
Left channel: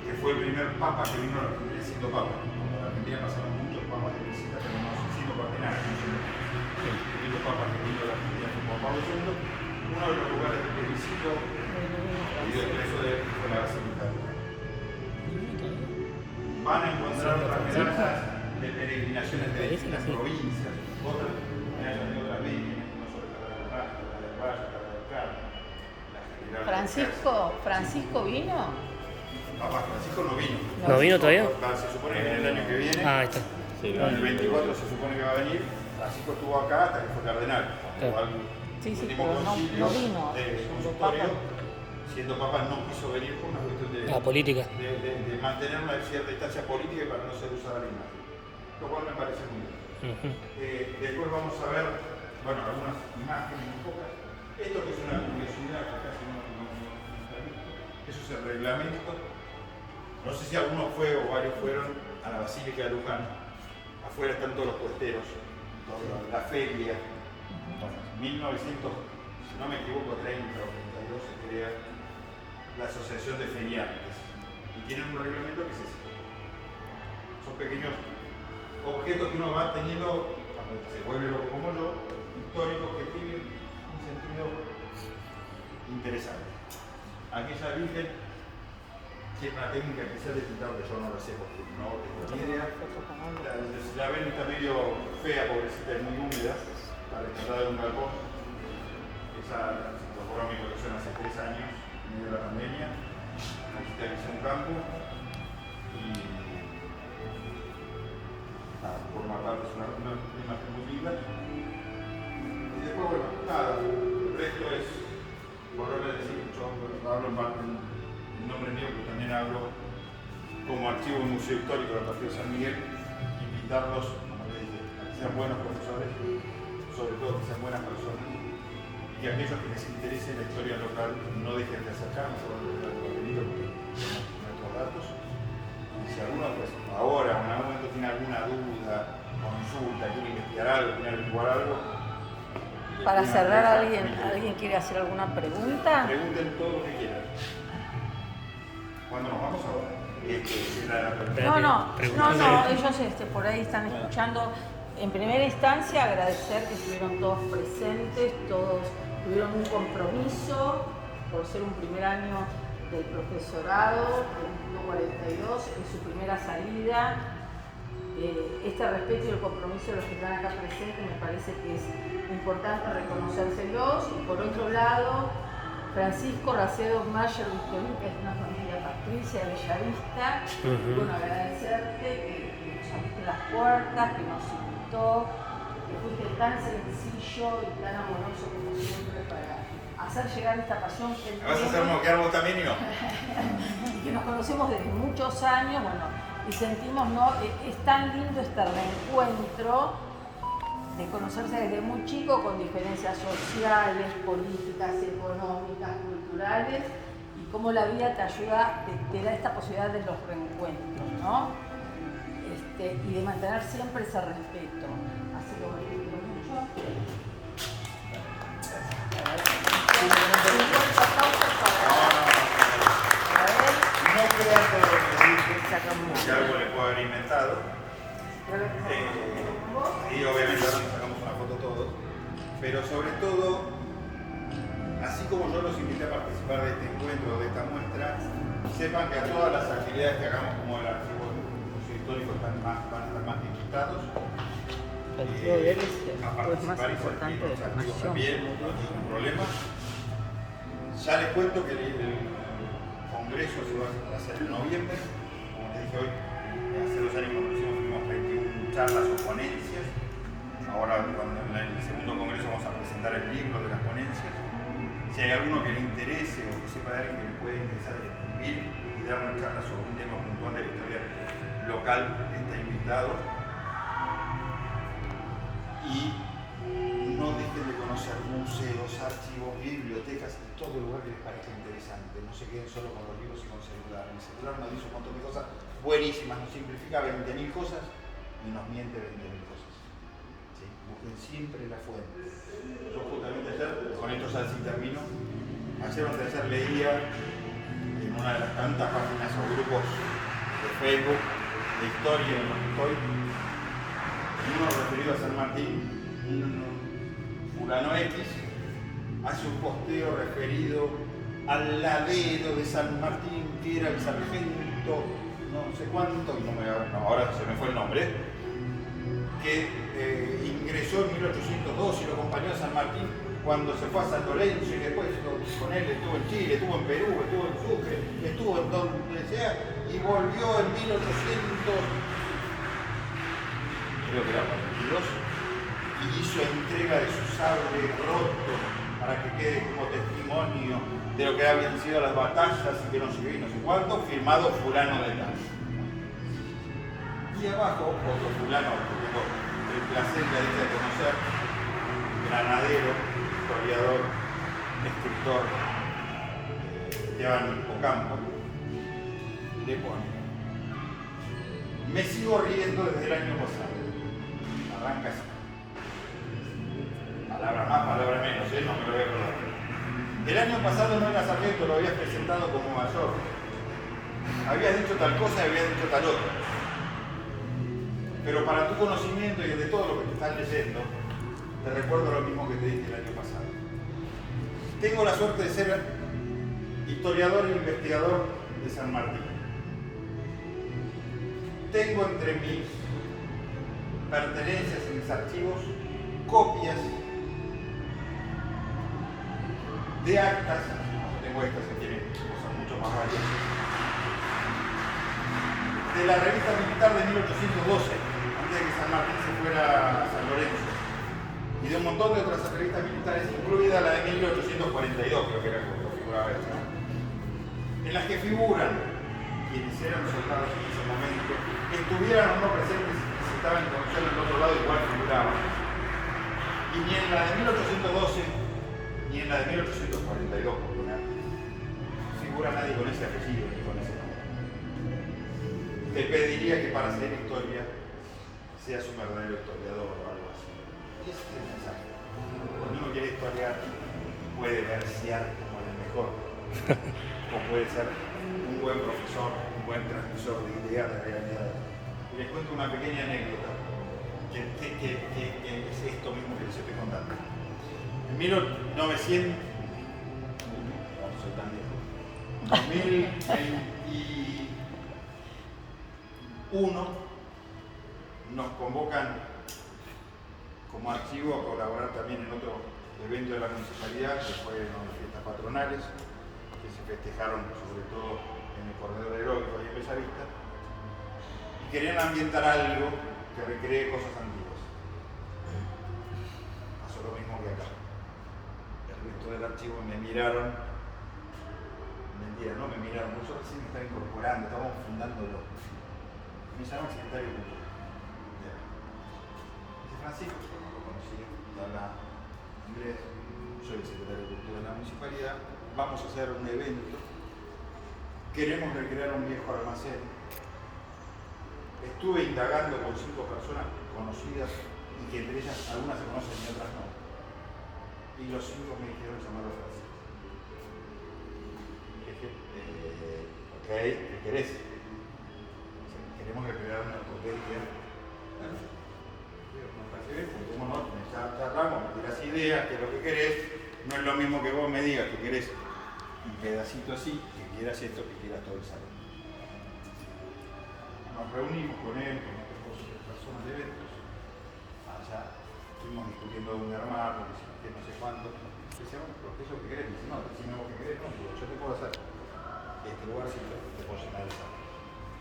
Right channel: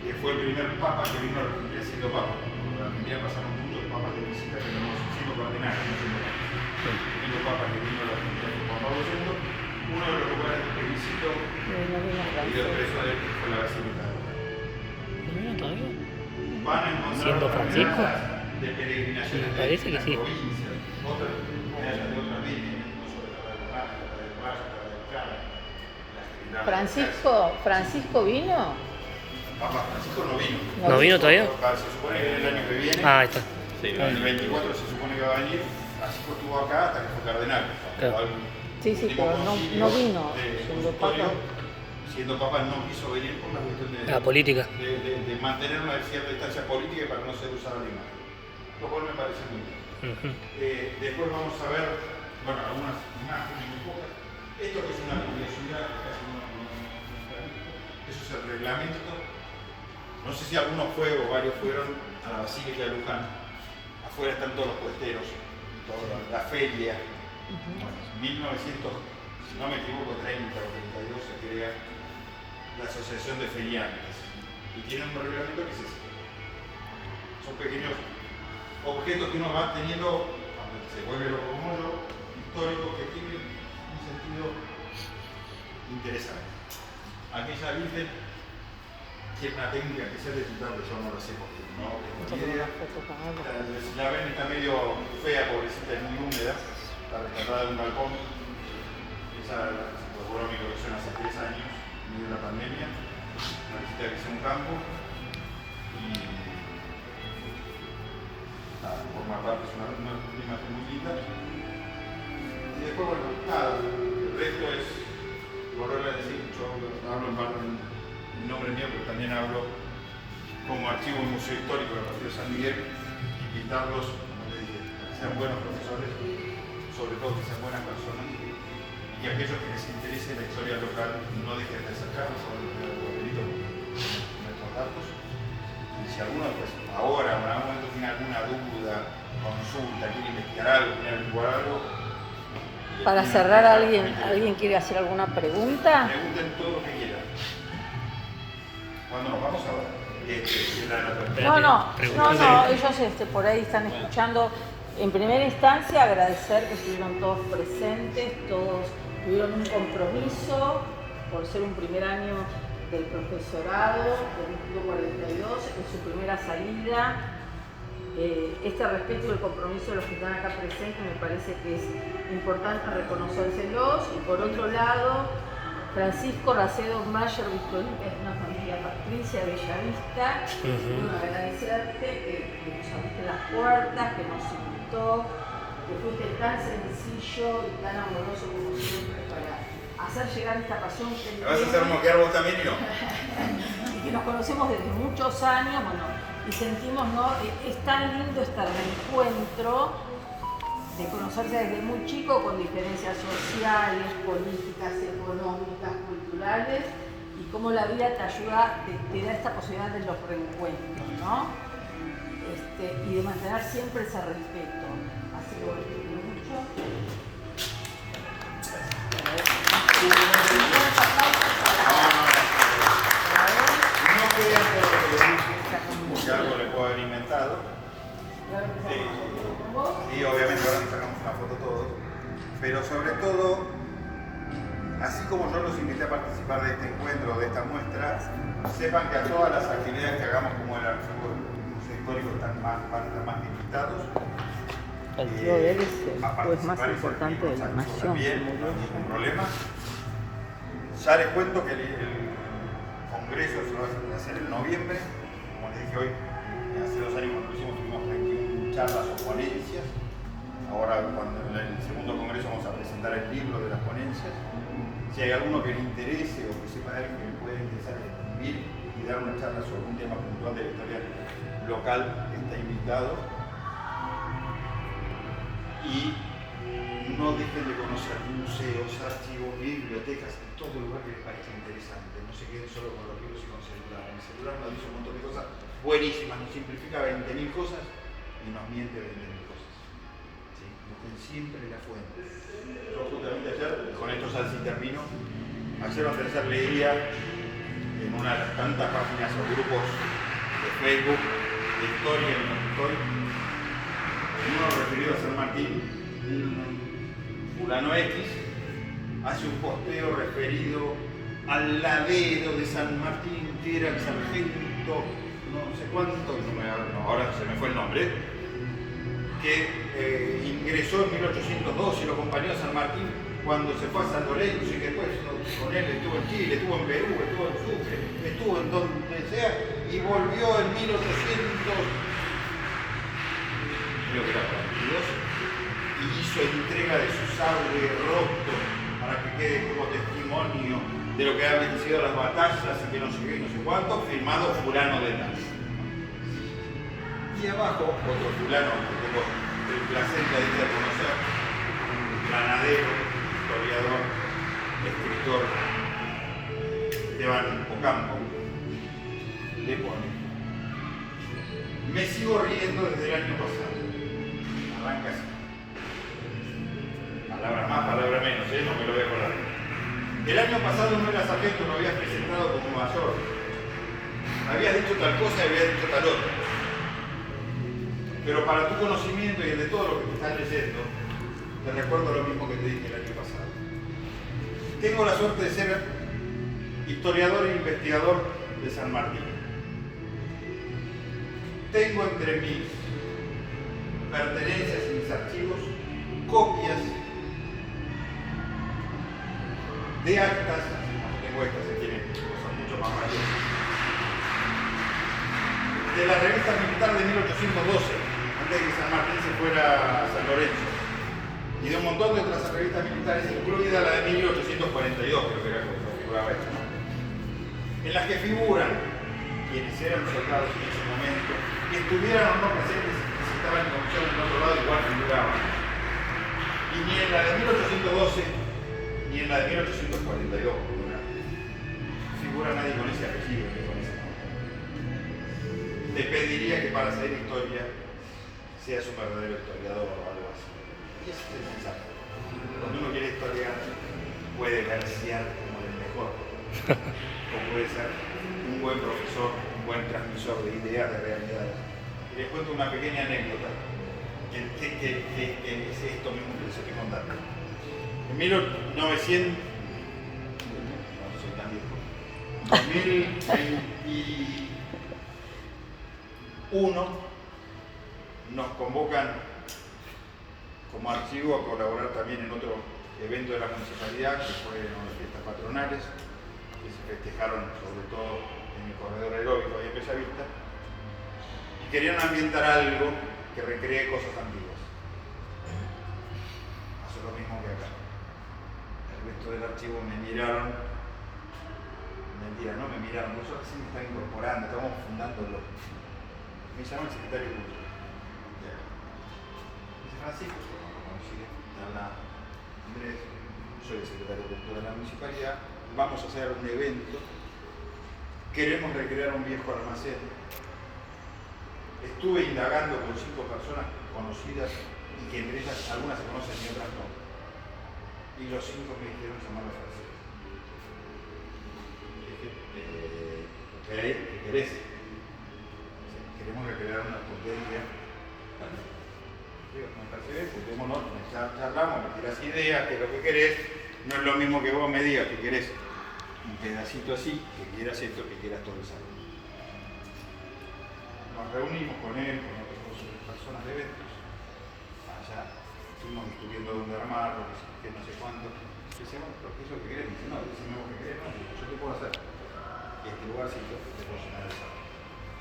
que fue el primer papa que vino a la Argentina siendo papa. Cuando a la Argentina pasaron muchos papas de visita, pero no siendo cardinales, no siendo papas. El único papa que vino a la Argentina fue Juan Pablo II. Uno de los lugares que visitó y de preso de él fue la Basílica. ¿Vinieron todavía? Van a encontrar ¿Siendo Francisco? de peregrinaciones Me de parece que sí. provincias, otras medallas de otra virgen, no solo la de Luján, la de Valle, la de Clara. ¿Francisco vino? Papa Francisco no vino. ¿No vino todavía? Se supone que viene el año que viene. Ah, ahí está. En el 24 se supone que va a venir. Francisco estuvo acá hasta que fue cardenal. Cuando Claro. al Sí, sí, último pero concilio no vino. del consultorio, siendo papa, no quiso venir por una cuestión de, La política. de mantener una cierta distancia política para no ser usada la imagen. Lo cual me parece muy bien. Ujú. Después vamos a ver, bueno, algunas imágenes muy pocas. Esto que es una curiosidad que casi no está visto. Eso es el reglamento. No sé si algunos fue o varios fueron a la Basílica de Luján. Afuera están todos los puesteros, toda la feria. Bueno, 1900, si no me equivoco, 30 o 32 se crea la Asociación de Feriantes. Y tienen un reglamento que es ese. Son pequeños objetos que uno va teniendo, se vuelve loco como yo, históricos que tienen un sentido interesante. Aquella virgen tiene una técnica especial de pintar, yo no la sé porque no tengo ni idea. La ven, está medio fea, pobrecita, y muy húmeda, está rescatada de un balcón. Esa logró mi colección hace 3 años, en medio de la pandemia. Necesita que sea un campo y forma parte, es una imagen muy linda. Y después, bueno, nada, el resto es, volver a decir, yo hablo en parte en nombre mío, pero también hablo como archivo del Museo Histórico del Partido de San Miguel, invitarlos, como les dije, a que sean buenos profesores, sobre todo que sean buenas personas, y aquellos que les interese la historia local no dejen de acercarnos a los papelitos con nuestros datos. Y si alguno, pues ahora o en algún momento tiene alguna duda, consulta, quiere investigar algo, quiere averiguar algo. Para cerrar, ¿alguien quiere hacer alguna pregunta? Pregunten todo lo que quieran. ¿Cuándo nos vamos a ver? No, ellos por ahí están escuchando. En primera instancia, agradecer que estuvieron todos presentes, todos tuvieron un compromiso por ser un primer año del profesorado, del Instituto 42, en su primera salida. Este respeto y el compromiso de los que están acá presentes me parece que es importante reconocérselos. Y por otro lado, Francisco Racedo Mayer Victorín es una familia patricia bellavista. Bueno, agradecerte que nos abriste las puertas, que nos invitó, que fuiste tan sencillo y tan amoroso como siempre para hacer llegar esta pasión que ¿Me vas a hacer moquear vos también y no? Y que nos conocemos desde muchos años, bueno, y sentimos, ¿no? Es tan lindo este reencuentro de conocerse desde muy chico con diferencias sociales, políticas, económicas, culturales, y cómo la vida te ayuda, te da esta posibilidad de los reencuentros, ¿no? Y de mantener siempre ese respeto. Así que bueno, te quiero mucho. No crean por lo que dije, que algo le puedo haber inventado. Y obviamente ahora nos sacamos una foto todos, pero sobre todo, así como yo los invité a participar de este encuentro, de esta muestra, sepan que a todas las actividades que hagamos como el archivo del Museo Histórico van a estar más que invitados a participar y servir los activos también, no hay ningún problema. Ya les cuento que el congreso se va a hacer en noviembre, como les dije hoy, hace 2 años cuando lo hicimos tuvimos 21 charlas o ponencias. Ahora en el segundo congreso vamos a presentar el libro de las ponencias. Si hay alguno que le interese o que sepa de alguien que le puede interesar escribir y dar una charla sobre un tema puntual de la historia local, está invitado. Y no dejen de conocer museos, archivos, bibliotecas y todo lugar que les parezca interesante. No se queden solo con los libros y con el celular. En el celular nos dice un montón de cosas buenísimas, nos simplifica 20.000 cosas y nos miente 20.000 cosas. ¿Sí? Busquen siempre la fuente. Yo justamente ayer, con esto ya sí termino, ayer o ayer leía en una de las tantas páginas o grupos de Facebook de historia en los que estoy, en uno referido a San Martín, fulano X hace un posteo referido al ladero de San Martín, que era el sargento, no sé cuánto, ahora se me fue el nombre, que ingresó en 1802 y lo acompañó a San Martín cuando se fue a San Lorenzo y que después con él estuvo en Chile, estuvo en Perú, estuvo en Sucre, estuvo en donde sea y volvió en 1800. creo que era 42, y hizo entrega de su sable roto para que quede como testimonio de lo que habían sido las batallas y que no sé qué, no sé cuánto, firmado fulano de tal. Y abajo, otro fulano que tengo el placer y la dicha de conocer, granadero, historiador, escritor, Esteban Ocampo, le pone: me sigo riendo desde el año pasado. Arranca así. Palabra más, palabra menos, no me lo voy a acordar. El año pasado no eras sargento, lo habías presentado como mayor. Habías dicho tal cosa y habías dicho tal otra. Pero para tu conocimiento y el de todo lo que te estás leyendo, te recuerdo lo mismo que te dije el año pasado. Tengo la suerte de ser historiador e investigador de San Martín. Tengo entre mis pertenencias y mis archivos copias de actas, no tengo estas, se tienen cosas mucho más valiosas, de la revista militar de 1812, antes de que San Martín se fuera a San Lorenzo, y de un montón de otras revistas militares, incluida la de 1842, creo que era como figuraba esta, ¿no? En las que figuran quienes eran soldados en ese momento, que estuvieran o no presentes, que si estaban en comisión en otro lado, igual figuraban. Y ni en la de 1812 ni en la de 1842 figura nadie con ese apellido ni con ese nombre. Te pediría que para hacer historia seas un verdadero historiador o algo así. Y ese es el mensaje. Cuando uno quiere historiar, puede versear como el mejor, o puede ser un buen profesor, un buen transmisor de ideas, de realidades. Y les cuento una pequeña anécdota que es esto mismo que les estoy contando. En 1900, no soy tan viejo, 2021 nos convocan como archivo a colaborar también en otro evento de la municipalidad, que fue en las fiestas patronales, que se festejaron sobre todo en el corredor aeróbico ahí en Bellavista, y querían ambientar algo que recree cosas antiguas. Pasó lo mismo que acá. El resto del archivo me miraron, mentira, no me miraron, porque yo recién me estaba incorporando, estábamos fundándolo. Me llama el secretario de Cultura. Dice: Francisco, lo conocido, te habla inglés, soy el secretario de Cultura de la municipalidad, vamos a hacer un evento, queremos recrear un viejo almacén. Estuve indagando con 5 personas conocidas y que entre ellas algunas se conocen y otras no. Y los 5 me dijeron llamarlo a Francisco. Dije, ok, ¿qué querés? Queremos recrear una potencia. Bueno, me parece bien, juntémonos, charlamos, me tiras ideas, qué es lo que querés. No es lo mismo que vos me digas que querés un pedacito así, que quieras esto, que quieras todo el salón. Nos reunimos con él, con otras personas de eventos. Allá estuvimos discutiendo dónde armarlo, que no sé cuánto. Dice: bueno, pero ¿qué es lo que querés? Dice: no, decime lo que querés, no, yo te puedo hacer este lugarcito, te puedo llenar el salón.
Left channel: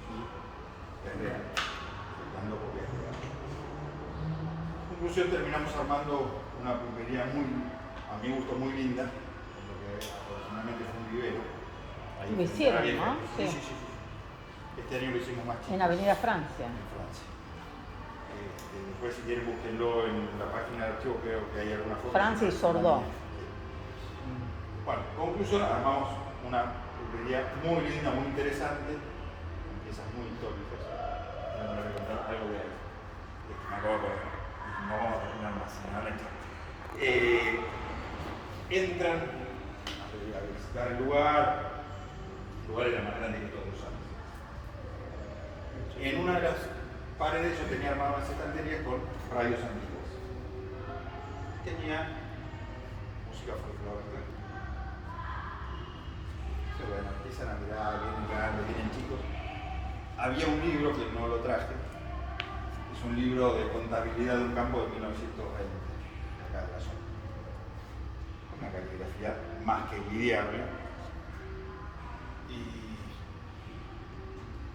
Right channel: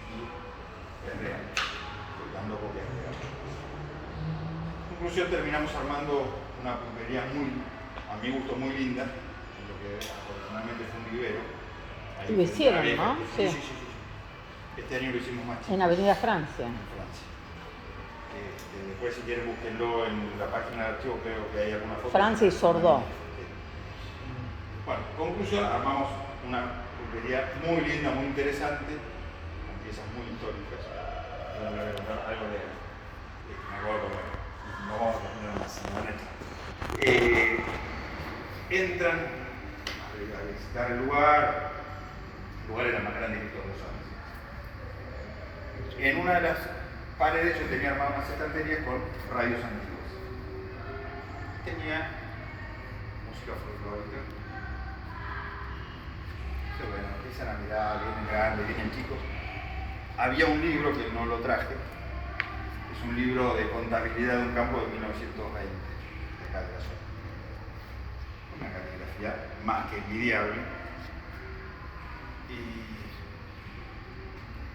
Y es real, dando copias reales. En conclusión, terminamos armando una pulpería muy, a mi gusto, muy linda, en lo que afortunadamente fue un vivero. Ahí lo hicieron, ¿no? Sí. Este año lo hicimos más chico. En Avenida Francia. En Francia. Después, si quieren, búsquenlo en la página de archivo, creo que hay alguna foto. Francia y Sordó. Sí. Bueno, conclusión, armamos una pulpería muy linda, muy interesante, con piezas muy históricas. Ya no les voy a contar algo de me acabo de comer. No vamos a terminar más, entran a visitar el lugar. El lugar era más grande que todos los años. En una de las paredes yo tenía armadas unas estanterías con radios antiguos. Tenía música folclórica. Bueno, empiezan a mirar, vienen grandes, vienen chicos. Había un libro que no lo traje, es un libro de contabilidad de un campo de 1920, de acá de la zona. Una caligrafía más que envidiable. Y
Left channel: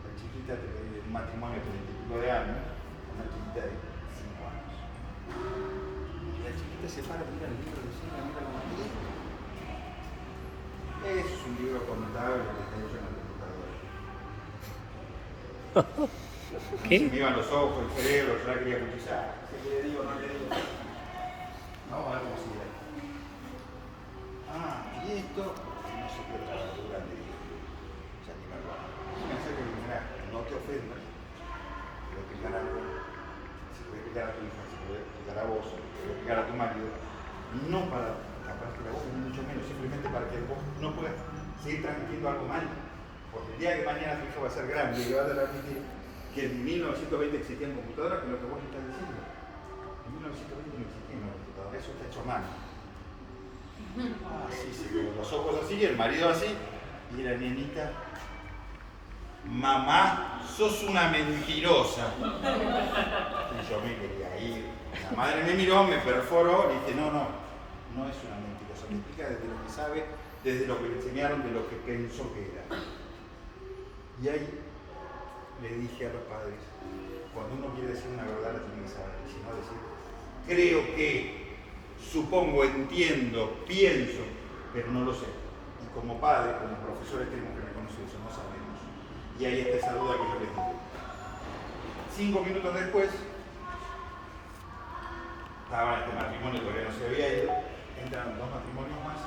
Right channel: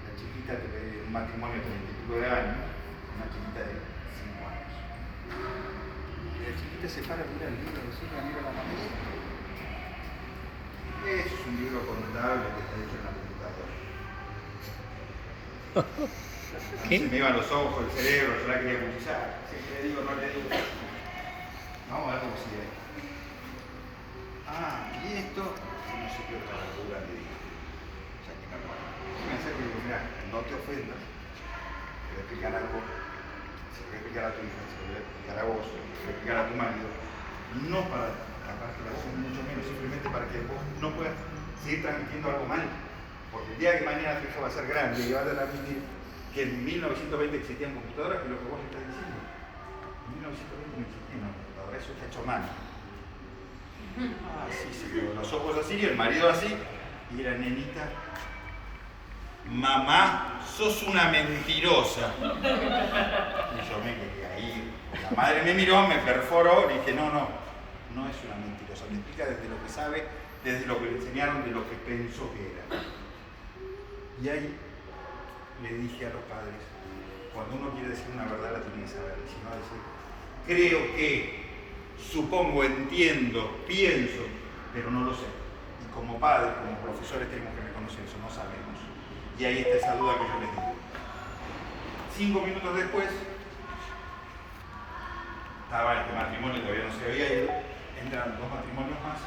la chiquita te pedía un matrimonio de 30 y pico de años, una chiquita de 5 años. Y la chiquita se para, mira el libro, mira la materia. Eso es un libro contable que está hecho en la computadora. ¿Qué? Se me iban los ojos, el cerebro, yo la quería cuchillar. Si le digo, no le digo. No, algo así era. Ah, y esto, no sé qué otra basura le digo. O sea, que me acuerdo. Me acerco y digo, mira, no te ofendas. Te voy a explicar algo. Se lo voy a explicar a tu hija, se lo voy a explicar a vos, se lo voy a explicar a tu marido. No para taparte la boca, ni mucho menos, simplemente para que vos no puedas seguir transmitiendo algo mal. Porque el día que mañana tu hija va a ser grande y va a transmitir que en 1920 existían computadoras, que es lo que vos le estás diciendo. En 1920 no existía una computadora, eso está hecho a mano. Ah, sí, se vio los ojos así y el marido así, y la nenita, mamá, sos una mentirosa. Y yo me quería ir. La madre me miró, me perforó, le dije, no es una mentirosa, me explica desde lo que sabe, desde lo que le enseñaron, de lo que pensó que era. Y ahí le dije a los padres, cuando uno quiere decir una verdad la tiene que saber, y si no decir, creo que, supongo, entiendo, pienso, pero no lo sé. Y como padres, como profesores tenemos que reconocer eso, no sabemos. Y ahí está esa duda que yo les digo. 5 minutos después, estaba este matrimonio, todavía no se había ido, entran 2 matrimonios más,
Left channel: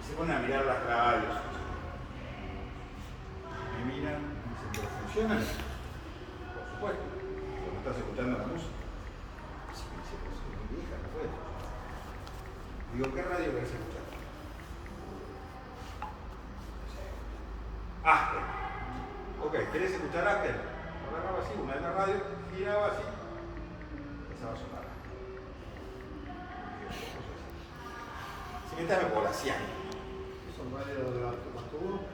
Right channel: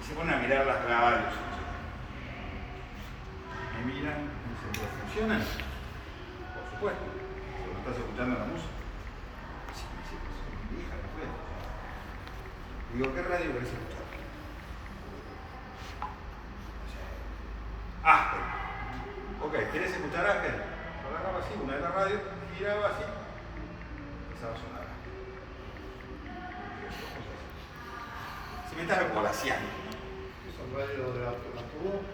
y se ponen a mirar las radios. Me miran y dicen, ¿pero funcionan? Por supuesto, cuando estás escuchando la música. Sí, me dice, pues es mi vieja, ¿qué fue? Digo, ¿qué radio querés escuchar? Aspen. Ok, ¿querés escuchar Aspen? Agarraba así, una de las radios, giraba así, empezaba a sonar. Se me estaba volaseando. ¿Esos radios de la tubo?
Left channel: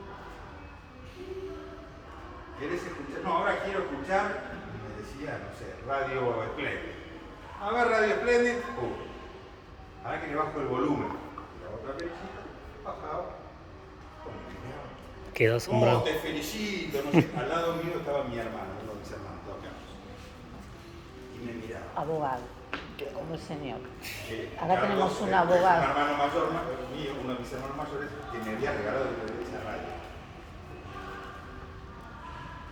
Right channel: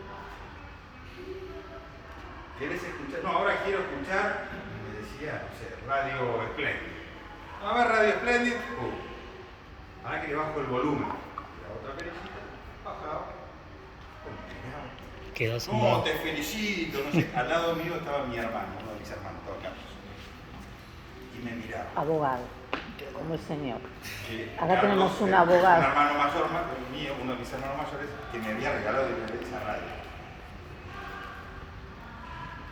¿Querés escuchar? No, ahora quiero escuchar, me decía, no sé, Radio Splendid. A ver, Radio Splendid. Ahora que le bajo el volumen. La otra perejita, bajaba. Quedó Oh, asombrado. te felicito, no sé. Al lado mío estaba mi hermano, uno de mis hermanos, estaba Carlos. Y me miraba. Abogado, como el señor. Que Acá Carlos, tenemos un es abogado. un hermano mayor mío, uno de mis hermanos mayores, que me había regalado esa radio.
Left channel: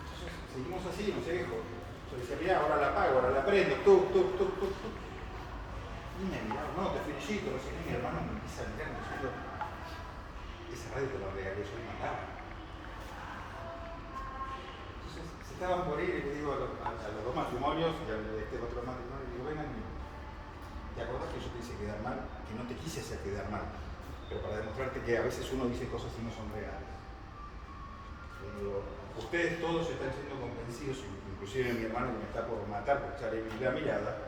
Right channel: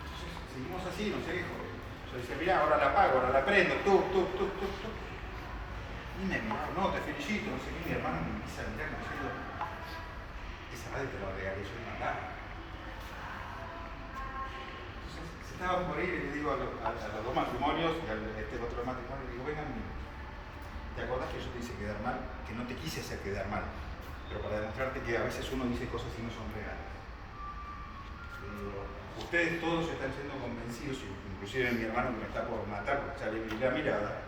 Entonces, seguimos así, no sé, hijo. Yo decía, mirá, ahora la apago, ahora la prendo, tú. Y me miraba, no, te felicito, no sé qué. Mi hermano me empieza a mirar y me dice, esa radio te la regalé yo y mandaba. Entonces, se estaban por ir y le digo a los 2 matrimonios y a este otro matrimonio, le digo, vengan, ¿te acordás que yo te hice quedar mal? Que no te quise hacer quedar mal, pero para demostrarte que a veces uno dice cosas y no son reales. Le digo, ustedes todos están siendo convencidos, inclusive mi hermano que me está por matar porque ya le vi la mirada,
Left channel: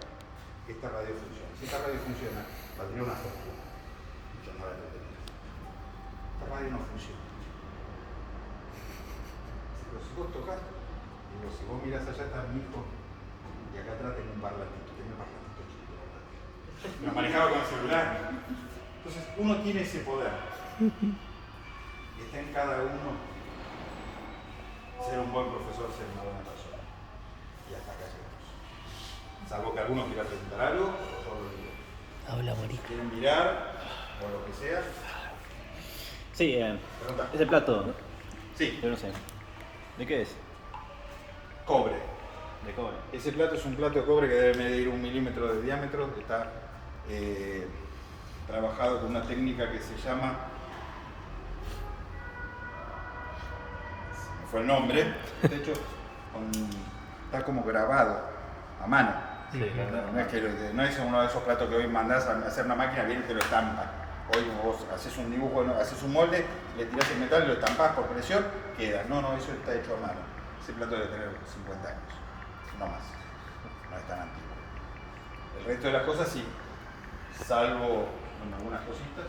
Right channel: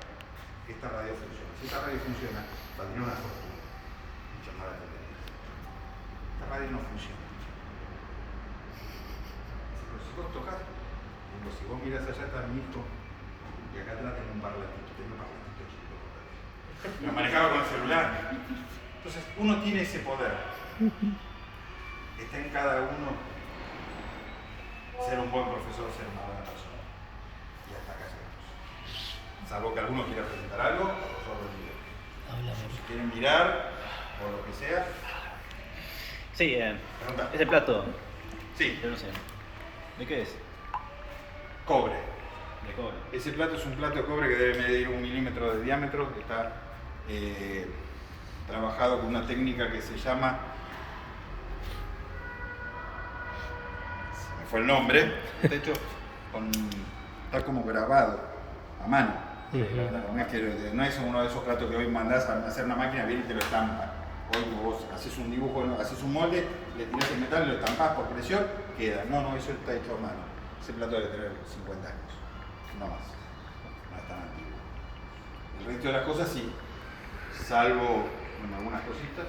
que esta radio funciona. Si esta radio funciona, valdría una fortuna. Y yo no la entendí. Esta radio no funciona. Pero si vos tocás, digo, si vos mirás allá está mi hijo, y acá atrás tengo un parlantito, tengo un parlantito chico. Lo manejaba con el celular. Entonces, uno tiene ese poder. Está en cada uno ser un buen profesor, ser una buena persona. Y hasta acá llegamos. Salvo que alguno quiera preguntar algo, yo lo digo. Habla, Si Mari. quieren mirar, o lo que sea, Sí, pregunta. este plato, Sí, yo no sé. ¿De qué es? cobre. De cobre. Ese plato es un plato de cobre que debe medir 1 milímetro de diámetro, que está trabajado con una técnica que se llama, se me fue el nombre, de hecho está como grabado a mano. No es uno de esos platos que hoy mandás a hacer una máquina, viene y te lo estampa. Hoy vos haces un dibujo, haces un molde, le tirás el metal, lo estampás por presión, queda. No, eso está hecho a mano. Ese plato debe tener 50 años, no más. No es tan antiguo. El resto de las cosas sí, salvo algunas cositas.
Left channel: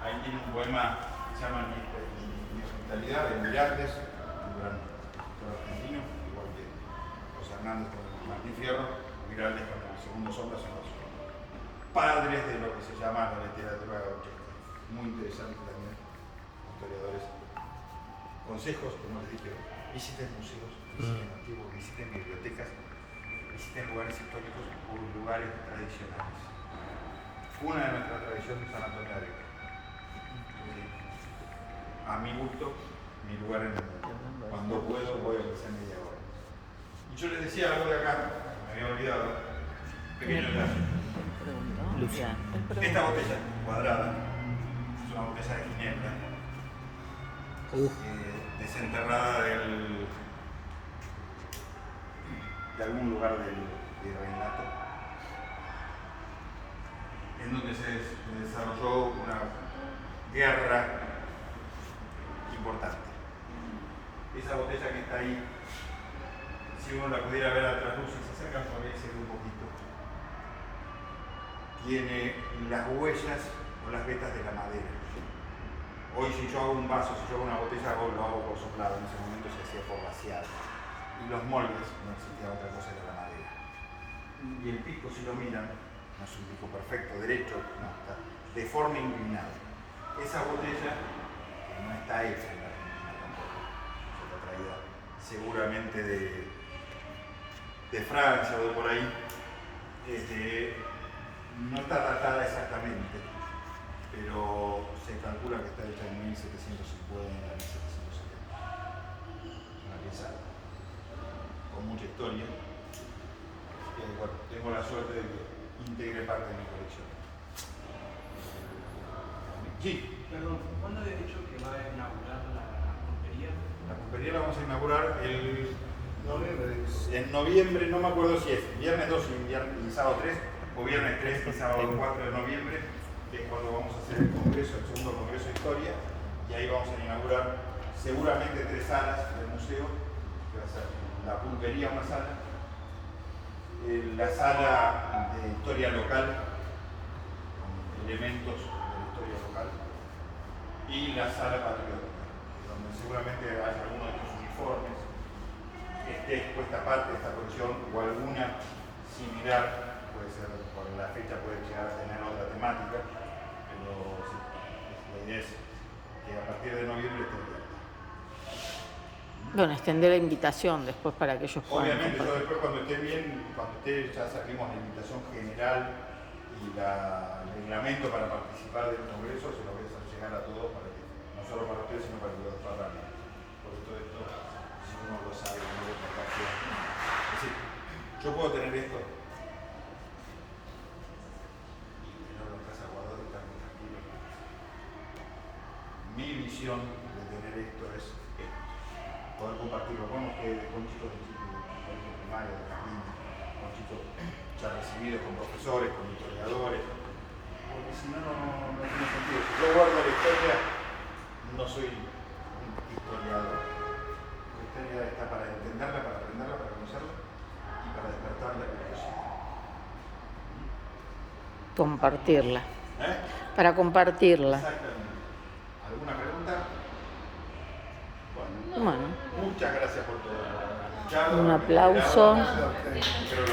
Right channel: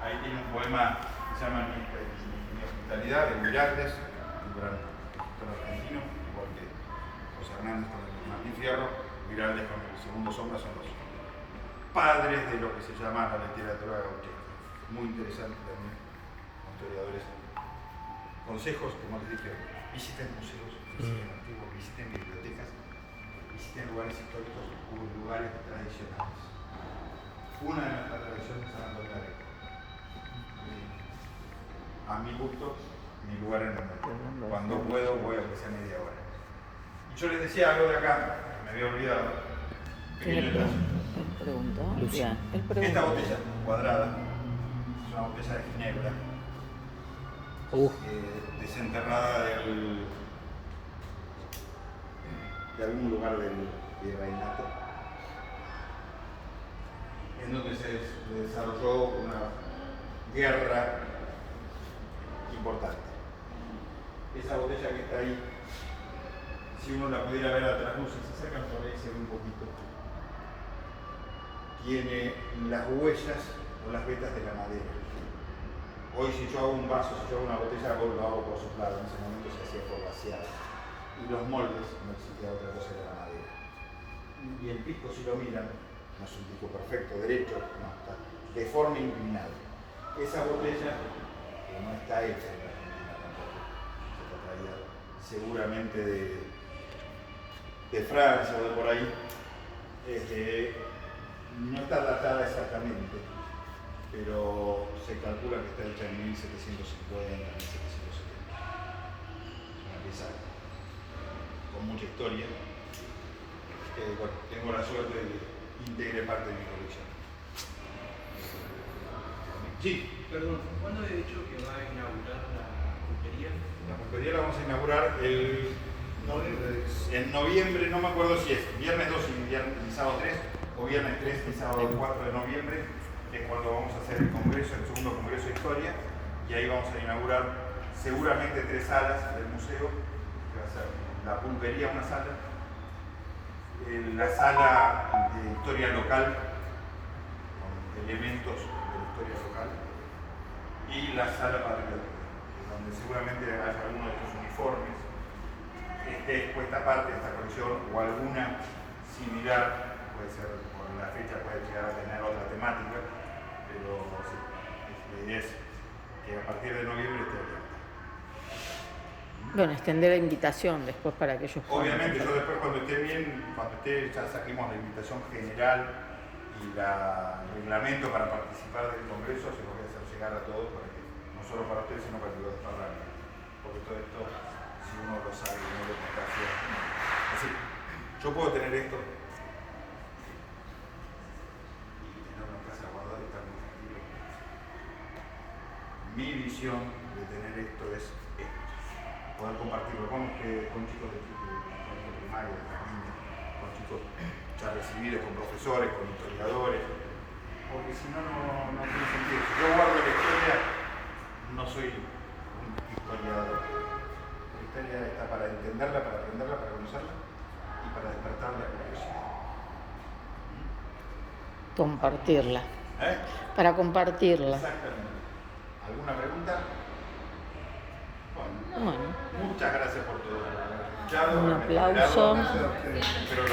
Ahí tiene un poema que se llama Mi hospitalidad, de Mirarles, un gran escritor argentino, igual que José Hernández con el Martín Fierro. Mirarles con el Segundo Sombra son los padres de lo que se llama la literatura gauchesca. Muy interesante también, historiadores. Consejos, como les dije, visiten museos, visiten antiguos, visiten bibliotecas, visiten lugares históricos o lugares tradicionales. Una de nuestras tradiciones es San Antonio de Areco. A mi gusto, mi lugar en el mundo. Cuando puedo, voy a ofrecer media hora. Y yo les decía algo de acá, me había olvidado. Pequeño detalle. Luciano. Esta botella cuadrada es una botella de ginebra desenterrada de algún lugar del virreinato, en donde se desarrolló una guerra importante. Esa botella que está ahí, si uno la pudiera ver a trasluz y se acerca por ahí, se ve un poquito. Tiene las huellas o las vetas de la madera. Hoy si yo hago un vaso, si yo hago una botella, lo hago por soplado, en ese momento se hacía por vaciar. Y los moldes, no existía otra cosa, era la madera. Y el pico, si lo miran, no es un pico perfecto, derecho, no, está de forma inclinada. Esa botella, que no está hecha en la Argentina tampoco, se está traída seguramente de Francia o de por ahí, no está datada exactamente, pero se calcula que está hecha en 1750, 1770. Una pieza con mucha historia. Bueno, tengo la suerte de que integre parte de mi colección. Sí. Perdón, ¿cuándo he dicho que va a inaugurar la pulpería? La pulpería la vamos a inaugurar en noviembre, no me acuerdo si es viernes 2 y sábado 3, o viernes 3 y sábado 4 de noviembre, que es cuando vamos a hacer el congreso, el segundo congreso de historia, y ahí vamos a inaugurar seguramente 3 salas del museo, que va a ser la pulpería, una sala, la sala de historia local, con elementos de la historia local, y la sala patriótica, donde seguramente haya alguno de estos uniformes, esté expuesta parte de esta colección o alguna similar, puede ser por la fecha, puede llegar a tener otra temática, pero sí, la idea es que a partir de noviembre esté abierta. Bueno, extender la invitación después para que ellos puedan. Obviamente, yo después cuando esté bien, cuando esté, ya saquemos la invitación general y el reglamento para participar del congreso, se lo voy a hacer llegar a todos, para que, no solo para ustedes, sino para que lo desparran. Porque todo esto, si uno lo sabe, no lo contagia. Es decir, yo puedo tener esto y tener una casa guardada y estar muy tranquilo. Mi visión de tener esto es esto. Poder compartirlo con ustedes, con chicos de colegio primario, de jardín, con chicos ya recibidos, con profesores, con historiadores, porque si no, no tiene sentido. Si yo guardo la historia, no soy un historiador. La historia está para entenderla, para aprenderla, para conocerla y para despertar la curiosidad. Compartirla. ¿Eh? Para compartirla. Exactamente. ¿Alguna pregunta? Bueno. Muchas gracias por todo. Un aplauso. Espero